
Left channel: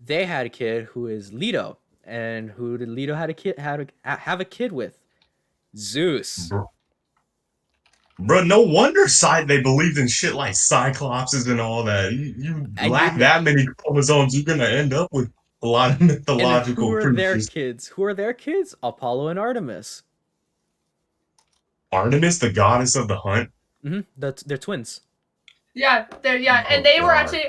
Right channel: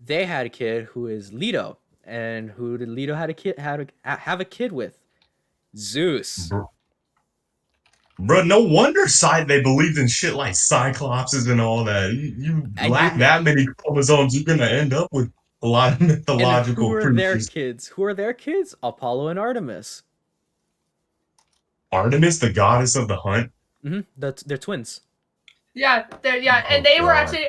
They had a kid who is Leto. And who did Leto have a kid with? Zeus. Bro, no wonder they believed in shit like cyclopses and all that. You And lack that many chromosomes, you're gonna end up with a lot of And mythological who are their creatures. kids? Who are their kids? Apollo and Artemis. Artemis, the goddess of the hunt. They're twins. Yeah, and they were actually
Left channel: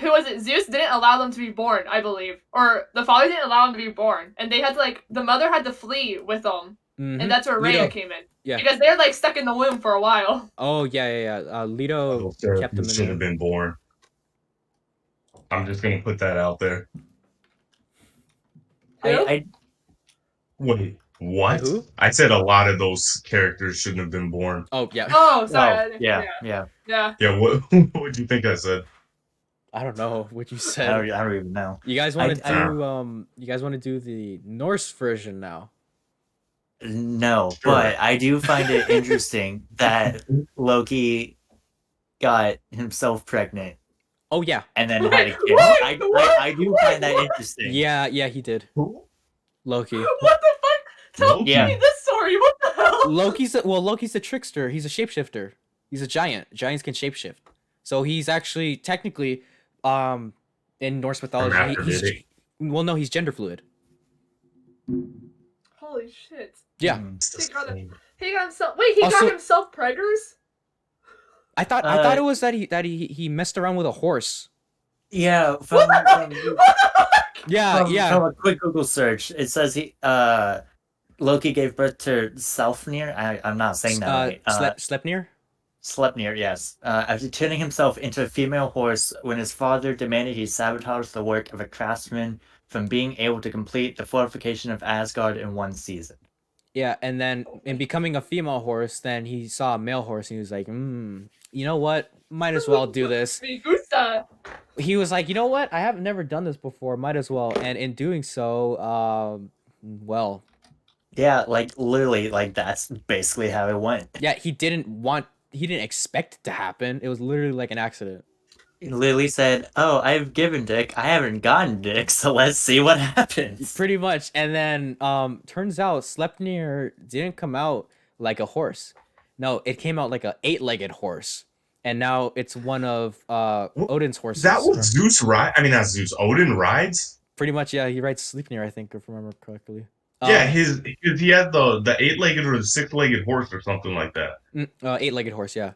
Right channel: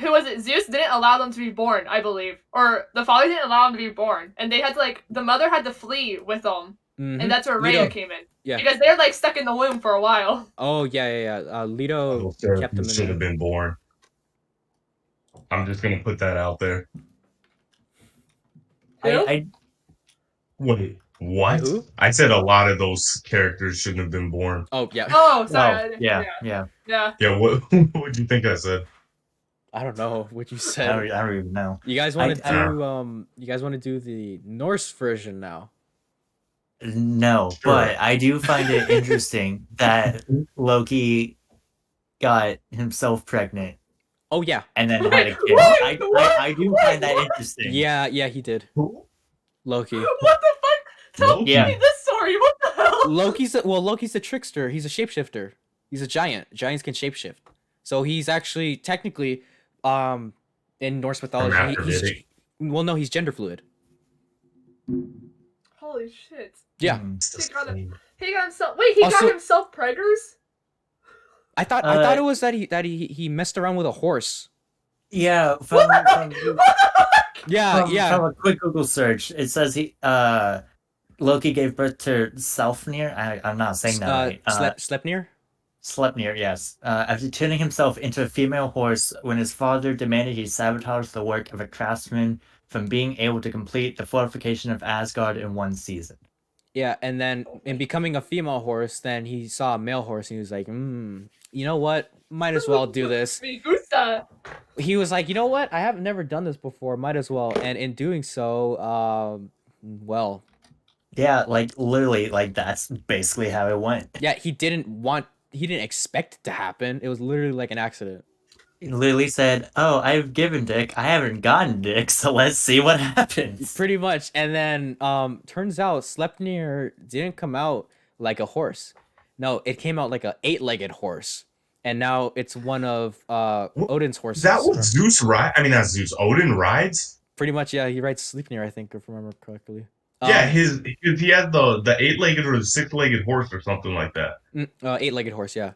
who was it? Zeus didn't allow them to be born, I believe, or the father didn't allow them to be born, and they had to the mother had to flee with them, and that's where Rhea came in. Yeah. Because they're stuck in the womb for a while. Oh yeah. Leto kept them in should there. have been born. I'm just gonna put that out there. I Wait, what? Who? I said a lot of those characters shouldn't have been born. Oh yeah. Oh, sorry. yeah. Yeah. Yeah, what would you think I said? I don't know what you I said. don't even know. You guys want to I- do You guys want to do the Norse version now? No, Sure. but I do find it interesting that Loki got himself pregnant Oh yeah. and then Wait, had a kid. what? I do find that interesting. Yeah, he did. Loki. What the fuck? Tell Loki? me this story. What the hell? Loki's the trickster. He's a shapeshifter. He's a giant. Giants can shapeshift. So he's actually technically in Norse mythology he's gender fluid. Holy shit. Yeah. He got himself. Wait, he Also- got himself preggers? I thought it was that he messed around with a horse. Yeah, What from, the from, Yeah. from a quick Google search, it says Loki gave birth to Selfnir. I'm not saying that right. Sleipnir? Sleipnir, yes. After turning himself into a female horse when his father demanded he sabotage the work of a craftsman from being able to complete the fortification of Asgard in one season. Yeah, and then in becoming a female horse, then he saw a male horse and he was like, you know what? Might as well do this. Me gusta. He was like, you know what? I have never done this before. Might as well. And in doing so, well, Yeah, like literally, like that's basically how it went. Yeah, he didn't expect it to happen. It was literally like an accident. He literally said, "Oh, I've given dick. I haven't gotten dick, so let's see what happens." Pretty much. And then turns out Sleipnir didn't come out like a horse. No, it came out like a 8-legged horse. And now it's one of Odin's horses. That was Zeus ride. I mean, not Zeus. Odin rides. Pretty much, yeah. He rides Sleipnir, I think, if I remember correctly. Yeah, he had the 8-legged or the 6-legged horse or something like that. 8-legged horse, yeah.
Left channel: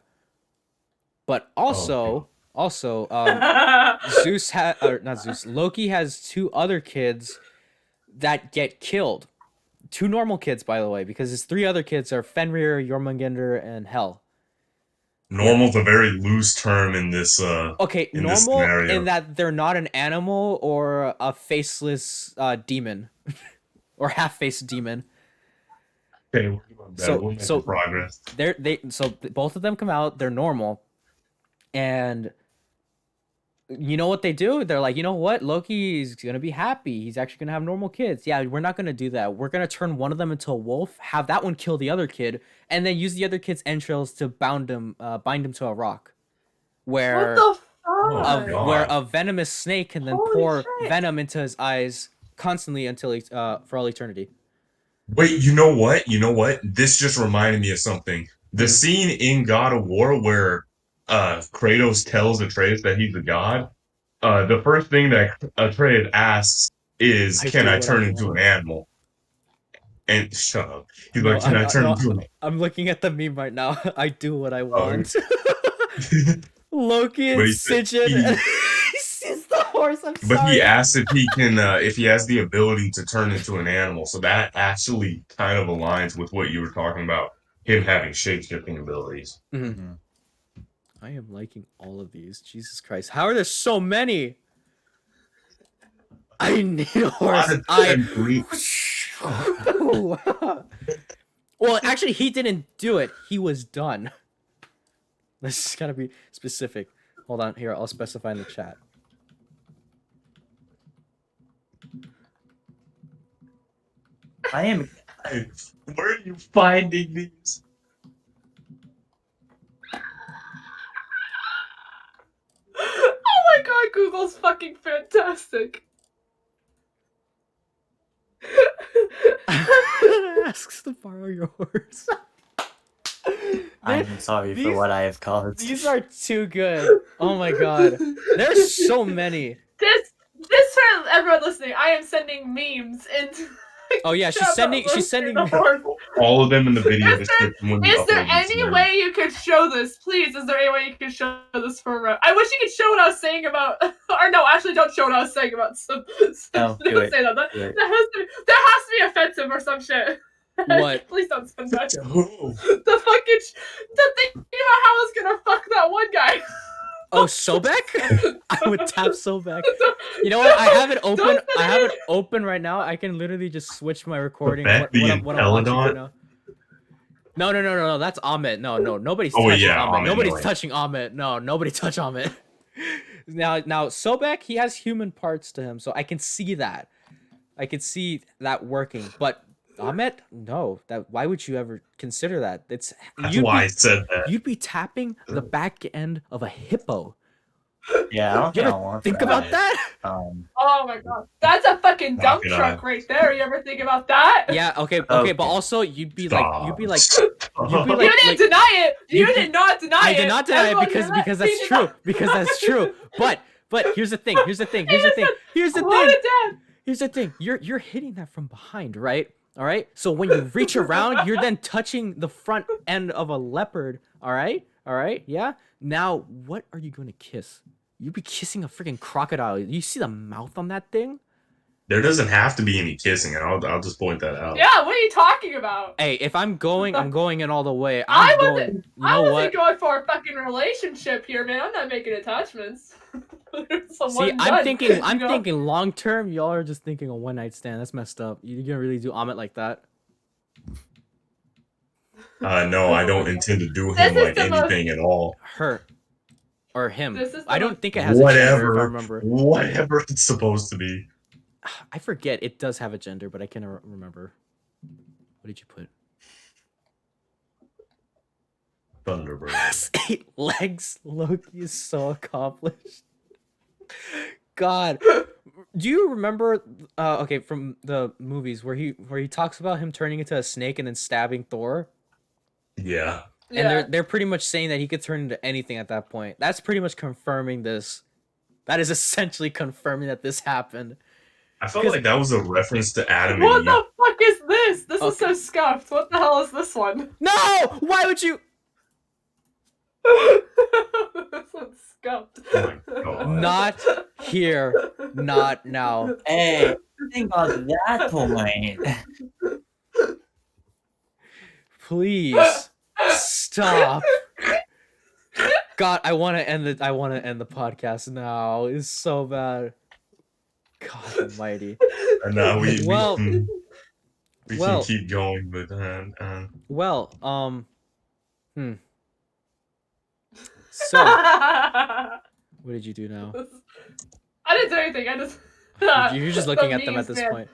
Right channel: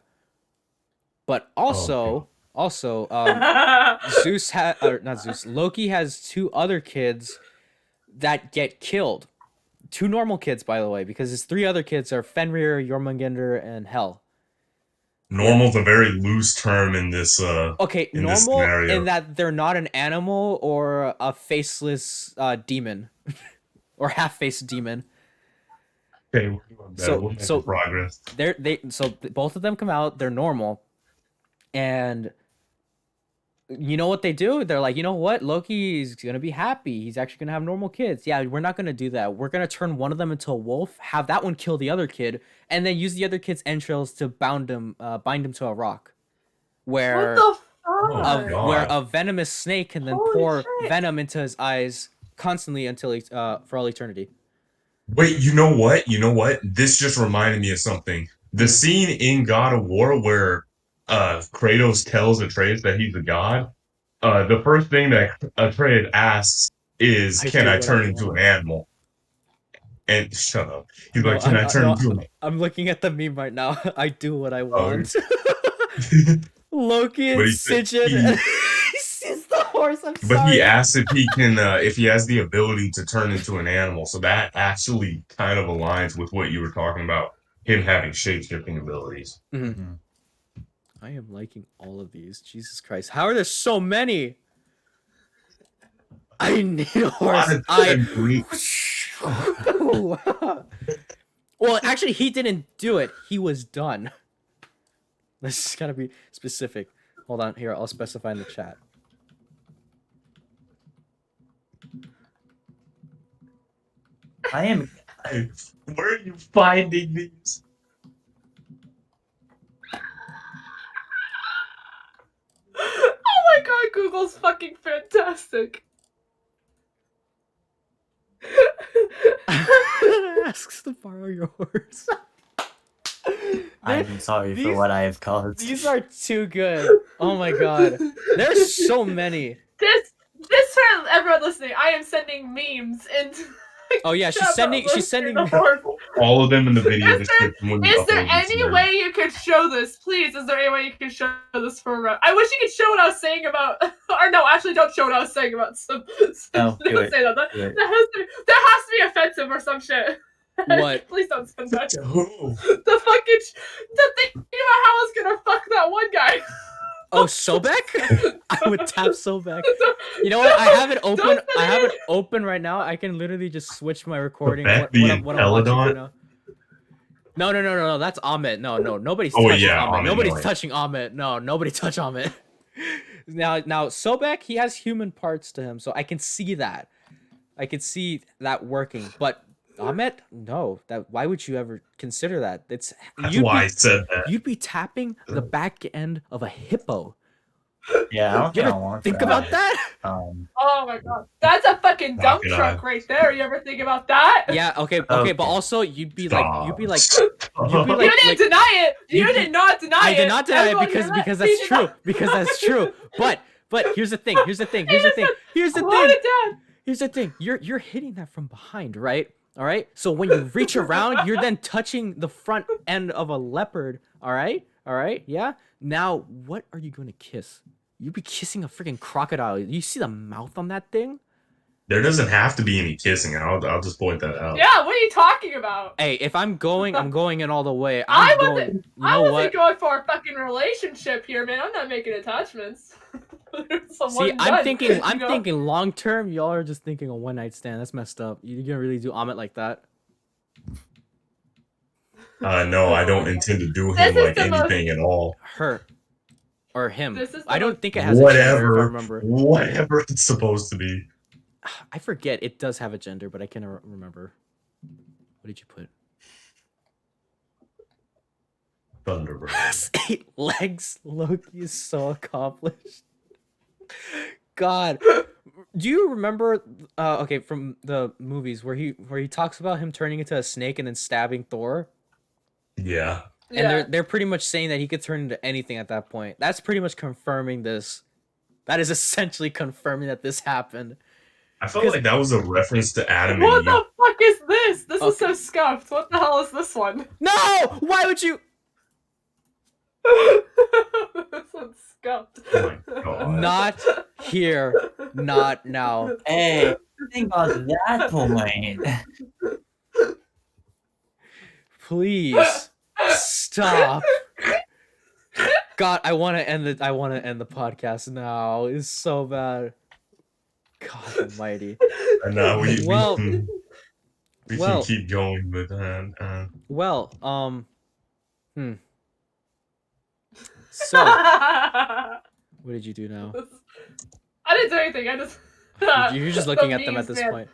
But also, Zeus or not Zeus. Loki has 2 other kids that get killed. 2 normal kids, by the way, because his 3 other kids are Fenrir, Jormungandr, and Hel. Normal's a very loose term in this. Okay, in normal this scenario. in that they're not an animal or a faceless demon, or half-faced demon. Okay, we'll make progress. Both of them come out. They're normal, and you know what they do? They're like, you know what? Loki's gonna be happy. He's actually gonna have normal kids. Yeah, we're not gonna do that. We're gonna turn one of them into a wolf, have that one kill the other kid, and then use the other kid's entrails to bind him to a rock, where What the fuck? God. where a venomous snake can then Holy pour shit. venom into his eyes constantly until for all eternity. Wait, you know what? You know what? This just reminded me of something. The scene in God of War where Kratos tells Atreus that he's a god. The first thing that Atreus asks is, "Can I turn into an animal?" And shut up. He's like, "Can I turn into an?" I'm looking at the meme right now. I do what I want. But Loki and he said Sigyn. He sees the horse. I'm sorry. he asks if he can, if he has the ability to turn into an animal. So that actually kind of aligns with what you were talking about, him having shape-shifting abilities. Mm-hmm. I am liking all of these. Jesus Christ. How are there so many? I need a horse. Well, actually, he didn't do it. He was done. This just gotta be specific. Hold on. Here, I'll specify in the chat. Where are you finding these? Oh my god, Google's fucking fantastic. Asks to borrow your horse. I'm sorry for what I have caused. These are too good. Oh my god. There's so many. This for everyone listening, I am sending memes into. Oh yeah, she's sending the horse. All of them in the video description. when we Is there upload this any video. way you could show this? Please, is there any way you could show this for I wish you could show what I was saying about or no, actually don't show what I was saying about some No, do don't it. say that. Do it. That has to be offensive or some shit. What? Please don't send that. Who? The fucking the thing about how I was gonna fuck that one guy. Oh, Sobek? I would tap Sobek. You know what? I have it open. I have it open right now. I can literally just switch my recording. What I'm watching right now. No. That's Ahmed. No. Nobody's touching Ahmed. Nobody's touching Ahmed. No, nobody touch Ahmed. Now, Sobek, he has human parts to him, so I can see that. I can see that working. But Ahmed, no. Why would you ever consider that? That's why I said that. You'd be tapping the back end of a hippo. Yeah, You ever think about that? Oh my god, that's a fucking dump truck right there. You ever think about that? Yeah. Okay. But also, you'd be like, You didn't deny it. You did not deny it. I did not deny it Everyone because did that. that's true. Because that's true. But here's the thing. Here's the thing. You're hitting that from behind, right? All right. So when you reach around, you're then touching the front end of a leopard. All right. Yeah. Now, what are you going to kiss? You'd be kissing a freaking crocodile. You see the mouth on that thing? There doesn't have to be any kissing. I'll just point that out. Yeah, what are you talking about? Hey, if I'm going in all the way. I going for a fucking relationship here, man. I'm not making attachments. See, I'm thinking long term. Y'all are just thinking a one night stand. That's messed up. You're gonna really do Amit like that? No, I don't intend to do him like anything at all. Her or him. I don't think it has a gender, if I remember. Whatever it's supposed to be. I forget. It does have a gender, but I can't remember. What did you put? Thunderbird. Has 8 legs. Loki is so accomplished. God, do you remember? Okay, from the movies where he talks about him turning into a snake and then stabbing Thor, Yeah. and they're pretty much saying that he could turn into anything at that point. That's pretty much confirming this. That is essentially confirming that this happened. I felt like that was a reference to Adam What and Eve. the fuck is this? This is Okay. so scuffed. What the hell is this one? No! Why would you? This one's scuffed. Oh my god. Not here. Not now. Hey, think about that point. Please stop. God, I want to end the podcast now. It's so bad. God Almighty. And now we can keep going, but Well, So, what did you do now? I didn't do anything. I just. You're just looking at them at this point.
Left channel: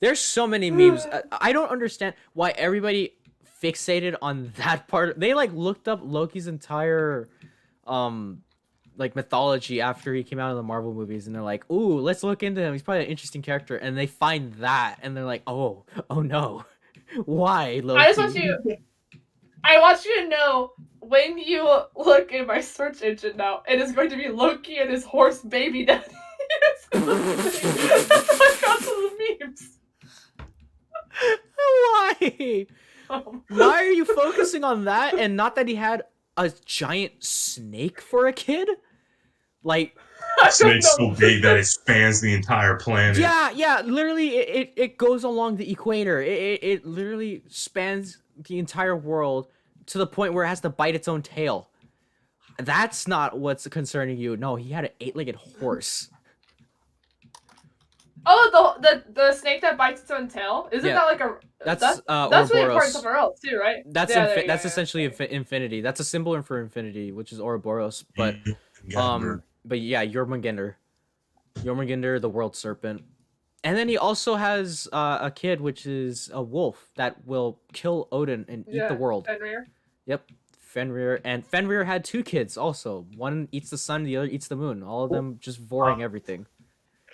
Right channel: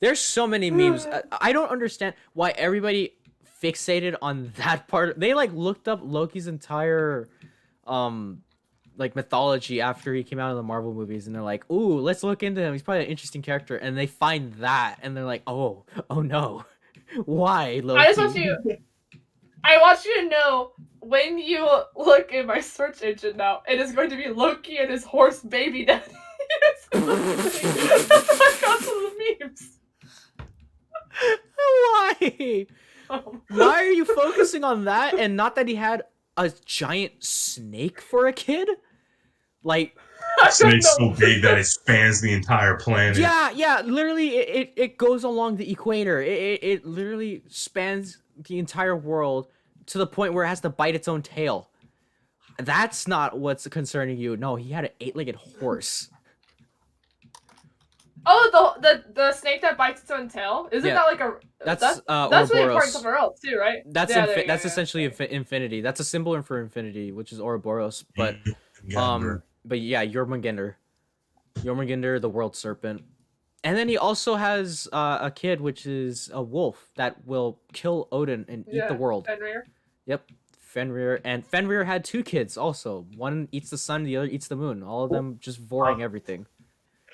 There's so many memes. I don't understand why everybody fixated on that part. They like looked up Loki's entire like mythology after he came out of the Marvel movies, and they're like, "Ooh, let's look into him. He's probably an interesting character." And they find that, and they're like, "Oh no, why Loki?" I want you to know when you look in my search engine now, it is going to be Loki and his horse baby daddy. I got some of the memes. Why? Why are you focusing on that and not that he had a giant snake for a kid? Like, snake's so big that it spans the entire planet. yeah, literally, it goes along the equator. It literally spans the entire world to the point where it has to bite its own tail. That's not what's concerning you. No, he had an 8-legged horse. Oh, the snake that bites its own tail? Isn't that like a... That's really Ouroboros. important somewhere else too, right? That's Yeah, that's essentially infinity. That's a symbol for infinity, which is Ouroboros. But but yeah, Jormungandr, the world serpent, and then he also has a kid, which is a wolf that will kill Odin and eat the world. Fenrir. Yep, Fenrir, and Fenrir had 2 kids also. One eats the sun, the other eats the moon. All of them just devouring everything.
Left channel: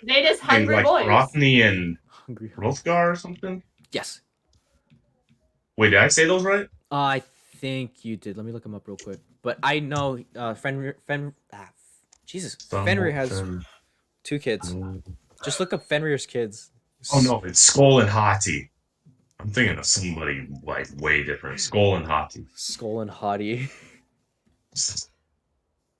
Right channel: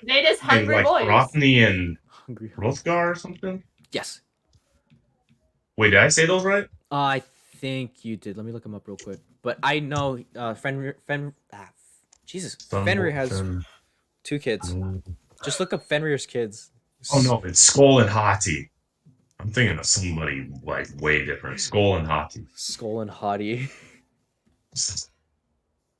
They just hungry like boys. Rothney and Hungry. Hrothgar or something? Yes. Wait, did I say those right? I think you did. Let me look them up real quick. But I know Fenrir has 2 kids. Just look up Fenrir's kids. Oh no, it's Skull and Hati. I'm thinking of somebody like way different. Skull and Hati. Skull and Hati.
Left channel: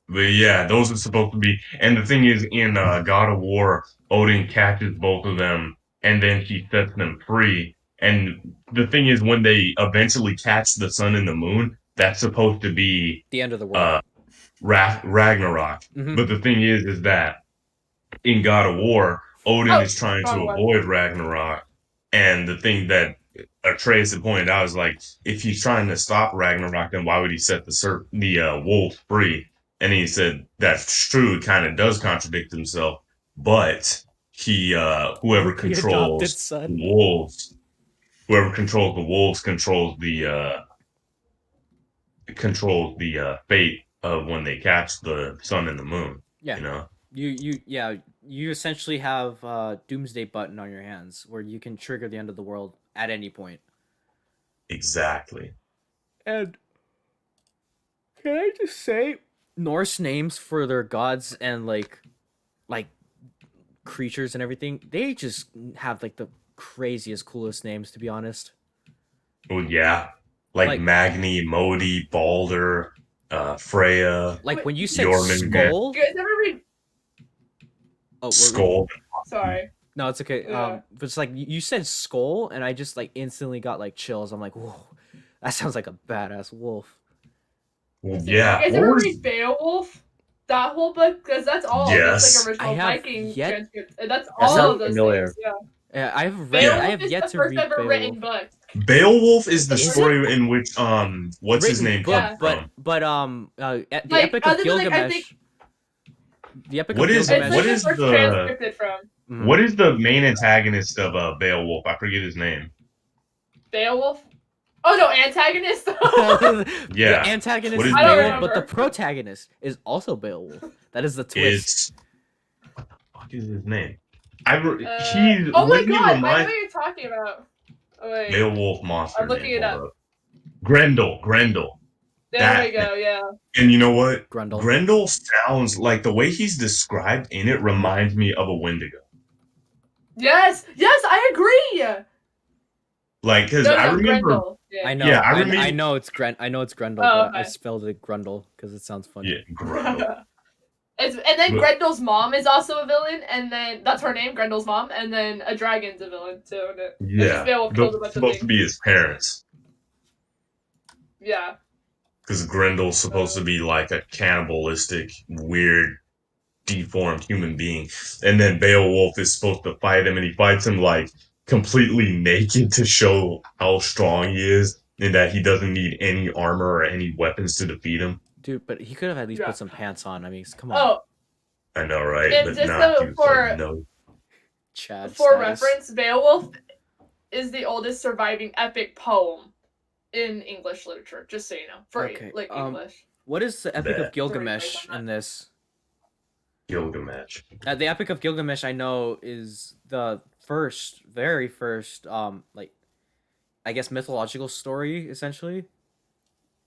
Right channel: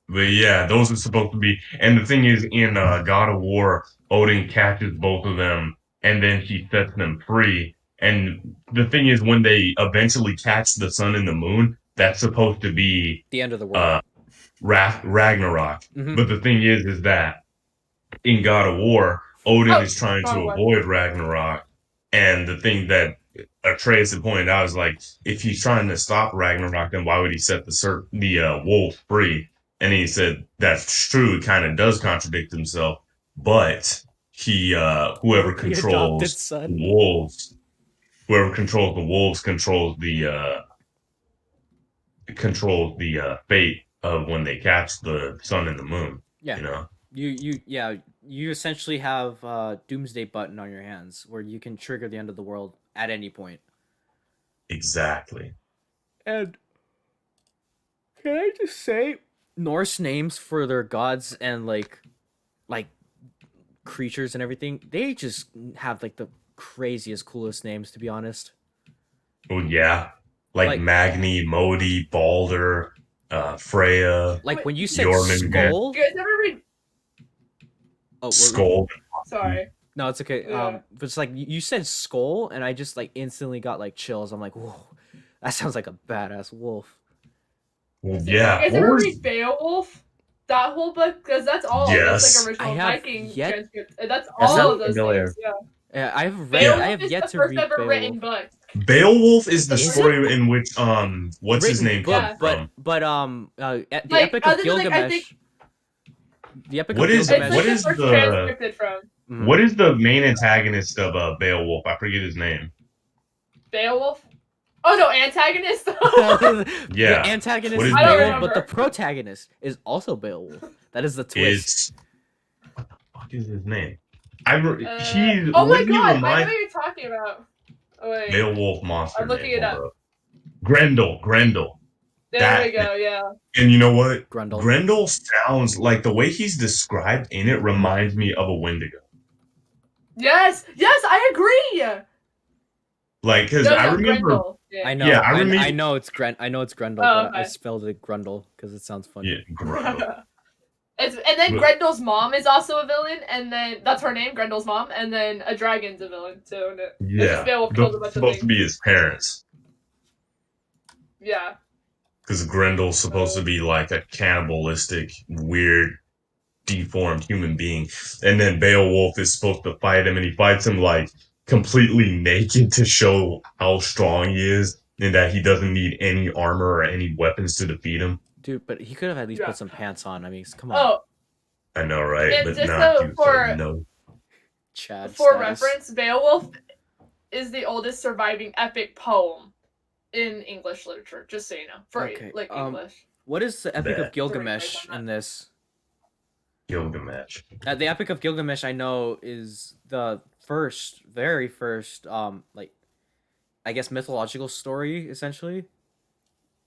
But yeah, those are supposed to be. And the thing is, in God of War, Odin catches both of them, and then he sets them free. And the thing is, when they eventually catch the sun and the moon, that's supposed to be The end of the world. Ragnarok. Mhm. But the thing is that in God of War, Odin is trying to wrong one. avoid Ragnarok. And the thing that Atreus had pointed out is like, if he's trying to stop Ragnarok, then why would he set the wolf free? And he said that's true. It kind of does contradict himself, but he whoever Loki adopted controls son. the wolves, controls the fate of when they catch the sun and the moon. Yeah. You know. You essentially have a doomsday button on your hands where you can trigger the end of the world at any point. Exactly. And can I just say, Norse names for their gods and like creatures and everything, they just have like the craziest, coolest names, to be honest. Oh yeah, like Magni, Modi, Balder, Freya. Like when you said Jormungandr. skull. You guys ever read... Oh, Skull. Sorry. No, it's okay. Yeah. But it's like you said skull, and I just like instantly got like chills. I'm like, whoa, that sounds like a badass wolf. Well, yeah. You guys ever read Beowulf? That whole book? Because that's all Yes. that's like original I have Viking yet- transcript. And that's That all sounds of those familiar. things. Yeah. Yeah, I have Beowulf yet is to the first read ever written Beowulf. book. Beowulf is the Is story in which what's his Written name book, comes Yeah. but from. the Like, Epic of other than, like, I Gilgamesh. The Epic What of is- It's Gilgamesh. like what the is first the- transcripted from. Mhm. What is the main antagonist of Beowulf? I forget his name. Beowulf. Oh no, antagonist. Yeah. The antagonist What is is I don't Beowulf, but the remember. protagonist is also Beowulf. That is the twist. It's what the fuck is his name? He Oh my wouldn't he god, I know remind what you're talking about. Oh, wait, Beowulf monster I'm looking name. it Hold up. up. Grendel. There we That go. Yeah. and you know what? Grundle. Grendel sounds like the way he's described in it reminds me of a Wendigo. Yes, I agree. Like, cause No, I remember. Grendel. I Yeah. know. Yeah, I I remember. know it's Grendel, Oh, but I okay. spelled it Grundle because it sounds funny. Yeah, Grendel. And then But- Grendel's mom is also a villain, and then that's her name, Grendel's mom, and then a dragon's a villain too. And it's Yeah, just Beowulf those kills a are bunch of supposed to things. be his parents. Yeah. Because Grendel's supposed to be like a cannibalistic, weird, deformed human being, and then Beowulf is supposed to fight him, and he fights him like completely naked to show how strong he is, and that he doesn't need any armor or any weapons to defeat him. Dude, but he could have at least Yeah. put some pants on. I mean, come on. Oh, I know, right? and But just not so you. for So no. Chad for status. reference, Beowulf is the oldest surviving epic poem in English literature. Just so you know, for Okay, like um, English. What is the Epic That- of Gilgamesh in this? Gilgamesh. The Epic of Gilgamesh, I know, is the very first, like, I guess mythological story. Essentially,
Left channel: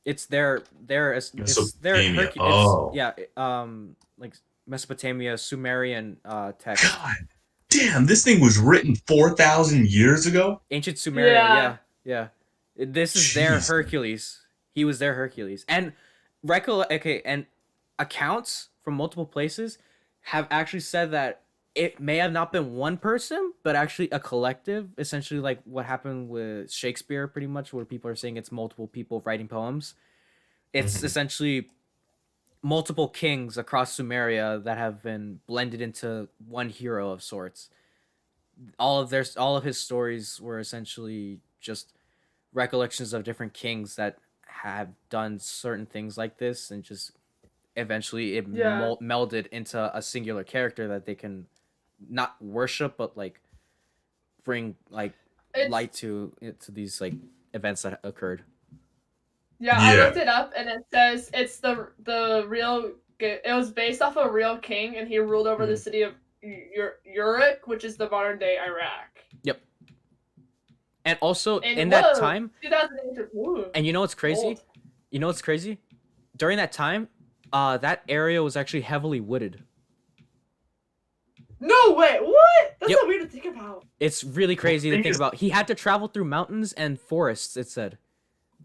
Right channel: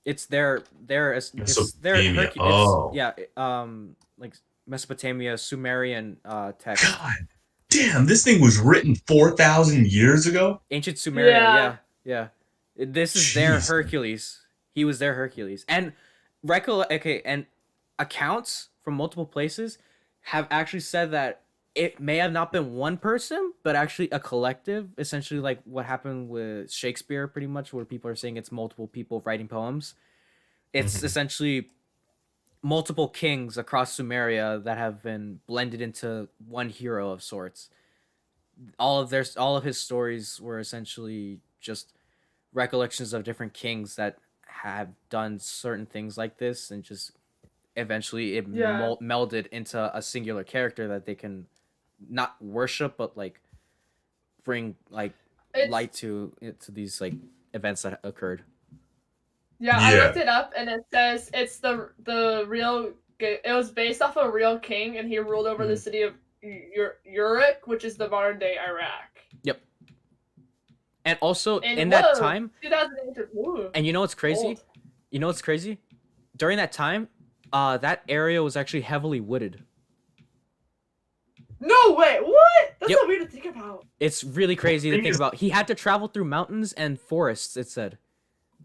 it's their it's their Mesopotamia. Oh. like Mesopotamia Sumerian text. God damn, this thing was written 4,000 years ago? Ancient Sumeria, Yeah. This is their Jeez. Hercules. He was their Hercules. And and accounts from multiple places have actually said that it may have not been one person, but actually a collective, essentially like what happened with Shakespeare pretty much, where people are saying it's multiple people writing poems. It's Mhm. essentially multiple kings across Sumeria that have been blended into one hero of sorts. All of his stories were essentially just recollections of different kings that have done certain things like this, and just eventually it Yeah. melded into a singular character that they can not worship but like bring like It's- light to these like events that occurred. Yeah, I Yeah. looked it up, and it says it's the real. It was based off a real king, and he ruled over the Mhm. city of Uruk, which is the modern day Iraq. And also And in that whoa, time, 2008. Ooh, and you know what's crazy? old. You know what's crazy? During that time, that area was actually heavily wooded. No way! What? That's Yep. so weird to think about. It's really crazy to thing think is- about. He had to travel through mountains and forests, it said.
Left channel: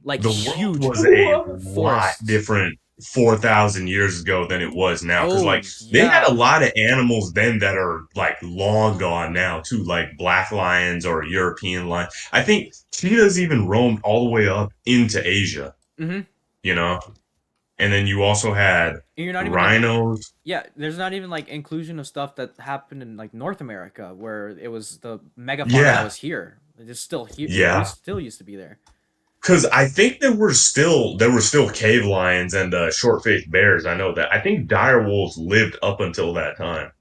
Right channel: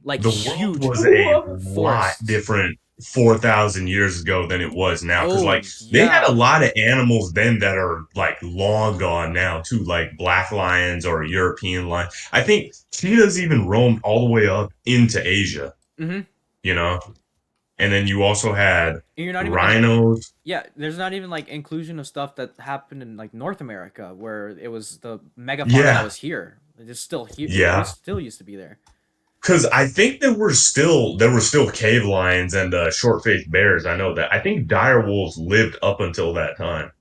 Like The huge world was a lot forests. different 4,000 years ago than it was now. Because, Oh, like, they had yeah. a lot of animals then that are, like, long gone now, too. Like black lions or a European lion. I think cheetahs even roamed all the way up into Asia. Mhm. You know? And then you also had You're not even rhinos. Yeah, there's not even like inclusion of stuff that happened in like North America where it was the megafauna Yeah. that was here. It's still here. Yeah. It still used to be there. Because I think there were still cave lions and short-faced bears. I know that. I think dire wolves lived up until that time.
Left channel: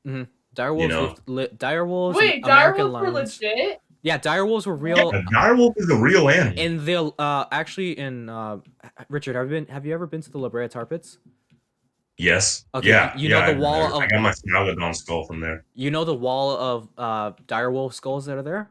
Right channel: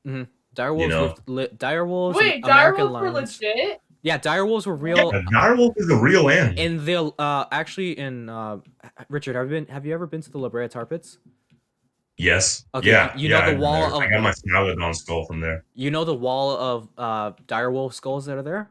Dire wolves know. dire wolves Wait, and dire American wolves were lions. legit? Yeah, dire wolves were real. Yeah, dire wolf is a real animal. In the actually in Richard, have you ever been to the La Brea Tar Pits? Yes. Okay, Yeah. you know yeah, the I've been wall there. of- I got my Smilodon skull from there. You know the wall of dire wolf skulls that are there?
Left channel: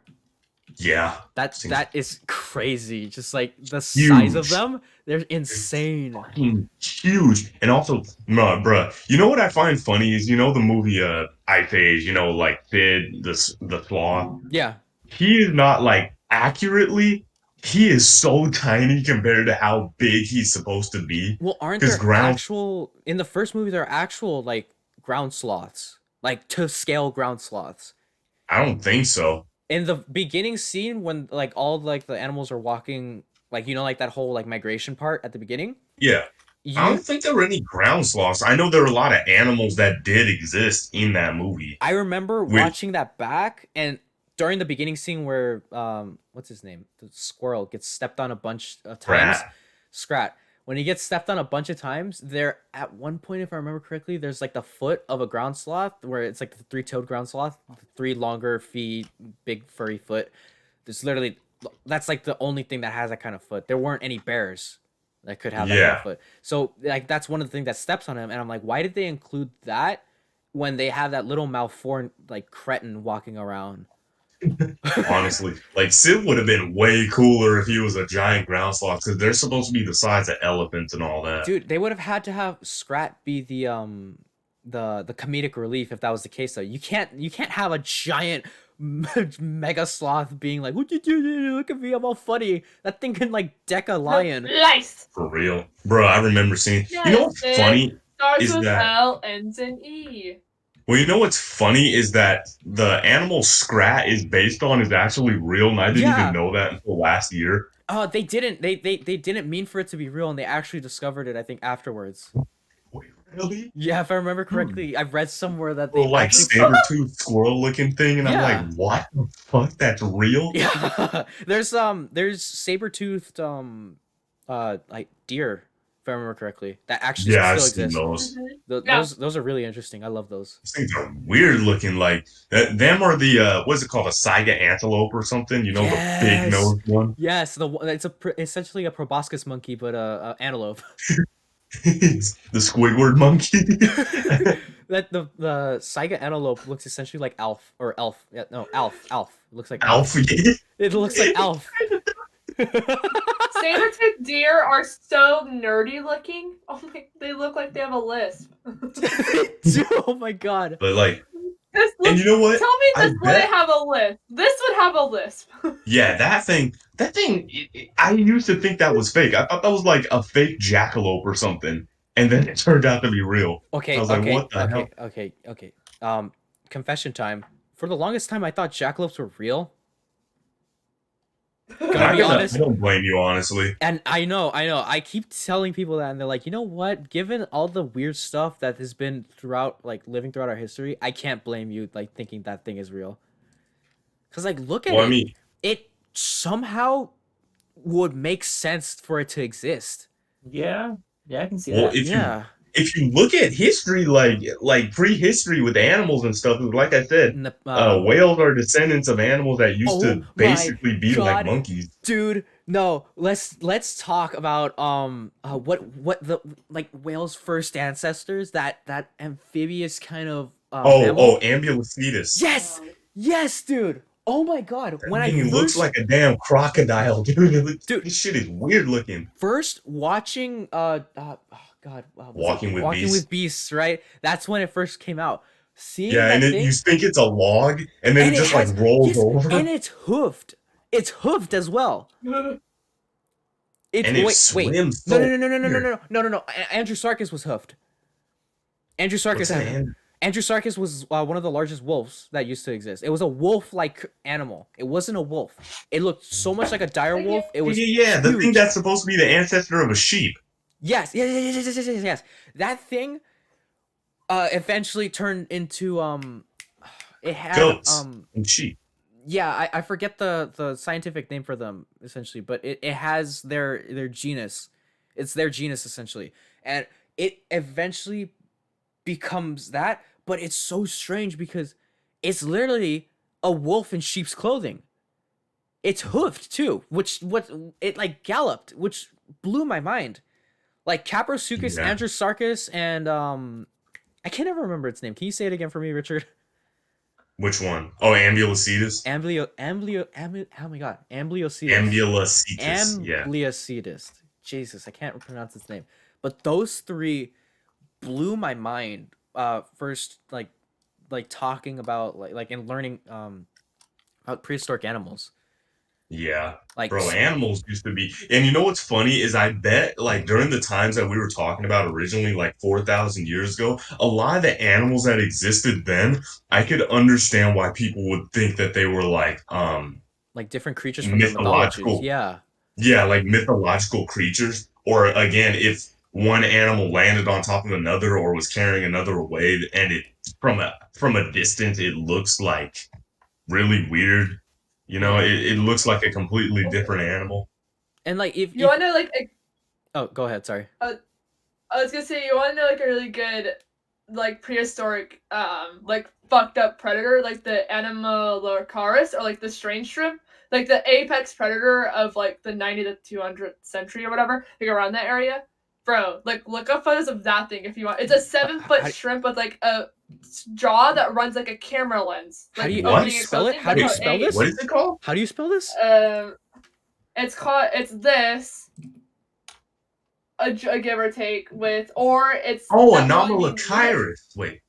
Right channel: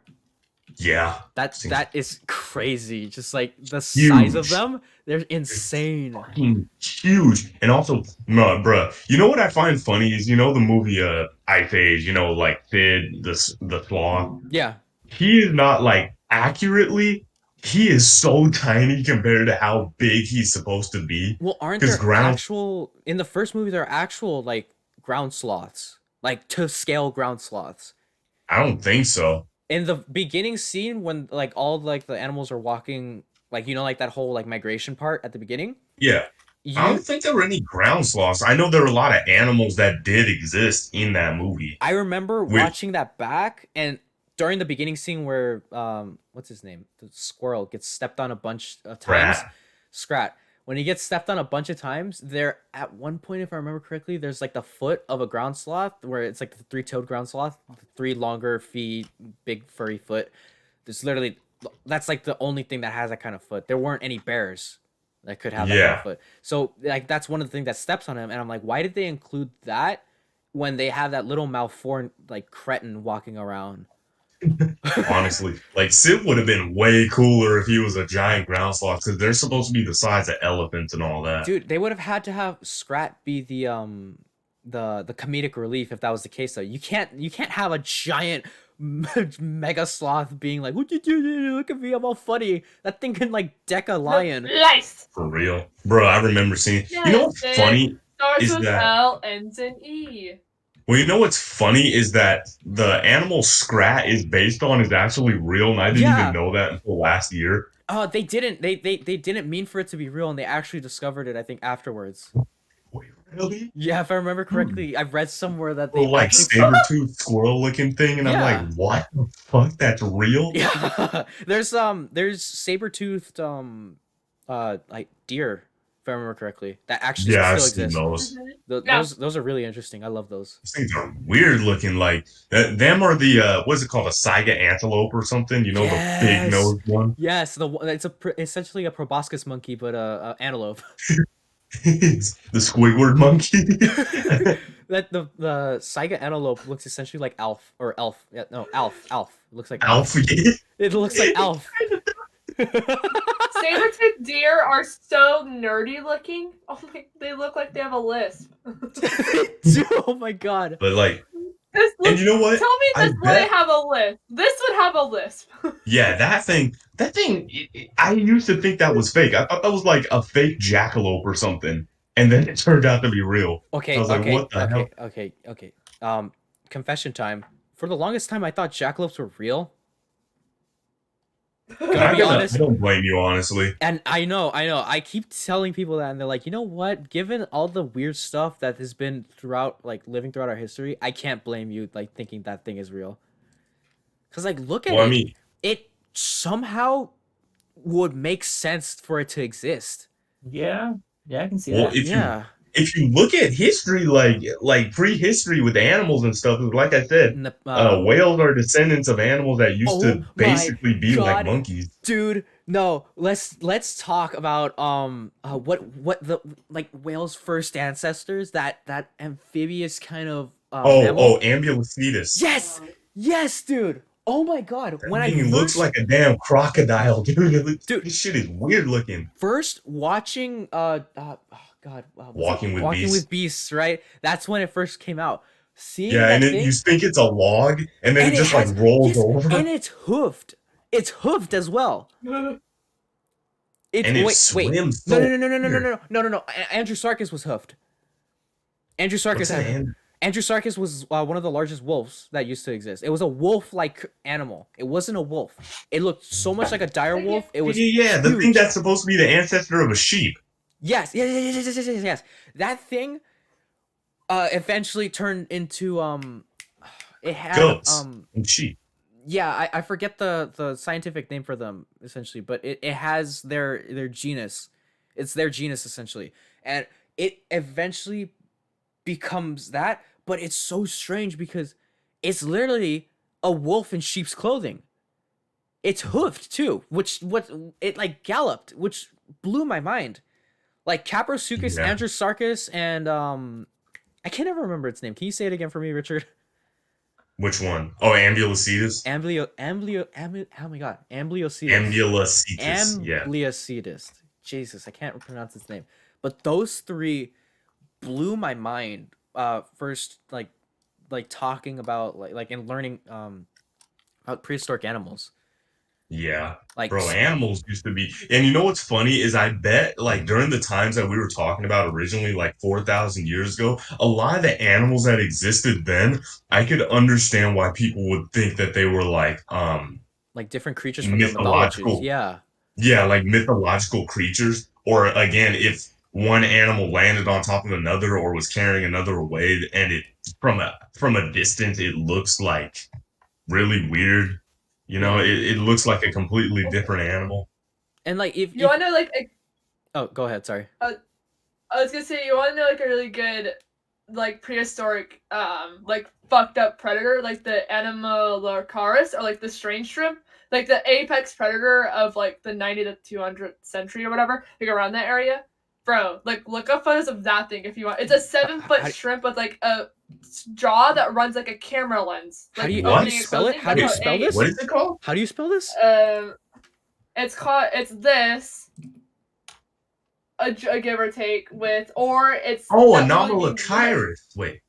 Yeah. That is crazy. Just like the size of Huge. them, they're insane. Fucking huge. And also, no, bruh, you know what I find funny is, you know, the movie Ice Age, you know, like Sid, the sloth. Yeah. He is not like accurately. He is so tiny compared to how big he's supposed to be. Well, aren't 'Cause there actual in the first movie? There are actual like ground sloths, like to scale ground sloths. I don't think so. In the beginning scene, when like all like the animals are walking, like you know, like that whole like migration part at the beginning. Yeah. I You, don't think there were any ground sloths. I know there were a lot of animals that did exist in that movie. I remember Which- watching that back, and during the beginning scene where what's his name, the squirrel gets stepped on a bunch of times. Scrat. When he gets stepped on a bunch of times, there at one point, if I remember correctly, there's like the foot of a ground sloth where it's like the three-toed ground sloth, 3 longer feet, big furry foot. There's literally that's like the only thing that has that kind of foot. There weren't any bears that could have that kind of Yeah. foot. So like that's one of the things that steps on him, and I'm like, why did they include that when they have that little malformed like cretin walking around? Honestly, like Sid would have been way cooler if he was a giant ground sloth because they're supposed to be the size of elephants and all that. Dude, they would have had to have Scrat be the comedic relief if that was the case though. You can't have a giant mega sloth being like, "What you do? Look at me, I'm all funny." That thing can like deck a lion. Lice. For real, bro. I remember seeing. Yes, You know what's it funny starts is with that. L, ends in E. Well, you know what's funny is that the animal Scrat is based on is actually real, and I didn't Yeah. even know that until last year. They didn't. They didn't mean for it to be real, and they actually discovered it. I think afterwards. Wait, really? Yeah, if I remember correctly, I read somewhere that The they like actually. saber-toothed squirrel-looking thing, and Yeah. I'm like, what the fuck? That's real? Yeah, there's saber-toothed like deer, if I remember correctly, that actually Yeah, I've still seen exist. those. Yeah. Those are really interesting. I love those. Those things are weird looking. Like them are the what's it called, a Saiga antelope or something? You know, the big Yes. nosed one. Yes, it's essentially a proboscis monkey, but a antelope. It's the Squidward monkey. That the Saiga antelope looks essentially like Alf or Elf. Yeah, no, Alf. It looks like Alf. Alfie. It looks like Alf. Saber-toothed deer are so nerdy looking. Oh my, they look like they have a lisp. Oh my god. But like, This and you know what? Tell me I this would bet- have a lisp. This would have a lisp. Yeah, that thing. I used to think that was fake. I thought that was like a fake jackalope or something, and then it turned out to be real. Okay, I was like, what the hell? okay. Confession time. For the longest time, I thought jackalopes were real. Gonna be honest. I don't blame you, honestly. And I know. I keep telling people that, and they're like, you know what? Given all the weird stuff that has been living throughout our history, I can't blame you, like, thinking that thing is real. Because, like, look at Well, it. I mean, It somehow would make sense for it to exist. Yeah, I can see well, that. Yeah. if you look at history, like prehistory with animals and stuff, like I said, And whales are descendants of animals that used Oh to my basically be like God. monkeys. Dude, no. Let's talk about what the like whales' first ancestors, that amphibious kind of mammal. Ambulocetus. Yes, dude. Oh my god. When I He looks first like a damn crocodile, dude. Dude. This shit is weird looking. first watching was Walking with Walking Beasts. with Beasts, right? That's when it first came out. Seeing Yeah, that and thing, you think it's a log, and then and it just like rolls yes, over. and it's hoofed. It's hoofed as well. It's And it wait. swims No, so no. Andrew Sarkis was hoofed. Andrew Sarkis What's had that? Andrew Sarkis was one of the largest wolves that used to exist. It was a wolf-like animal. It wasn't a wolf. It looked so much like a dire wolf. It was Yeah, the thing huge. that's supposed to be the ancestor of a sheep. Yes. That thing eventually turned into it had Goats and sheep. yeah, I forget the scientific name for them essentially, but it has their genus. It's their genus essentially. And it eventually becomes that, but it's so strange because it's literally a wolf in sheep's clothing. It's hoofed too, which it like galloped, which blew my mind. Like Caprosuchus, Yeah. Androsarchus, and I can't ever remember its name. Can you say it again for me, Richard? Which one? Oh, Ambulocetus. Oh my god, Ambliocetus. Ambulocetus. Yeah. Ambliocetus. Jesus, I can't pronounce its name. But those three blew my mind. First, like talking about like and learning about prehistoric animals. Yeah. Like Bro, animals used to be, and you know what's funny is I bet like during the times that we were talking about originally, like 4,000 years ago, a lot of the animals that existed then, I could understand why people would think that they were like different creatures from the mythologies. mythological. Yeah. Yeah, like mythological creatures. Or again, if one animal landed on top of another or was carrying another away, and it from a distance it looks like really weird. You know, it looks like a completely different animal. And like if You want to know like oh, go ahead. Sorry. I was gonna say you want to know like a really good like prehistoric like fucked up predator like the Anomalocaris or like the strange shrimp. like the apex predator of like the 90 to 200th century or whatever, like around that area. Bro, like look up photos of that thing if you want. It's a 7-foot shrimp with like a jaw that runs like a camera lens. How Like, do you opening spell it? and How do you closing. spell this? What is it called? How do you spell this? It's this. A give or take with, or it's Anomalocyrus. Wait.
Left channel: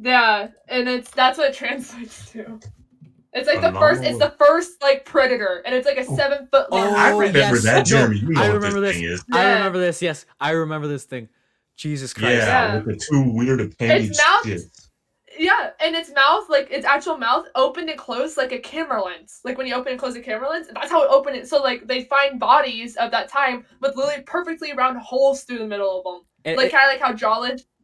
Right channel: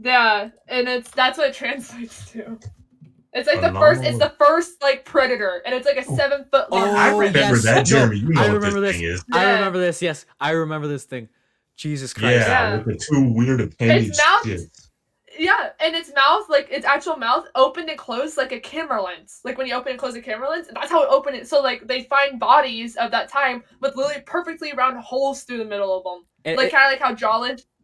Yeah, and that's what it translates to. It's like it's the first like predator, and it's like a 7-foot. Oh, I remember yes. that, Jeremy. You know I what remember this. thing is. I Yeah. remember this. Yes, I remember this thing. Jesus Christ. Yeah, with the two weird appendage shits. Yeah, and its mouth, like its actual mouth, opened and closed like a camera lens. Like when you open and close a camera lens, that's how it opened it. So like they find bodies of that time with literally perfectly round holes through the middle of them, like kind of like how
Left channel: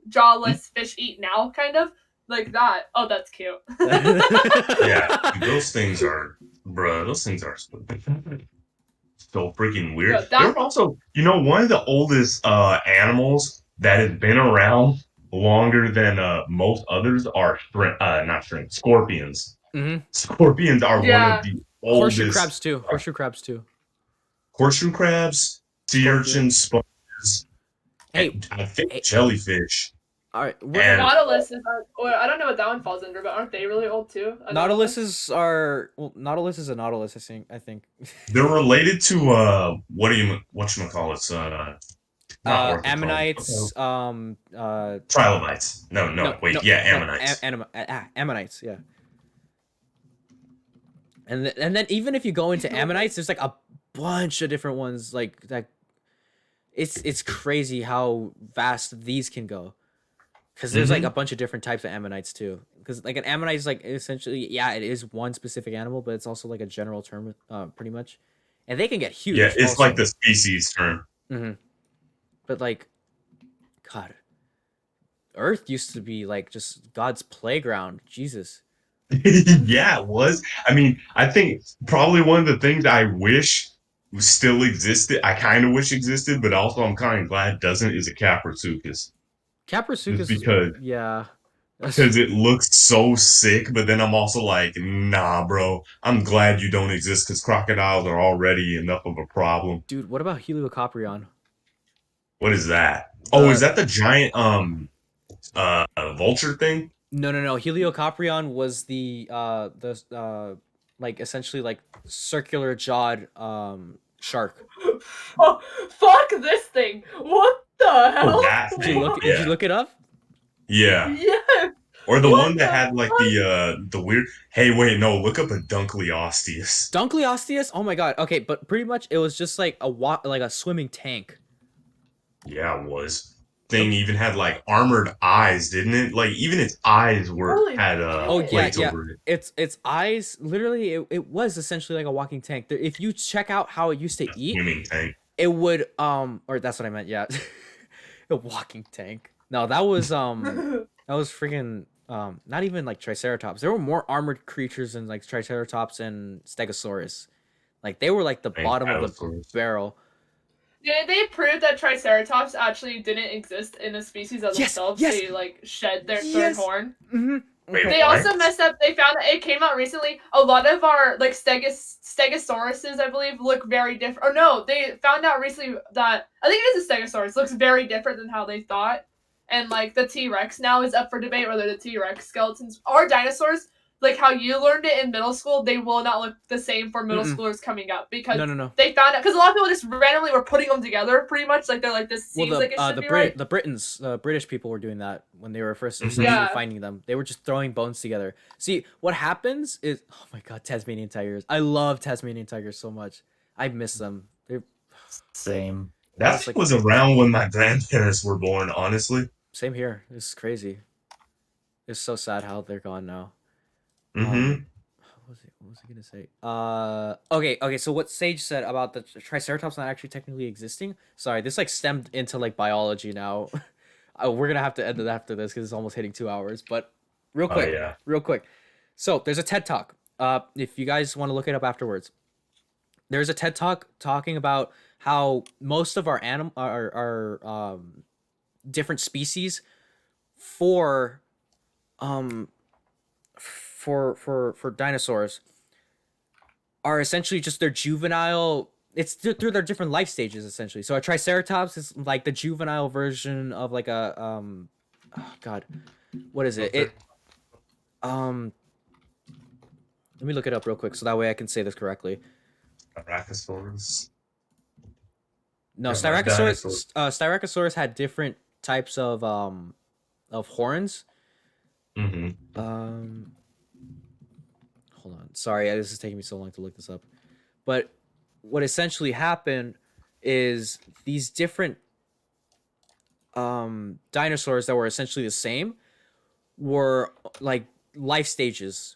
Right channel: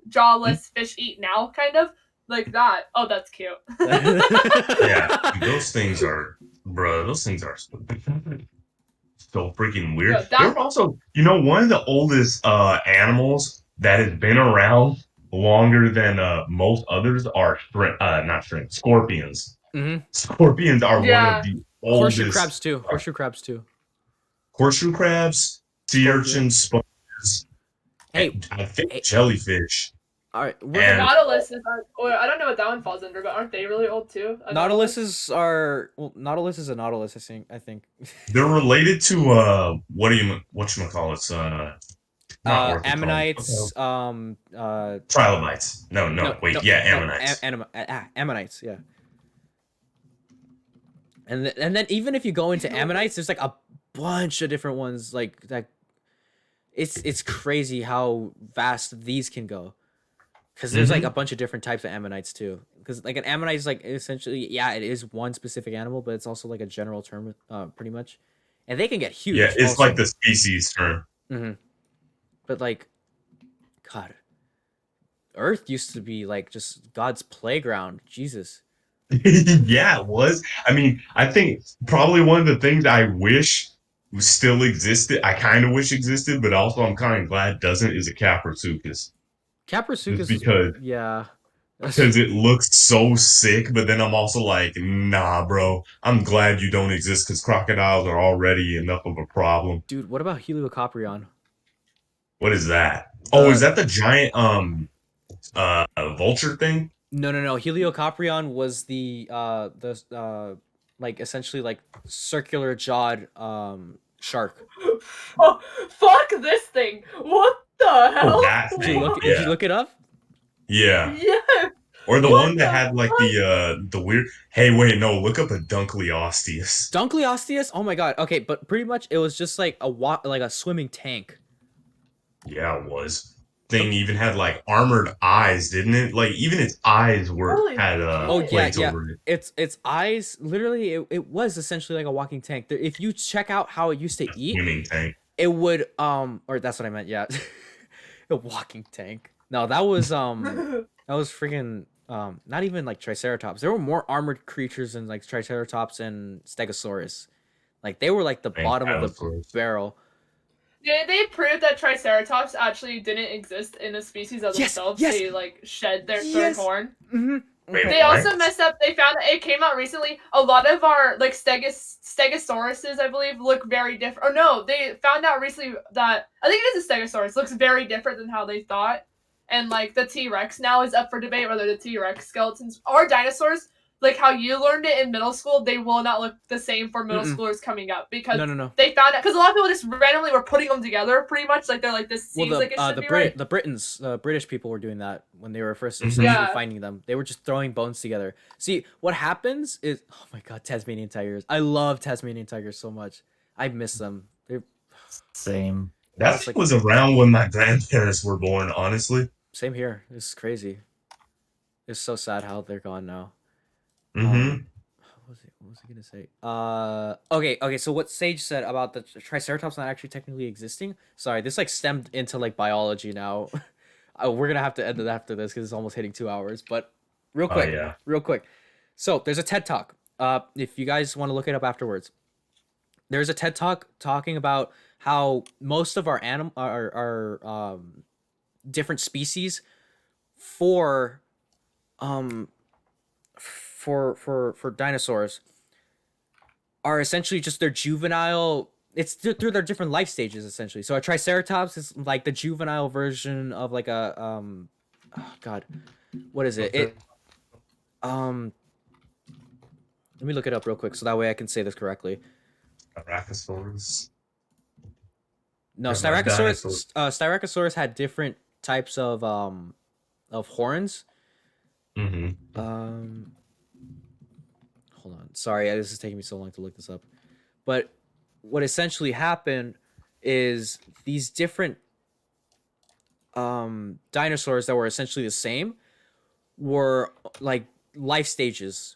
jawless fish eat now, kind of like that. Oh, that's cute. Yeah, those things are, bro. Those things are so freaking weird. Yo, They're also, one of the oldest animals that has been around longer than most others are not shrimp, scorpions. Mm-hmm. Scorpions are one of the oldest. Horseshoe crabs too. Horseshoe crabs, sea urchins, sponges. Hey, I think jellyfish. All right, Nautilus is. I don't know what that one falls under, but aren't they really old too? Nautilus is a nautilus. I think. They're related to whatchamacallits? Ammonites. Trilobites. Ammonites. Ammonites. Yeah. And then even if you go into ammonites, there's like a bunch of different ones like that. It's crazy how vast these can go, because there's like a bunch of different types of ammonites too. Because like an ammonite is like essentially it is one specific animal, but it's also like a general term, pretty much, and they can get huge. Yeah, it's also like the species term. Mm-hmm. But like, God, Earth used to be like just God's playground. Jesus. Yeah, it was. I mean, I think probably one of the things I wish still existed, I kind of wish existed, but also I'm kind of glad doesn't, is a Caprasuchus. Caprasuchus, because it looks so sick, but then I'm also like, nah, bro, I'm glad you don't exist because crocodiles are already enough of a problem. Dude, what about Heliocoprion? What is that? Is that the giant vulture thing? No. Heliocoprion was the like essentially like circular jawed shark. Oh, fuck this thing! What the hell? Did you look it up? Yeah. Yeah. Or the one that had like the weird. Hey, wait, no, look up a Dunkleosteus. Dunkleosteus? Oh my god. Okay, but pretty much it was just like a swimming tank. Yeah, it was. Thing even had like armored eyes, didn't it? Like even its eyes had plates over it. Its eyes literally it was essentially like a walking tank. If you check out how it used to eat, swimming tank. It would or that's what I meant, yeah. A walking tank. No, that was freaking not even like Triceratops. There were more armored creatures than like Triceratops and Stegosaurus. Like they were like the bottom of the barrel. Did they prove that Triceratops actually didn't exist in a species of themselves? Yes. They like shed their third horn. Mm-hmm. Wait, they also messed up. They found that it came out recently. A lot of our like Stegosauruses, I believe, look very different. Or no, they found out recently that I think it is a Stegosaurus. Looks very different than how they thought. And like the T-Rex now is up for debate whether the T-Rex skeletons are dinosaurs. Like how you learned it in middle school, they will not look the same for middle schoolers coming up because they found out because a lot of people just randomly were putting them together pretty much like they're like this. Seems like it should be right. The British people were doing that when they were first finding them. They were just throwing bones together. See what happens is oh my god, Tasmanian tigers. I love Tasmanian tigers so much. I miss them. They're same. That was around when my grandparents were born. Honestly, same here. It's crazy. It's so sad how they're gone now. Mm-hmm. What was I gonna say? Okay. So what Sage said about the Triceratops not actually technically existing. Sorry, this like stemmed into like biology now. We're gonna have to end it after this because it's almost hitting 2 hours. But real quick. So there's a TED Talk. If you guys want to look it up afterwards, there's a TED Talk talking about how most of our different species for dinosaurs are essentially just their juvenile. It's through their different life stages essentially. So a triceratops is like the juvenile version of like a oh god, what is it? It let me look it up real quick so that way I can say this correctly. Brachiosaurus. No, Yeah, but Styracosaurus had different types of horns. Mm-hmm. Hold on. Sorry, this is taking me so long to look this up. But what essentially happened is these different dinosaurs that were essentially the same were like life stages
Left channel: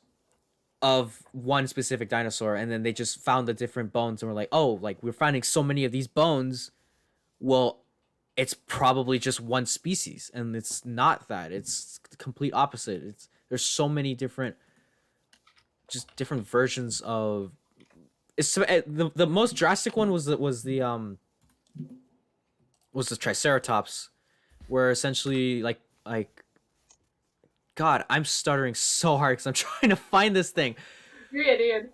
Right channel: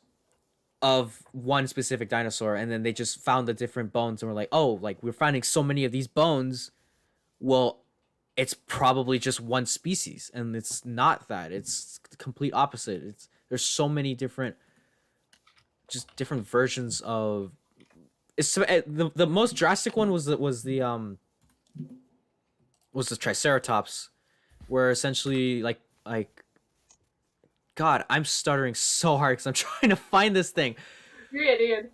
of one specific dinosaur, and then they just found the different bones and were like, oh, like we're finding so many of these bones. Well, it's probably just one species, and it's not that. It's the complete opposite. There's so many different versions of. It's the most drastic one was the Triceratops, where essentially like God, I'm stuttering so hard because I'm trying to find this thing. You're idiot.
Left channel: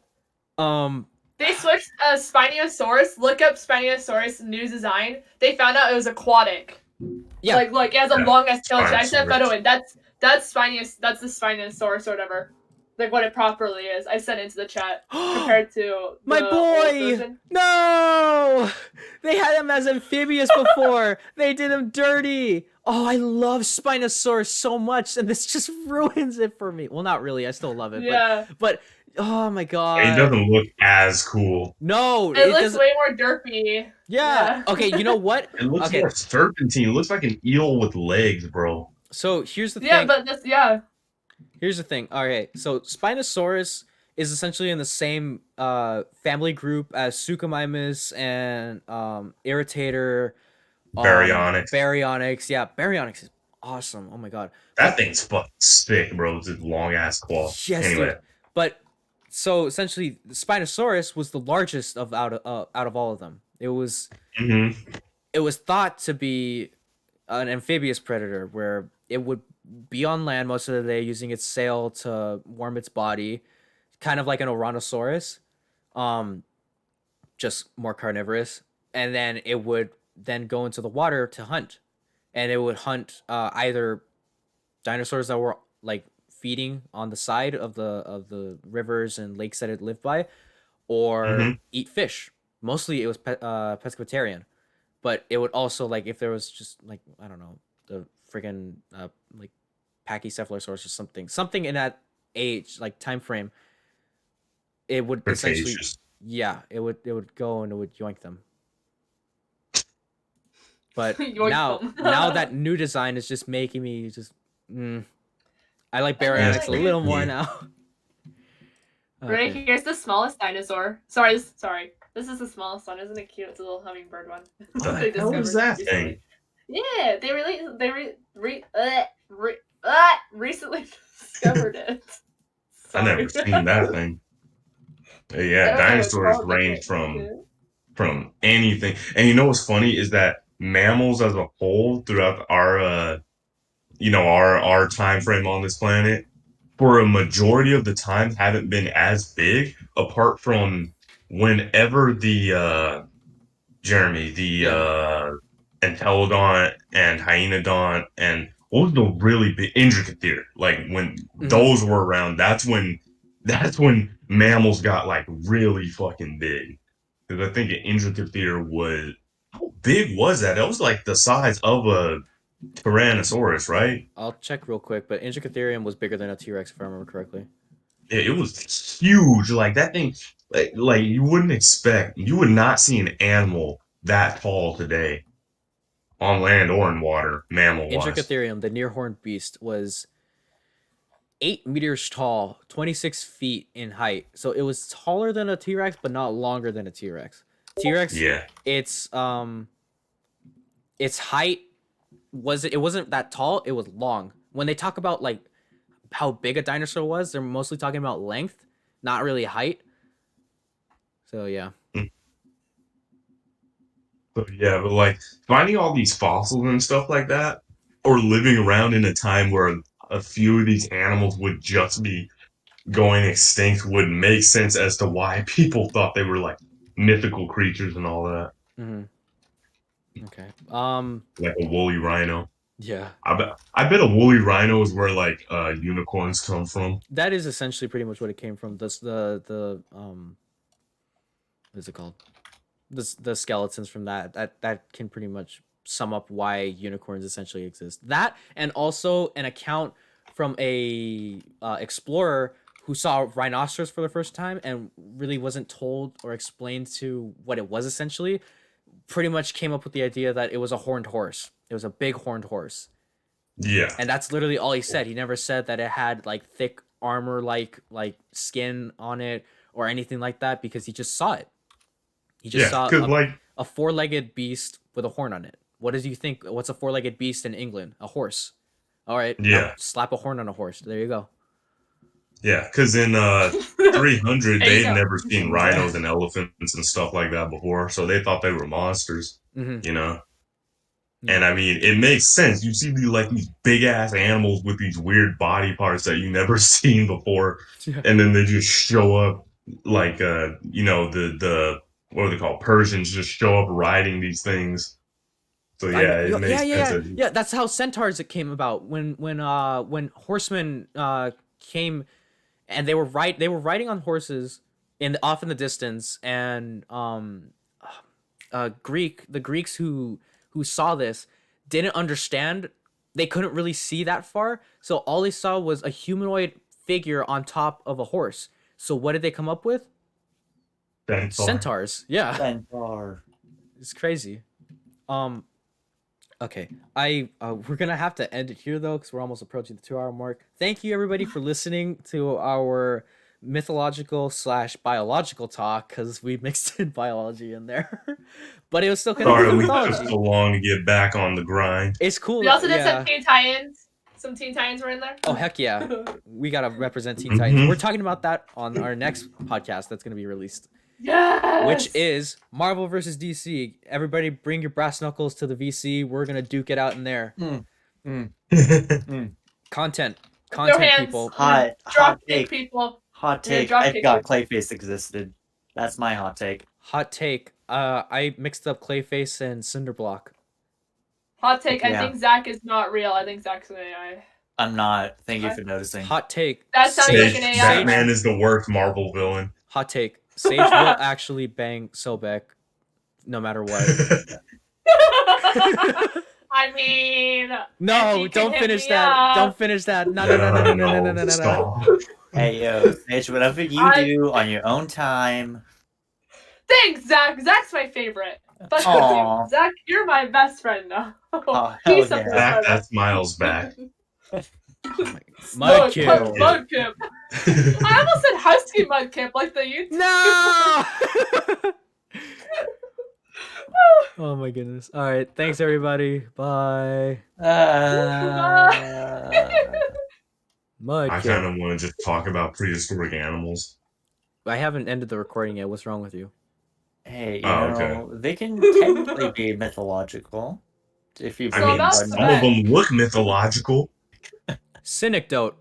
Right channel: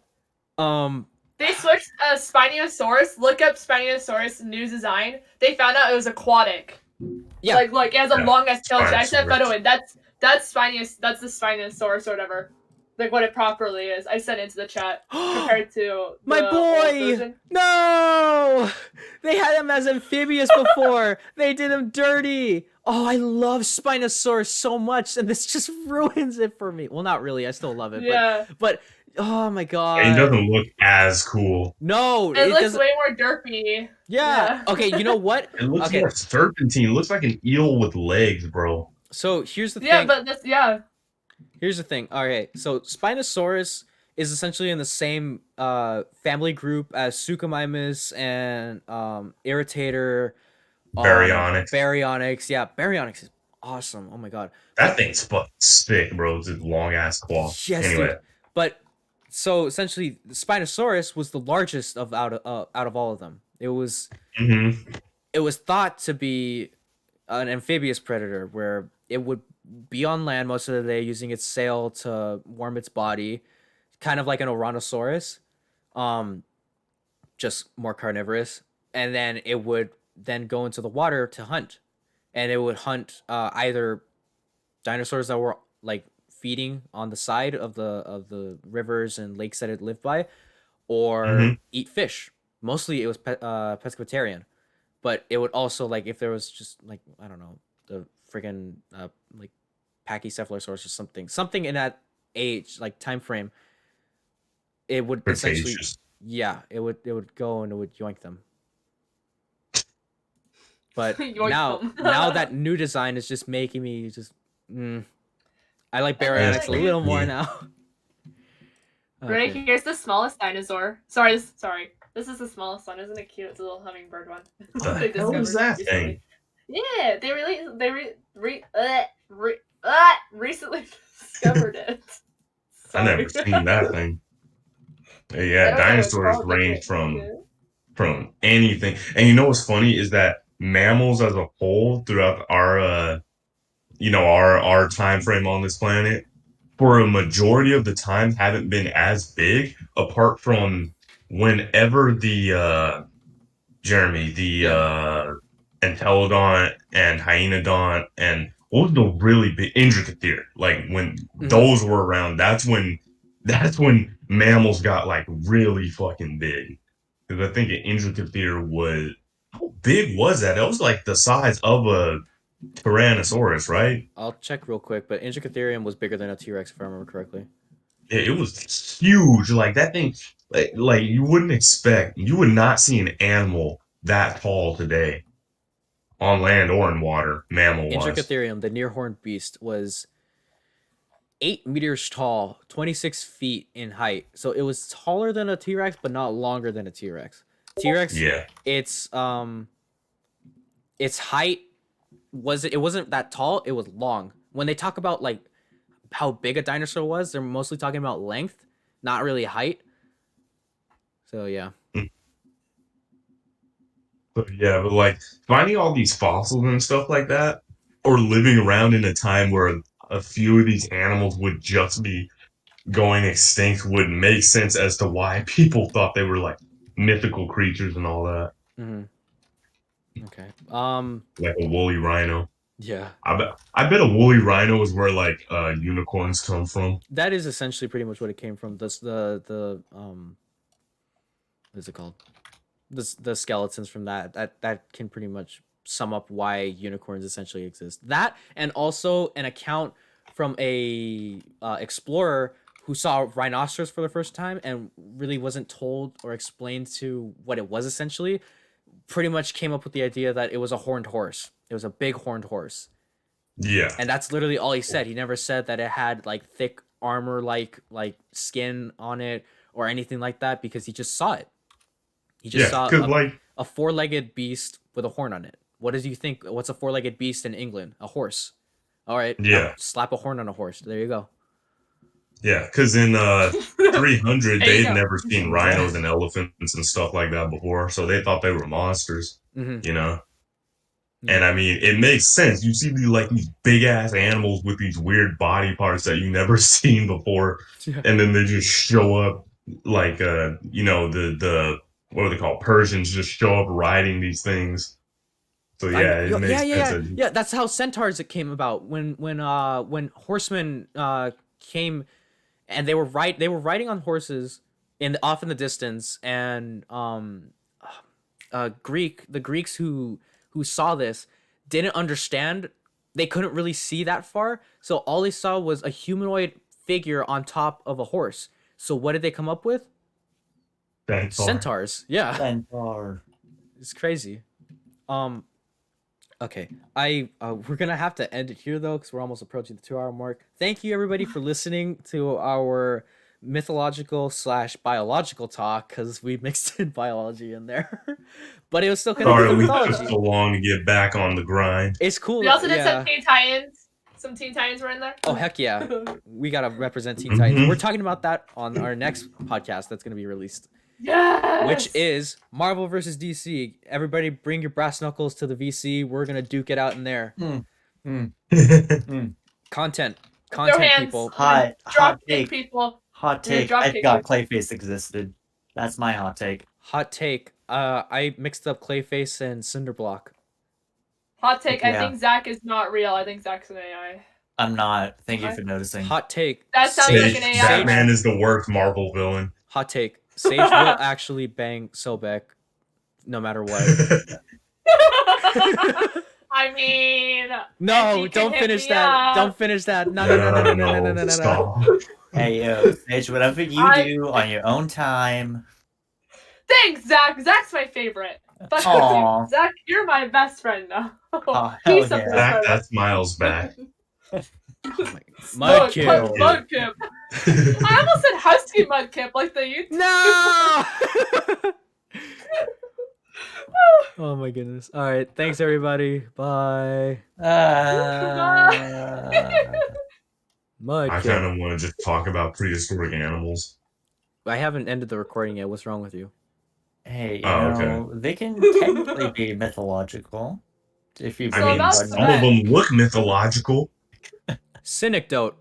They switched Spinosaurus. Look up Spinosaurus new design. They found out it was aquatic. Yeah. Like look, it has a long ass tail. I sent a photo in. That's That's the Spinosaurus or whatever. Like what it properly is. I sent it into the chat compared to my boy. No, they had him as amphibious before. They did him dirty. Oh, I love Spinosaurus so much, and this just ruins it for me. Well, not really. I still love it, yeah. but oh my god, it doesn't look as cool. No, it looks way more derpy. Yeah. Okay, you know what? It looks more serpentine. It looks like an eel with legs, bro. So here's the thing. Yeah, but this Here's the thing. All right, so Spinosaurus is essentially in the same family group as Suchomimus and Irritator. Baryonyx. Yeah, Baryonyx is awesome. Oh my god. That thing's fucking sick, bro. It's a long ass claw. Yes, anyway. Dude. But so essentially, the Spinosaurus was the largest of out of all of them. It was it was thought to be an amphibious predator where it would be on land most of the day using its sail to warm its body, kind of like an Ouranosaurus, just more carnivorous. And then it would then go into the water to hunt, and it would hunt either dinosaurs that were like feeding on the side of the rivers and lakes that it lived by, or eat fish. Mostly it was pescatarian, but it would also, like, if there was just like, I don't know, the friggin' like Pachycephalosaurus or something in that age, like time frame, it would essentially it would go and it would yoink them. But now that new design is just making me just I like Baryonyx a little more now. Okay. Right, here's the smallest dinosaur. Sorry. This is the smallest one. Isn't it cute? It's a little hummingbird one. What the hell is that thing? Yeah, they recently discovered it. I never seen that thing. Yeah, dinosaurs range from anything. And you know what's funny is that mammals as a whole throughout our our time frame on this planet, for a majority of the time, haven't been as big, apart from whenever the Entelodont and Hyaenodont and what was the really big Intricathere, like when those were around, that's when mammals got like really fucking big. Because I think an Intricathere was, how big was that? It was like the size of a Tyrannosaurus, right? I'll check real quick, but Intricatherium was bigger than a T-Rex if I remember correctly. Yeah, it was huge. Like that thing, like you would not see an animal that tall today, on land or in water, mammal-wise. Intricatherium, the near-horned beast, was 8 meters tall, 26 feet in height. So it was taller than a T-Rex, but not longer than a T-Rex. T-Rex, yeah, its height it wasn't that tall. It was long. When they talk about like how big a dinosaur was, they're mostly talking about length, not really height. So yeah. But like finding all these fossils and stuff like that, or living around in a time where a few of these animals would just be going extinct would make sense as to why people thought they were like mythical creatures and all that, Okay. like a woolly rhino. Yeah. I bet a woolly rhino is where like unicorns come from. That is essentially pretty much what it came from. What is it called? The skeletons from that can pretty much sum up why unicorns essentially exist. That, and also an account from a explorer who saw rhinoceros for the first time and really wasn't told or explained to what it was essentially, pretty much came up with the idea that it was a horned horse. It was a big horned horse. Yeah. And that's literally all he said. He never said that it had like thick armor like skin on it or anything like that, because he just saw it. He just saw a four-legged beast with a horn on it. What does you think? What's a four-legged beast in England? A horse. All right. Yeah. Now slap a horn on a horse. There you go. Yeah, because in 300 they'd never seen rhinos and elephants and stuff like that before, so they thought they were monsters. You know. And I mean, it makes sense. You see these big ass animals with these weird body parts that you never seen before, and then they just show up like the what are they called? Persians just show up riding these things. So yeah, it makes sense. Yeah. That's how centaurs came about. When horsemen came, and they were riding on horses off in the distance, and the Greeks who saw this didn't understand. They couldn't really see that far, so all they saw was a humanoid figure on top of a horse. So what did they come up with? Centaurs. Yeah. Centaur. It's crazy. Okay. We're gonna have to end it here though, because we're almost approaching the 2-hour mark. Thank you everybody for listening to our mythological / biological talk, because we mixed in biology in there. But it was still connected to mythology. We took so long to get back on the grind. It's cool. We also did some Teen Titans. Some Teen Titans were in there. Oh heck yeah. We gotta represent Teen Titans. We're talking about that on our next podcast that's gonna be released. Yes! Which is Marvel versus DC. Everybody bring your brass knuckles to the VC. We're gonna duke it out in there. Content people. Hot take. People. Hot take. I forgot Clayface existed. That's my hot take. Hot take. I mixed up Clayface and Cinderblock. Hot take. I think Zach is not real. I think Zach's an AI. I'm not. Thank you for noticing. Hot take. That sounds like an AI. Batman is the worst Marvel villain. Hot take. Sage will actually bang Sobek no matter what. I mean... No, don't finish that. Don't finish that. No. Hey, yo, Sage, whatever you do on your own time. Thanks, Zach. Zach's my favorite. Fuck you. Zach, you're my best friend now. Oh, He's hell yeah. Zach, that's Miles back. Mudkip. Mudkip. I almost said Husky Mudkip, like the YouTube. No! Oh my goodness. All right. Thanks, everybody. Bye. Mudkip. I kind of want to just talk about prehistoric animals. I haven't ended the recording yet. What's wrong with you? Hey, you know, they can technically be mythological. If you I mean, some of them look mythological. Synecdote.